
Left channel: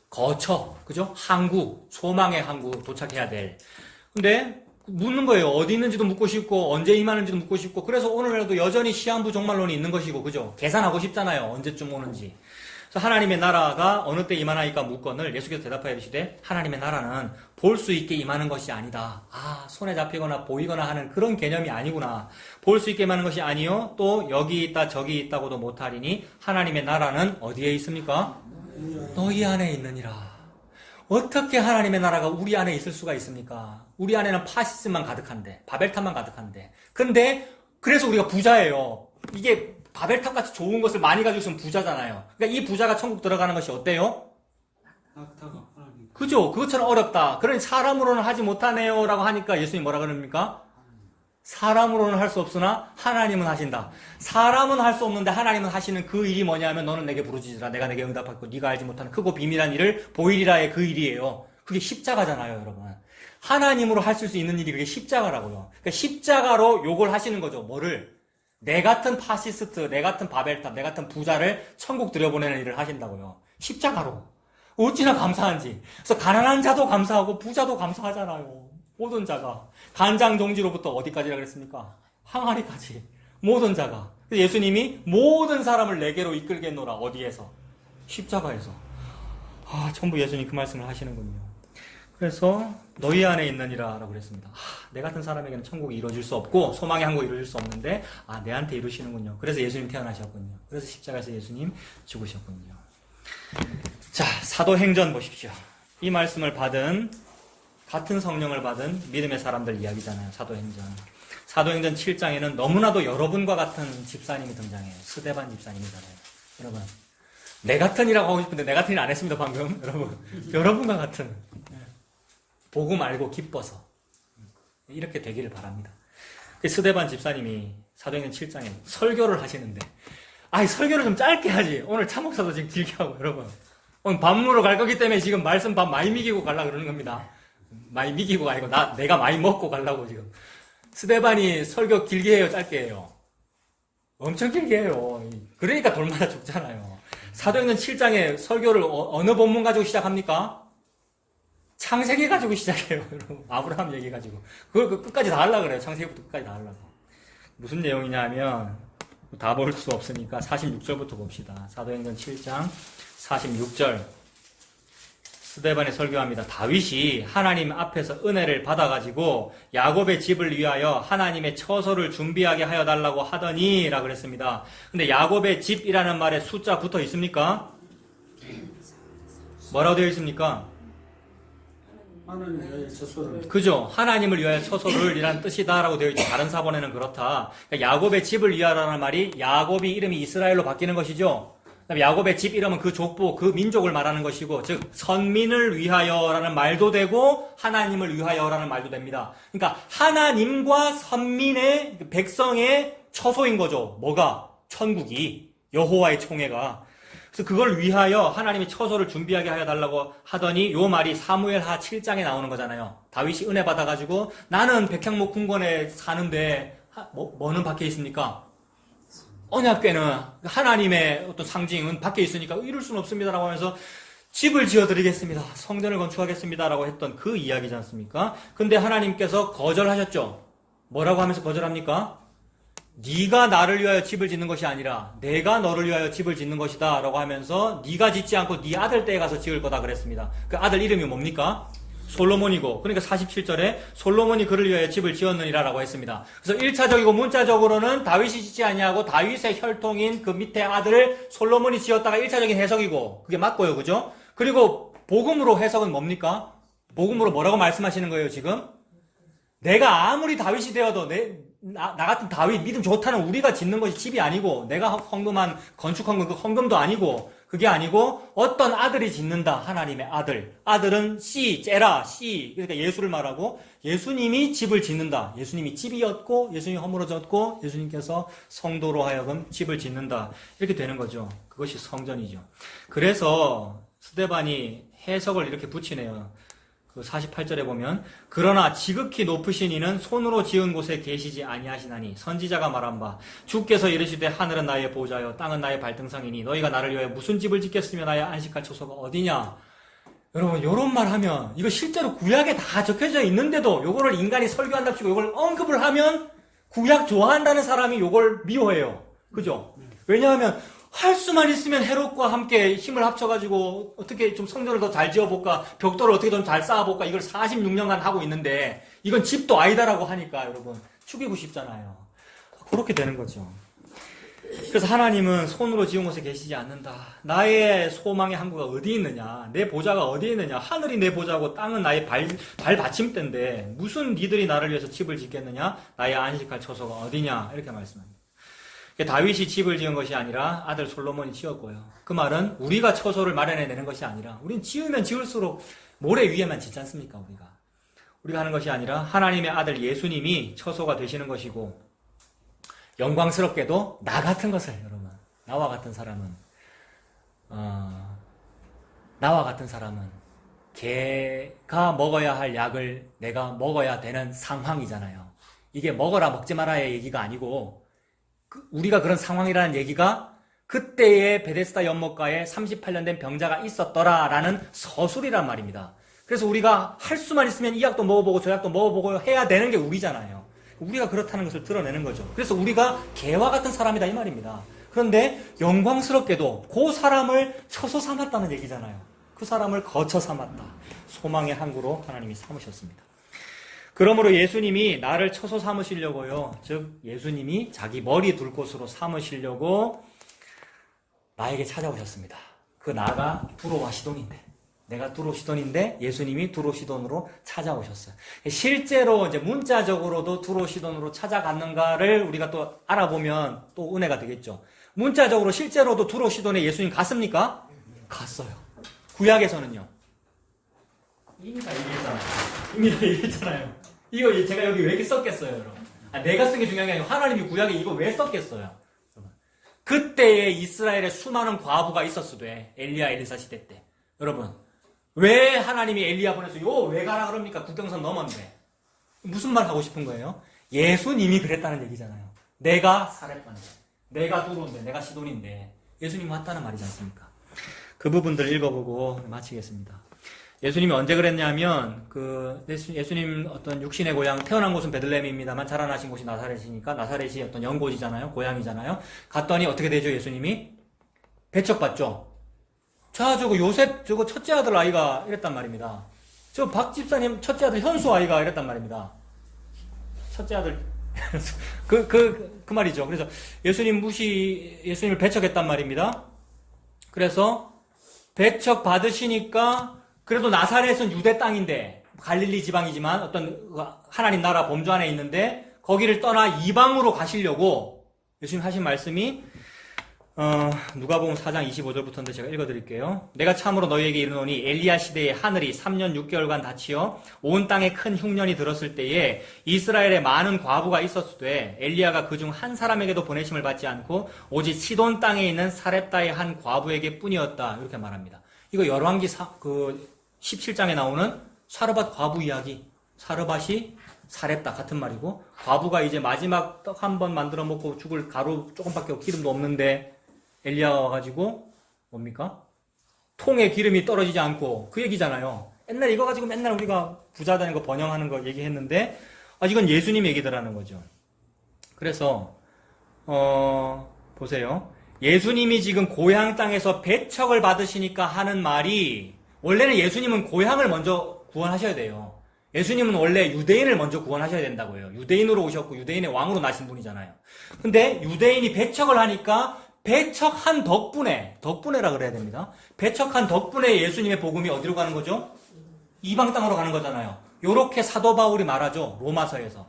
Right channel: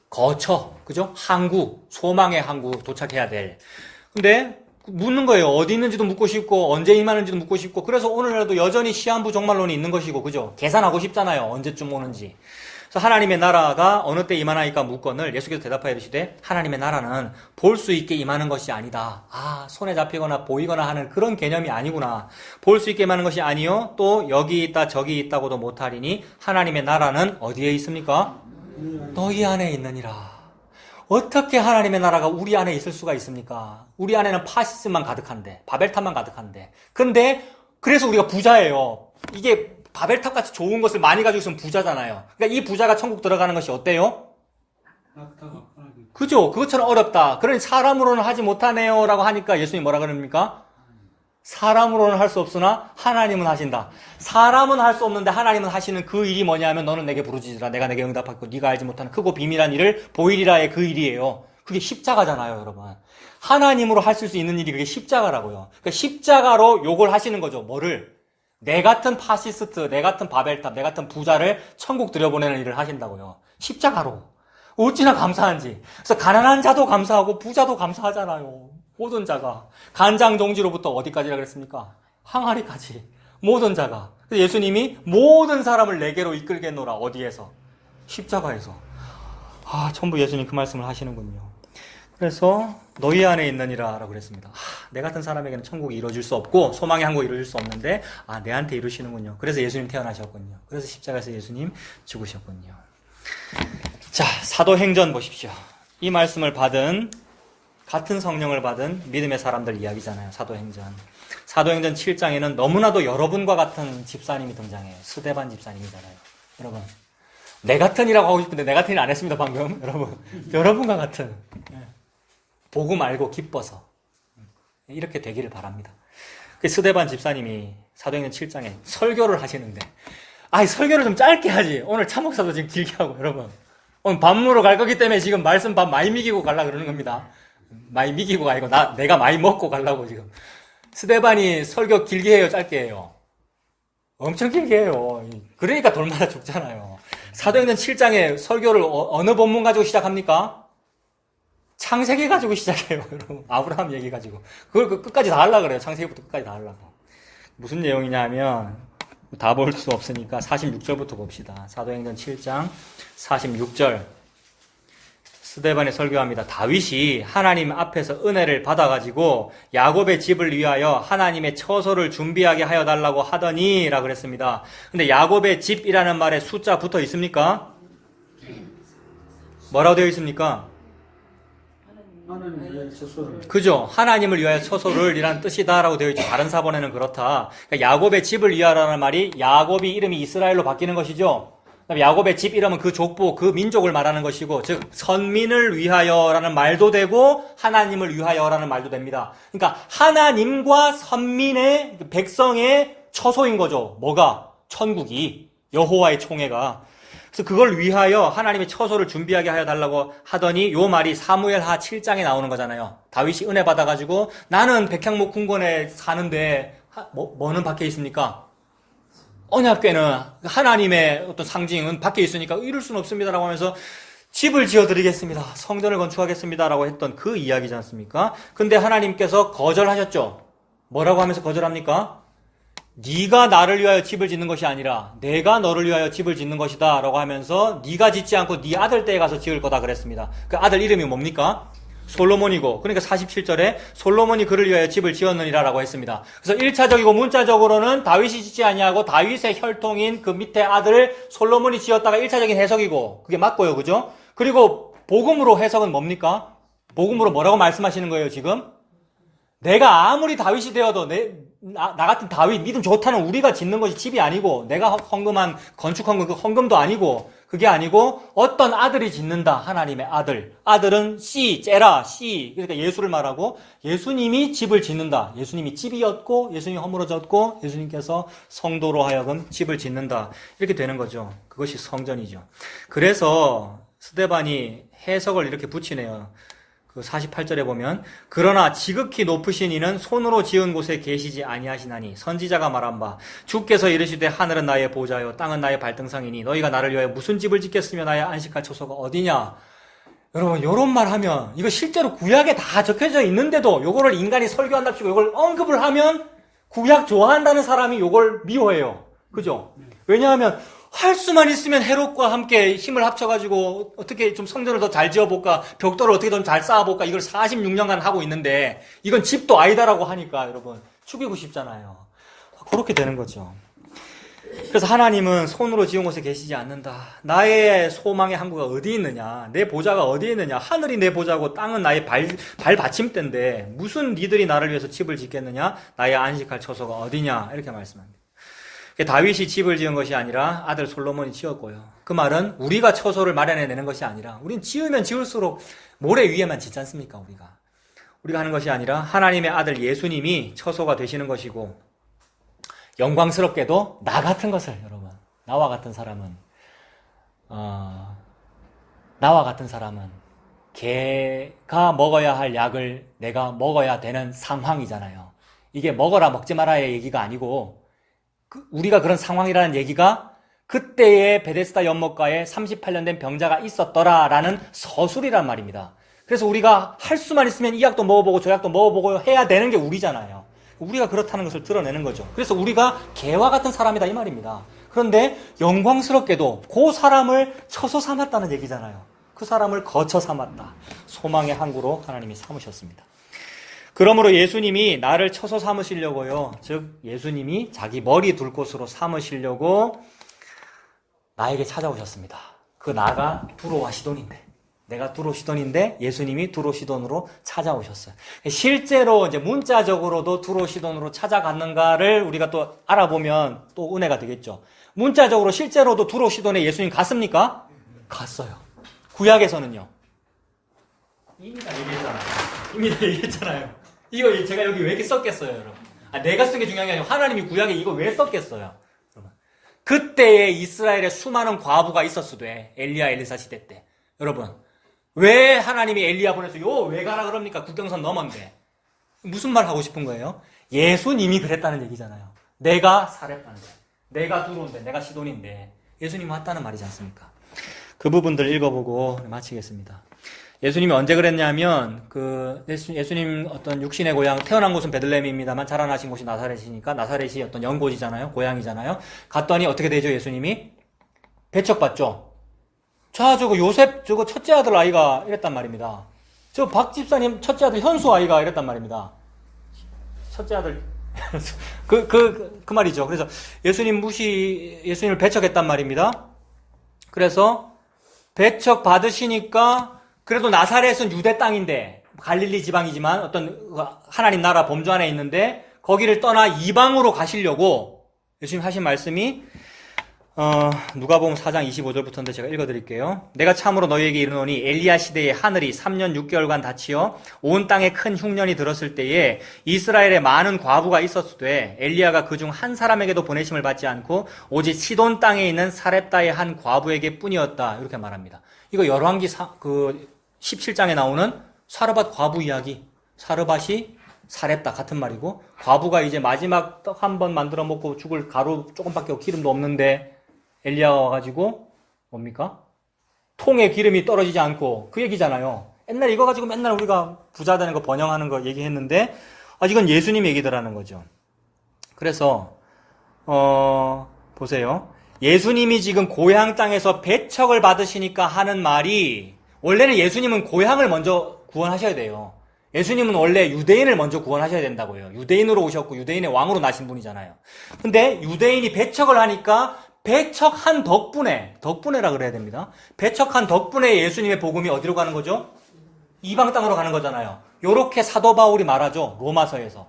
거처, 그죠? 항구, 소망의 항구 도착해야 될. 근데 묻는 거예요. 어디 있는지도 묻고 싶고 언제 임하는지도 묻고 싶고 그래서 오늘날도 여전히 시한부 종말론이 있는 것이고 그죠? 계산하고 싶잖아요. 언제쯤 오는지. 그래서 하나님의 나라가 어느 때 임하나이까 묻건을 예수께서 대답하여 이르시되 하나님의 나라는 볼 수 있게 임하는 것이 아니다. 손에 잡히거나 보이거나 하는 그런 개념이 아니구나. 볼 수 있게 임하는 것이 아니요. 또 여기 있다 저기 있다고도 못하리니 하나님의 나라는 어디에 있습니까? 너희 안에 있느니라. 어떻게 하나님의 나라가 우리 안에 있을 수가 있습니까? 우리 안에는 파시즘만 가득한데, 바벨탑만 가득한데. 근데 그래서 우리가 부자예요. 이게 바벨탑같이 좋은 것을 많이 가지고 있으면 부자잖아요. 그러니까 이 부자가 천국 들어가는 것이 어때요? 그죠? 그것처럼 어렵다. 그러니 사람으로는 하지 못하네요 라고 하니까 예수님이 뭐라 그럽니까? 사람으로는 할 수 없으나 하나님은 하신다. 사람은 할 수 없는데 하나님은 하시는 그 일이 뭐냐면 너는 내게 부르짖으라. 내가 내게 응답하고 네가 알지 못하는 크고 비밀한 일을 보이리라의 그 일이에요. 그게 십자가잖아요, 여러분. 하나님으로 할 수 있는 일이 그게 십자가라고요. 그러니까 십자가로 욕을 하시는 거죠. 뭐를? 내 같은 파시스트, 내 같은 바벨탑, 내 같은 부자를 천국 들여보내는 일을 하신다고요. 십자가로. 어찌나 감사한지. 그래서 가난한 자도 감사하고 부자도 감사하잖아요. 모든 자가. 간장동지로부터 어디까지라 그랬습니까? 항아리까지. 모든 자가. 예수님이 모든 사람을 내게로 이끌겠노라. 어디에서? 십자가에서. 전부 예수님 그 말씀을 하시는군요. 그래서 너희 안에 있느니라 라고 그랬습니다. 내 같은 사람에게는 천국이 이루어질 수 없고 소망의 항구 이루어질 수 없는데 내한테 이루시는군요. 그래서 예수님 태어나셨군요. 그래서 십자가에서 예수님 죽으셨군요. 자, 사도행전 보십시오. 이 말씀을 받은 같은 성령을 받은 믿음의 사람들 이야기잖아요. 사도행전 7장에는 너무나도 여러분과 같은 집사님이 등장해요. 스데반 집사님이잖아요. 여러분, 내 같은이라고 하고 싶은데 내 같은 일 안 했습니다 방금. 여러분, 여러분과 같은 복음 알고 기뻐서 이렇게 되기를 바랍니다. 스데반 집사님이 사도행전 7장에 설교를 하시는데, 설교를 좀 짧게 하지. 오늘 참목사도 지금 길게 하고, 여러분. 오늘 밥 먹으러 갈 거기 때문에 지금 말씀 밥 많이 미기고 가려고 그러는 겁니다. 많이 미기고가 아니고, 내가 많이 먹고 가려고 지금. 스데반이 설교 길게 해요, 짧게 해요? 엄청 길게 해요. 그러니까 돌마다 죽잖아요. 사도행전 7장에 설교를 어느 본문 가지고 시작합니까? 창세기 가지고 시작해요, 여러분. 아브라함 얘기 가지고. 그걸 끝까지 다 하려고 그래요. 창세기부터 끝까지 다 하려고. 무슨 내용이냐 하면, 다 볼 수 없으니까 46절부터 봅시다. 사도행전 7장 46절. 스데반이 설교합니다. 다윗이 하나님 앞에서 은혜를 받아가지고 야곱의 집을 위하여 하나님의 처소를 준비하게 하여 달라고 하더니 라고 그랬습니다. 근데 야곱의 집이라는 말에 숫자 붙어 있습니까? 뭐라고 되어 있습니까? 하나님의 처소를. 그죠? 하나님을 위하여 처소를 이라는 뜻이다라고 되어 있죠. 다른 사본에는 그렇다. 그러니까 야곱의 집을 위하라는 말이 야곱이 이름이 이스라엘로 바뀌는 것이죠. 야곱의 집 이름은 그 족보, 그 민족을 말하는 것이고, 즉 선민을 위하여라는 말도 되고 하나님을 위하여라는 말도 됩니다. 그러니까 하나님과 선민의 백성의 처소인 거죠. 뭐가? 천국이, 여호와의 총회가. 그래서 그걸 위하여 하나님의 처소를 준비하게 하여 달라고 하더니 요 말이 사무엘하 7장에 나오는 거잖아요. 다윗이 은혜 받아가지고 나는 백향목 궁궐에 사는데 뭐는 밖에 있습니까? 언약궤는 하나님의 어떤 상징은 밖에 있으니까 이룰 수는 없습니다라고 하면서 집을 지어드리겠습니다. 성전을 건축하겠습니다라고 했던 그 이야기지 않습니까? 근데 하나님께서 거절하셨죠. 뭐라고 하면서 거절합니까? 네가 나를 위하여 집을 짓는 것이 아니라 내가 너를 위하여 집을 짓는 것이다 라고 하면서 네가 짓지 않고 네 아들 떼에 가서 지을 거다 그랬습니다. 그 아들 이름이 뭡니까? 솔로몬이고, 그러니까 47절에 솔로몬이 그를 위하여 집을 지었느니라 라고 했습니다. 그래서 1차적이고 문자적으로는 다윗이 짓지 아니하고 다윗의 혈통인 그 밑에 아들을 솔로몬이 지었다가 1차적인 해석이고, 그게 맞고요. 그죠? 그리고 복음으로 해석은 뭡니까? 복음으로 뭐라고 말씀하시는 거예요, 지금? 내가 아무리 다윗이 되어도 나 같은 다윗 믿음 좋다는 우리가 짓는 것이 집이 아니고, 내가 헌금한 건축헌금 그 헌금도 아니고, 그게 아니고 어떤 아들이 짓는다. 하나님의 아들. 아들은 제라, 그러니까 예수를 말하고 예수님이 집을 짓는다. 예수님이 집이었고 예수님이 허물어졌고 예수님께서 성도로 하여금 집을 짓는다. 이렇게 되는 거죠. 그것이 성전이죠. 그래서 스데반이 해석을 이렇게 붙이네요. 그 48절에 보면 그러나 지극히 높으신 이는 손으로 지은 곳에 계시지 아니하시나니 선지자가 말한 바 주께서 이르시되 하늘은 나의 보좌요 땅은 나의 발등상이니 너희가 나를 위하여 무슨 집을 짓겠으며 나의 안식할 처소가 어디냐. 여러분 요런 말 하면 이거 실제로 구약에 다 적혀져 있는데도 요거를 인간이 설교한답시고 요걸 언급을 하면 구약 좋아한다는 사람이 요걸 미워해요. 그죠? 왜냐하면 할 수만 있으면 헤롯과 함께 힘을 합쳐가지고 어떻게 좀 성전을 더 잘 지어볼까, 벽돌을 어떻게 좀 잘 쌓아볼까, 이걸 46년간 하고 있는데 이건 집도 아니다라고 하니까 여러분 죽이고 싶잖아요. 그렇게 되는 거죠. 그래서 하나님은 손으로 지은 곳에 계시지 않는다. 나의 소망의 항구가 어디 있느냐, 내 보좌가 어디 있느냐, 하늘이 내 보좌고 땅은 나의 발받침대인데 무슨 니들이 나를 위해서 집을 짓겠느냐, 나의 안식할 처소가 어디냐, 이렇게 말씀합니다. 다윗이 집을 지은 것이 아니라 아들 솔로몬이 지었고요. 그 말은 우리가 처소를 마련해내는 것이 아니라 우린 지으면 지을수록 모래 위에만 짓지 않습니까? 우리가 하는 것이 아니라 하나님의 아들 예수님이 처소가 되시는 것이고, 영광스럽게도 나 같은 것을, 여러분, 나와 같은 사람은 개가 먹어야 할 약을 내가 먹어야 되는 상황이잖아요. 이게 먹어라 먹지 말아의 얘기가 아니고 우리가 그런 상황이라는 얘기가 그때의 베데스다 연못가에 38년 된 병자가 있었더라라는 서술이란 말입니다. 그래서 우리가 할 수만 있으면 이 약도 먹어보고 저 약도 먹어보고 해야 되는 게 우리잖아요. 우리가 그렇다는 것을 드러내는 거죠. 그래서 우리가 개와 같은 사람이다 이 말입니다. 그런데 영광스럽게도 그 사람을 처소 삼았다는 얘기잖아요. 그 사람을 거처 삼았다. 소망의 항구로 하나님이 삼으셨습니다. 그러므로 예수님이 나를 처소 삼으시려고요. 즉 예수님이 자기 머리 둘 곳으로 삼으시려고 나에게 찾아오셨습니다. 그 나가 두로와 시돈인데, 내가 두로 시돈인데 예수님이 두로 시돈으로 찾아오셨어요. 실제로 이제 문자적으로도 두로 시돈으로 찾아갔는가를 우리가 또 알아보면 또 은혜가 되겠죠. 문자적으로 실제로도 두로 시돈에 예수님 갔습니까? 갔어요. 구약에서는요. 이미 다 얘기했잖아요. 이거 제가 여기 왜 이렇게 썼겠어요, 여러분? 내가 쓴 게 중요한 게 아니고 하나님이 구약에 이거 왜 썼겠어요? 여러분. 그때에 이스라엘에 수많은 과부가 있었어도 엘리야 엘리사 시대 때. 여러분. 왜 하나님이 엘리야 보내서 왜 가라 그럽니까? 국경선 넘었는데. 무슨 말 하고 싶은 거예요? 예수님이 그랬다는 얘기잖아요. 내가 사렙반데, 내가 두로인데, 내가 시돈인데 예수님이 왔다는 말이지 않습니까? 그 부분들 읽어보고 마치겠습니다. 예수님이 언제 그랬냐면 예수님 어떤 육신의 고향 태어난 곳은 베들레헴입니다만 자라나신 곳이 나사렛이니까 나사렛이 어떤 연고지잖아요. 고향이잖아요. 갔더니 어떻게 되죠? 예수님이 배척받죠. 자, 요셉 첫째 아들 아이가 이랬단 말입니다. 박 집사님 첫째 아들 현수 아이가 이랬단 말입니다. 첫째 아들 그 말이죠. 그래서 예수님을 배척했단 말입니다. 그래서 배척 받으시니까 그래도 나사렛은 유대 땅인데 갈릴리 지방이지만 어떤 하나님 나라 범주 안에 있는데 거기를 떠나 이방으로 가시려고 예수님 하신 말씀이 누가복음 4장 25절부터인데 제가 읽어드릴게요. 내가 참으로 너희에게 이르노니 엘리야 시대에 하늘이 3년 6개월간 닫히어 온 땅에 큰 흉년이 들었을 때에 이스라엘에 많은 과부가 있었으되 엘리야가 그중 한 사람에게도 보내심을 받지 않고 오직 시돈 땅에 있는 사렙다의 한 과부에게 뿐이었다. 이렇게 말합니다. 이거 열왕기 17장에 나오는 사르밧 과부 이야기. 사르밧이 사렙다 같은 말이고 과부가 이제 마지막 떡 한 번 만들어 먹고 죽을 가루 조금밖에 없고 기름도 없는데 엘리야가 와가지고 뭡니까? 통에 기름이 떨어지지 않고 그 얘기잖아요. 옛날 이거 가지고 맨날 우리가 부자 되는 거 번영하는 거 얘기했는데 이건 예수님 얘기더라는 거죠. 그래서 보세요. 예수님이 지금 고향 땅에서 배척을 받으시니까 하는 말이 원래는 예수님은 고향을 먼저 구원하셔야 돼요. 예수님은 원래 유대인을 먼저 구원하셔야 된다고요. 유대인으로 오셨고 유대인의 왕으로 나신 분이잖아요. 근데 유대인이 배척을 하니까 배척한 덕분에라 그래야 됩니다. 배척한 덕분에 예수님의 복음이 어디로 가는 거죠? 이방 땅으로 가는 거잖아요. 요렇게 사도 바울이 말하죠. 로마서에서.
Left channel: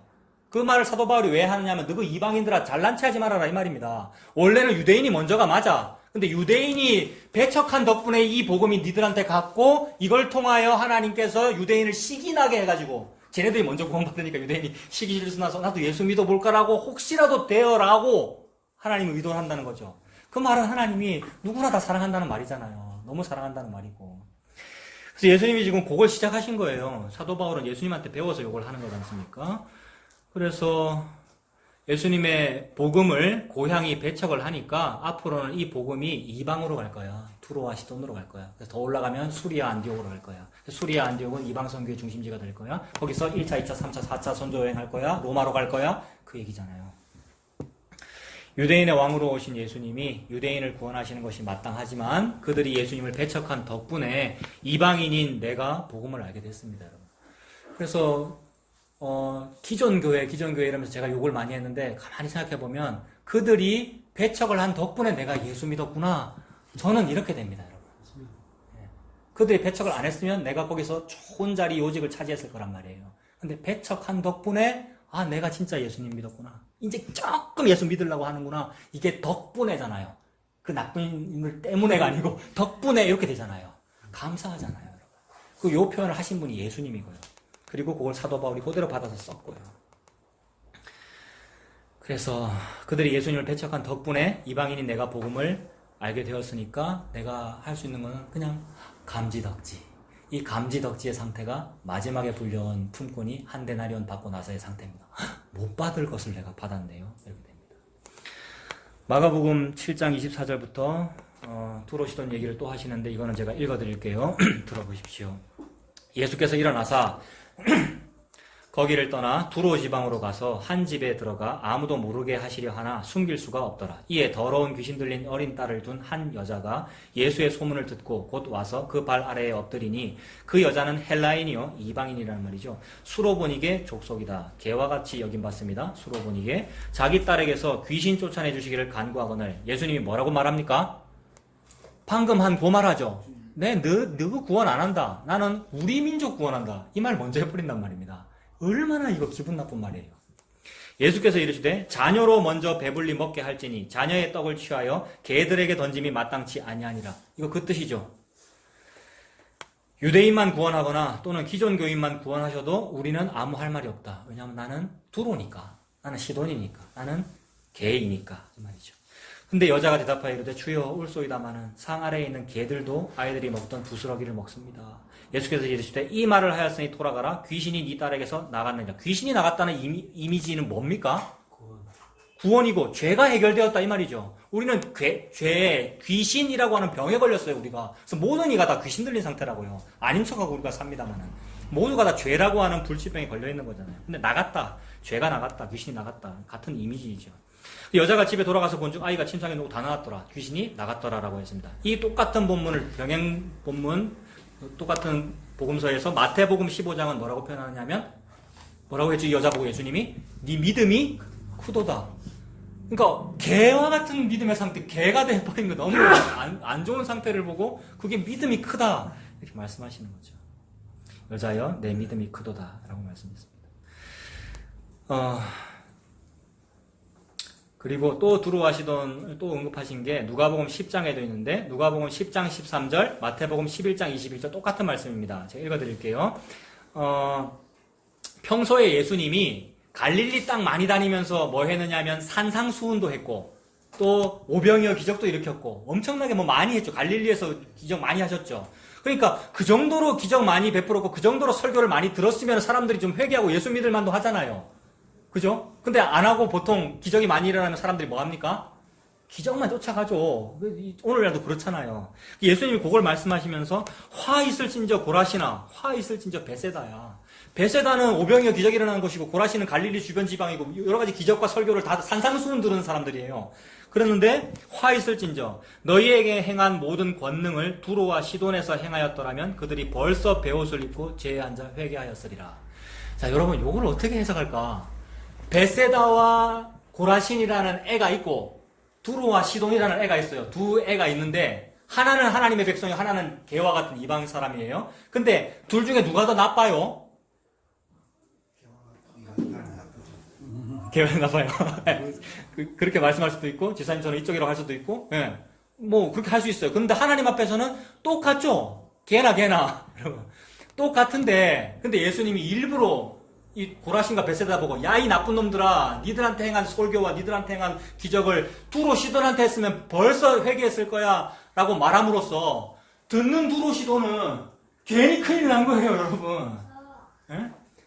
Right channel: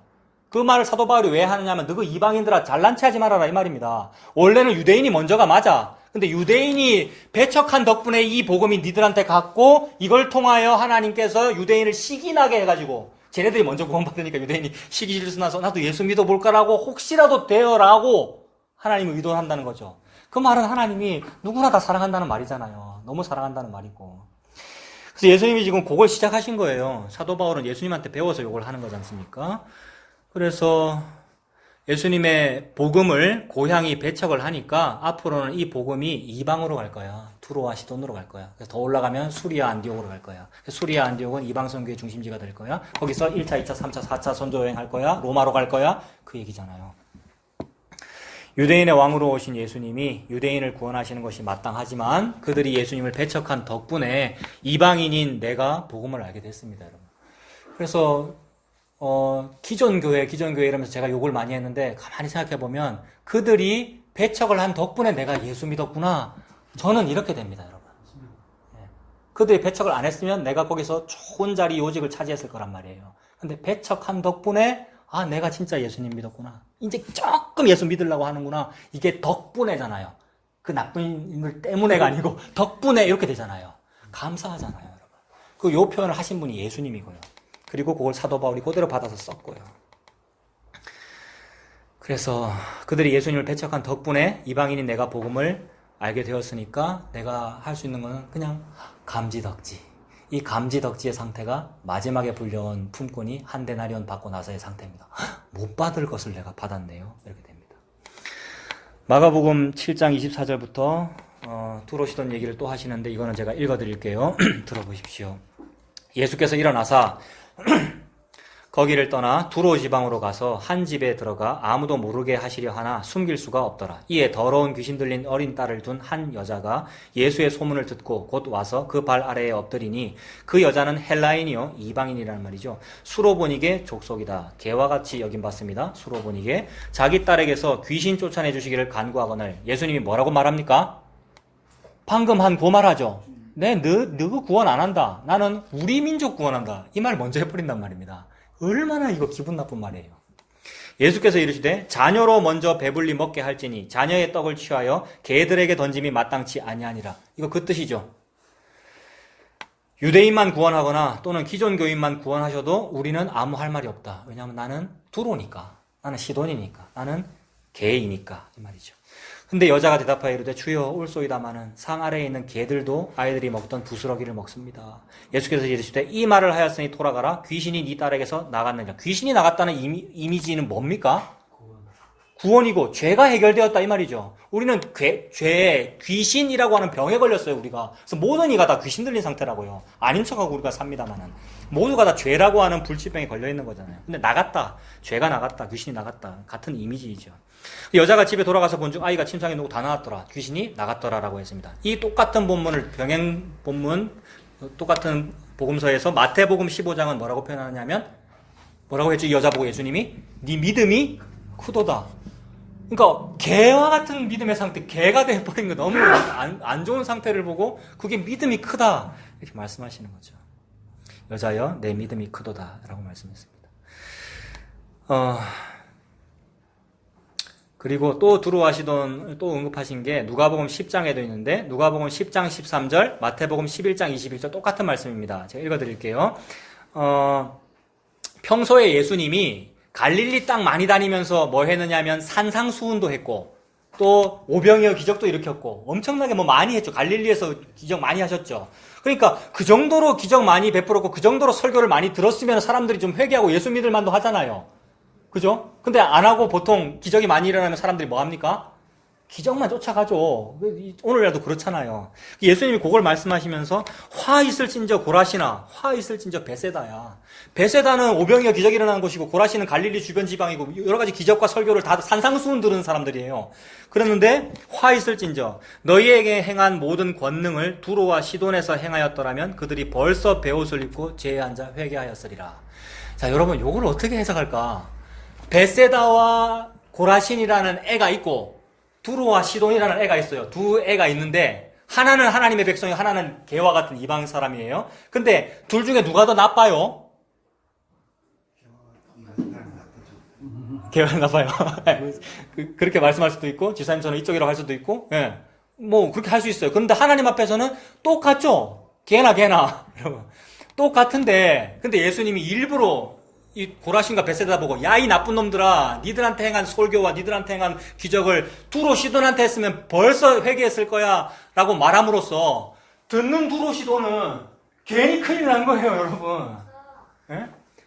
그 말을 사도 바울이 왜 하느냐면 너그 이방인들아 잘난 체 하지 말아라 이 말입니다. 원래는 유대인이 먼저가 맞아. 근데 유대인이 배척한 덕분에 이 복음이 니들한테 갔고 이걸 통하여 하나님께서 유대인을 시기나게 해가지고 쟤네들이 먼저 구원받으니까 유대인이 시기질서 나서 나도 예수 믿어볼까라고 혹시라도 되어라고 하나님을 의도한다는 거죠. 그 말은 하나님이 누구나 다 사랑한다는 말이잖아요. 너무 사랑한다는 말이고. 그래서 예수님이 지금 그걸 시작하신 거예요. 사도 바울은 예수님한테 배워서 이걸 하는 거지 않습니까? 그래서 예수님의 복음을 고향이 배척을 하니까 앞으로는 이 복음이 이방으로 갈 거야. 두로와 시돈으로 갈 거야. 그래서 더 올라가면 수리아 안디옥으로 갈 거야. 수리아 안디옥은 이방 선교의 중심지가 될 거야. 거기서 1차, 2차, 3차, 4차 선조 여행 할 거야. 로마로 갈 거야. 그 얘기잖아요. 유대인의 왕으로 오신 예수님이 유대인을 구원하시는 것이 마땅하지만 그들이 예수님을 배척한 덕분에 이방인인 내가 복음을 알게 됐습니다. 여러분. 그래서 기존교회 이러면서 제가 욕을 많이 했는데 가만히 생각해보면 그들이 배척을 한 덕분에 내가 예수 믿었구나. 저는 이렇게 됩니다, 여러분. 그들이 배척을 안 했으면 내가 거기서 좋은 자리 요직을 차지했을 거란 말이에요. 근데 배척한 덕분에 내가 진짜 예수님 믿었구나. 이제 조금 예수 믿으려고 하는구나. 이게 덕분에잖아요. 그 나쁜 인물 때문에가 아니고 덕분에 이렇게 되잖아요. 감사하잖아요, 여러분. 요 표현을 하신 분이 예수님이고요. 그리고 그걸 사도 바울이 그대로 받아서 썼고요. 그래서 그들이 예수님을 배척한 덕분에 이방인인 내가 복음을 알게 되었으니까 내가 할 수 있는 거는 그냥 감지덕지. 이 감지덕지의 상태가 마지막에 불려온 품꾼이 한 데나리온 받고 나서의 상태입니다. 못 받을 것을 내가 받았네요. 이렇게 됩니다. 마가복음 7장 24절부터 두로시돈 얘기를 또 하시는데 이거는 제가 읽어드릴게요. 들어보십시오. 예수께서 일어나사 거기를 떠나 두로 지방으로 가서 한 집에 들어가 아무도 모르게 하시려 하나 숨길 수가 없더라. 이에 더러운 귀신 들린 어린 딸을 둔 한 여자가 예수의 소문을 듣고 곧 와서 그 발 아래에 엎드리니 그 여자는 헬라인이요 이방인이라는 말이죠. 수로보닉의 족속이다. 개와 같이 여김받습니다. 수로보닉에 자기 딸에게서 귀신 쫓아내 주시기를 간구하거늘 예수님이 뭐라고 말합니까? 방금 한 그 말하죠. 너 구원 안 한다. 나는 우리 민족 구원한다. 이 말 먼저 해버린단 말입니다. 얼마나 이거 기분 나쁜 말이에요. 예수께서 이르시되 자녀로 먼저 배불리 먹게 할지니 자녀의 떡을 취하여 개들에게 던짐이 마땅치 아니하니라. 이거 그 뜻이죠. 유대인만 구원하거나 또는 기존 교인만 구원하셔도 우리는 아무 할 말이 없다. 왜냐하면 나는 두로니까. 나는 시돈이니까. 나는 개이니까. 이 말이죠. 근데 여자가 대답하여 이르되 주여 올소이다마는 상 아래에 있는 개들도 아이들이 먹던 부스러기를 먹습니다. 예수께서 이르시되 이 말을 하였으니 돌아가라. 귀신이 네 딸에게서 나갔느냐. 귀신이 나갔다는 이미지는 뭡니까? 구원이고 죄가 해결되었다 이 말이죠. 우리는 귀신이라고 하는 병에 걸렸어요 우리가. 그래서 모든 이가 다 귀신 들린 상태라고요. 아닌 척하고 우리가 삽니다만은 모두가 다 죄라고 하는 불치병에 걸려 있는 거잖아요. 근데 나갔다, 죄가 나갔다, 귀신이 나갔다 같은 이미지이죠. 여자가 집에 돌아가서 본 중 아이가 침상에 누고 다 나왔더라. 귀신이 나갔더라라고 했습니다. 이 똑같은 본문을 병행 본문 똑같은 복음서에서 마태복음 15장은 뭐라고 표현하냐면 뭐라고 했죠? 이 여자 보고 예수님이 네 믿음이 크도다. 그러니까 개와 같은 믿음의 상태, 개가 돼버린 거 너무 안 좋은 상태를 보고 그게 믿음이 크다 이렇게 말씀하시는 거죠. 여자여 내 믿음이 크도다 라고 말씀했습니다. 그리고 또 들어와시던 또 언급하신 게 누가복음 10장에도 있는데 누가복음 10장 13절 마태복음 11장 21절 똑같은 말씀입니다. 제가 읽어드릴게요. 평소에 예수님이 갈릴리 땅 많이 다니면서 뭐 했느냐면 산상수훈도 했고 또 오병이어 기적도 일으켰고 엄청나게 뭐 많이 했죠. 갈릴리에서 기적 많이 하셨죠. 그러니까 그 정도로 기적 많이 베풀었고 그 정도로 설교를 많이 들었으면 사람들이 좀 회개하고 예수 믿을 만도 하잖아요. 그죠? 근데 안 하고 보통 기적이 많이 일어나면 사람들이 뭐 합니까? 기적만 쫓아가죠. 오늘날도 그렇잖아요. 예수님이 그걸 말씀하시면서 화 있을진저 고라시나 화 있을진저 베세다야. 베세다는 오병이어 기적이 일어나는 곳이고 고라시는 갈릴리 주변 지방이고 여러 가지 기적과 설교를 다 산상수훈 들은 사람들이에요. 그랬는데 화 있을진저 너희에게 행한 모든 권능을 두로와 시돈에서 행하였더라면 그들이 벌써 베옷을 입고 죄에 앉아 회개하였으리라. 자, 여러분 이걸 어떻게 해석할까? 베세다와 고라신이라는 애가 있고 두로와 시돈이라는 애가 있어요. 두 애가 있는데 하나는 하나님의 백성이고 하나는 개와 같은 이방 사람이에요. 근데 둘 중에 누가 더 나빠요? 개가 나빠요. 그렇게 말씀할 수도 있고 지사님처럼 이쪽이라고 할 수도 있고 예. 뭐 그렇게 할 수 있어요. 그런데 하나님 앞에서는 똑같죠. 개나 여러분 똑같은데 근데 예수님이 일부러 이 고라신과 베세다 보고 야 이 나쁜 놈들아 니들한테 행한 설교와 니들한테 행한 기적을 두로 시돈한테 했으면 벌써 회개했을 거야 라고 말함으로써 듣는 두로 시돈은 괜히 큰일 난 거예요 여러분. 예?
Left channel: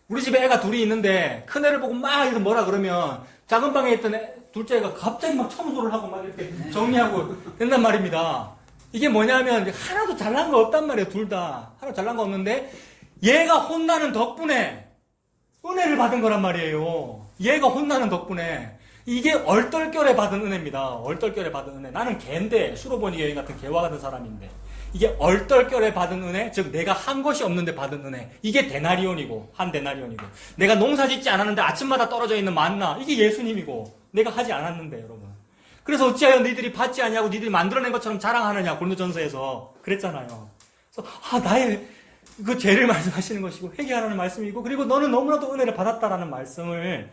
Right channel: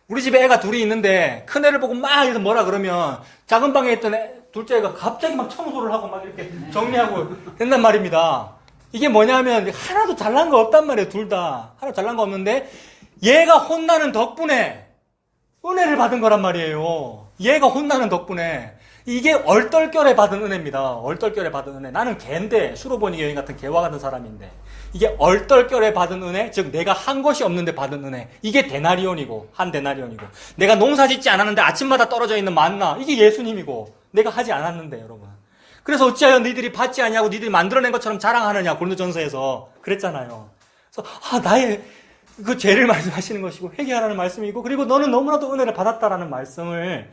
우리 집에 애가 둘이 있는데 큰 애를 보고 막 이래서 뭐라 그러면 작은 방에 있던 둘째 애가 갑자기 막 청소를 하고 막 이렇게 정리하고 된단 말입니다. 이게 뭐냐면 하나도 잘난 거 없단 말이에요. 둘 다 하나도 잘난 거 없는데 얘가 혼나는 덕분에 은혜를 받은 거란 말이에요. 얘가 혼나는 덕분에. 이게 얼떨결에 받은 은혜입니다. 얼떨결에 받은 은혜. 나는 개인데, 수로보니 여인 같은 개와 같은 사람인데. 이게 얼떨결에 받은 은혜, 즉 내가 한 것이 없는데 받은 은혜. 이게 데나리온이고, 한 데나리온이고. 내가 농사 짓지 않았는데 아침마다 떨어져 있는 만나. 이게 예수님이고, 내가 하지 않았는데, 여러분. 그래서 어찌하여 너희들이 받지 않냐고 너희들이 만들어낸 것처럼 자랑하느냐, 고린도전서에서 그랬잖아요. 그래서, 나의 그 죄를 말씀하시는 것이고 회개하라는 말씀이고 그리고 너는 너무나도 은혜를 받았다라는 말씀을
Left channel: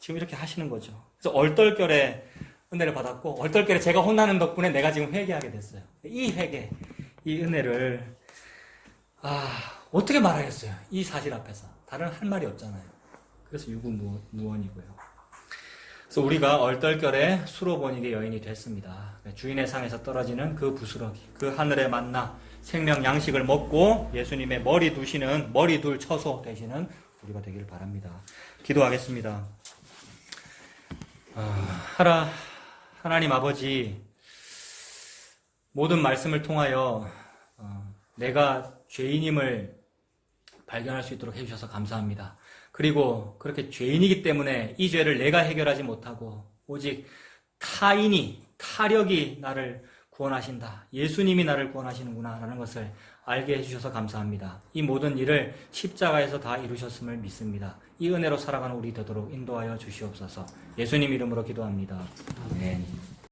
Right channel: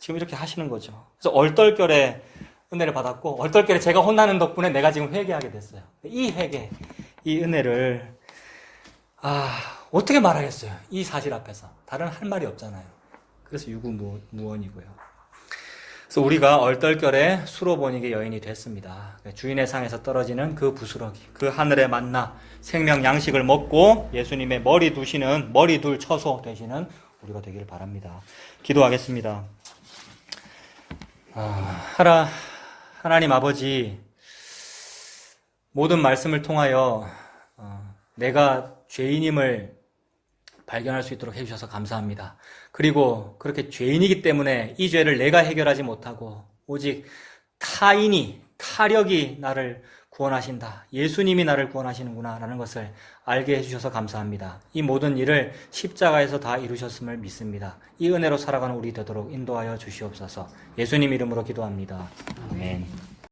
지금 이렇게 하시는 거죠. 그래서 얼떨결에 은혜를 받았고 얼떨결에 제가 혼나는 덕분에 내가 지금 회개하게 됐어요. 이 회개, 이 은혜를 어떻게 말하겠어요? 이 사실 앞에서 다른 할 말이 없잖아요. 그래서 유구무원이고요. 그래서 우리가 얼떨결에 수로보니게 여인이 됐습니다. 주인의 상에서 떨어지는 그 부스러기, 그 하늘의 만나, 생명 양식을 먹고 예수님의 머리 둘 처소 되시는 우리가 되기를 바랍니다. 기도하겠습니다. 하나님 아버지, 모든 말씀을 통하여 내가 죄인임을 발견할 수 있도록 해주셔서 감사합니다. 그리고 그렇게 죄인이기 때문에 이 죄를 내가 해결하지 못하고 오직 타력이 나를 구원하신다. 예수님이 나를 구원하시는구나 라는 것을 알게 해주셔서 감사합니다. 이 모든 일을 십자가에서 다 이루셨음을 믿습니다. 이 은혜로 살아가는 우리 되도록 인도하여 주시옵소서. 예수님 이름으로 기도합니다. 아멘.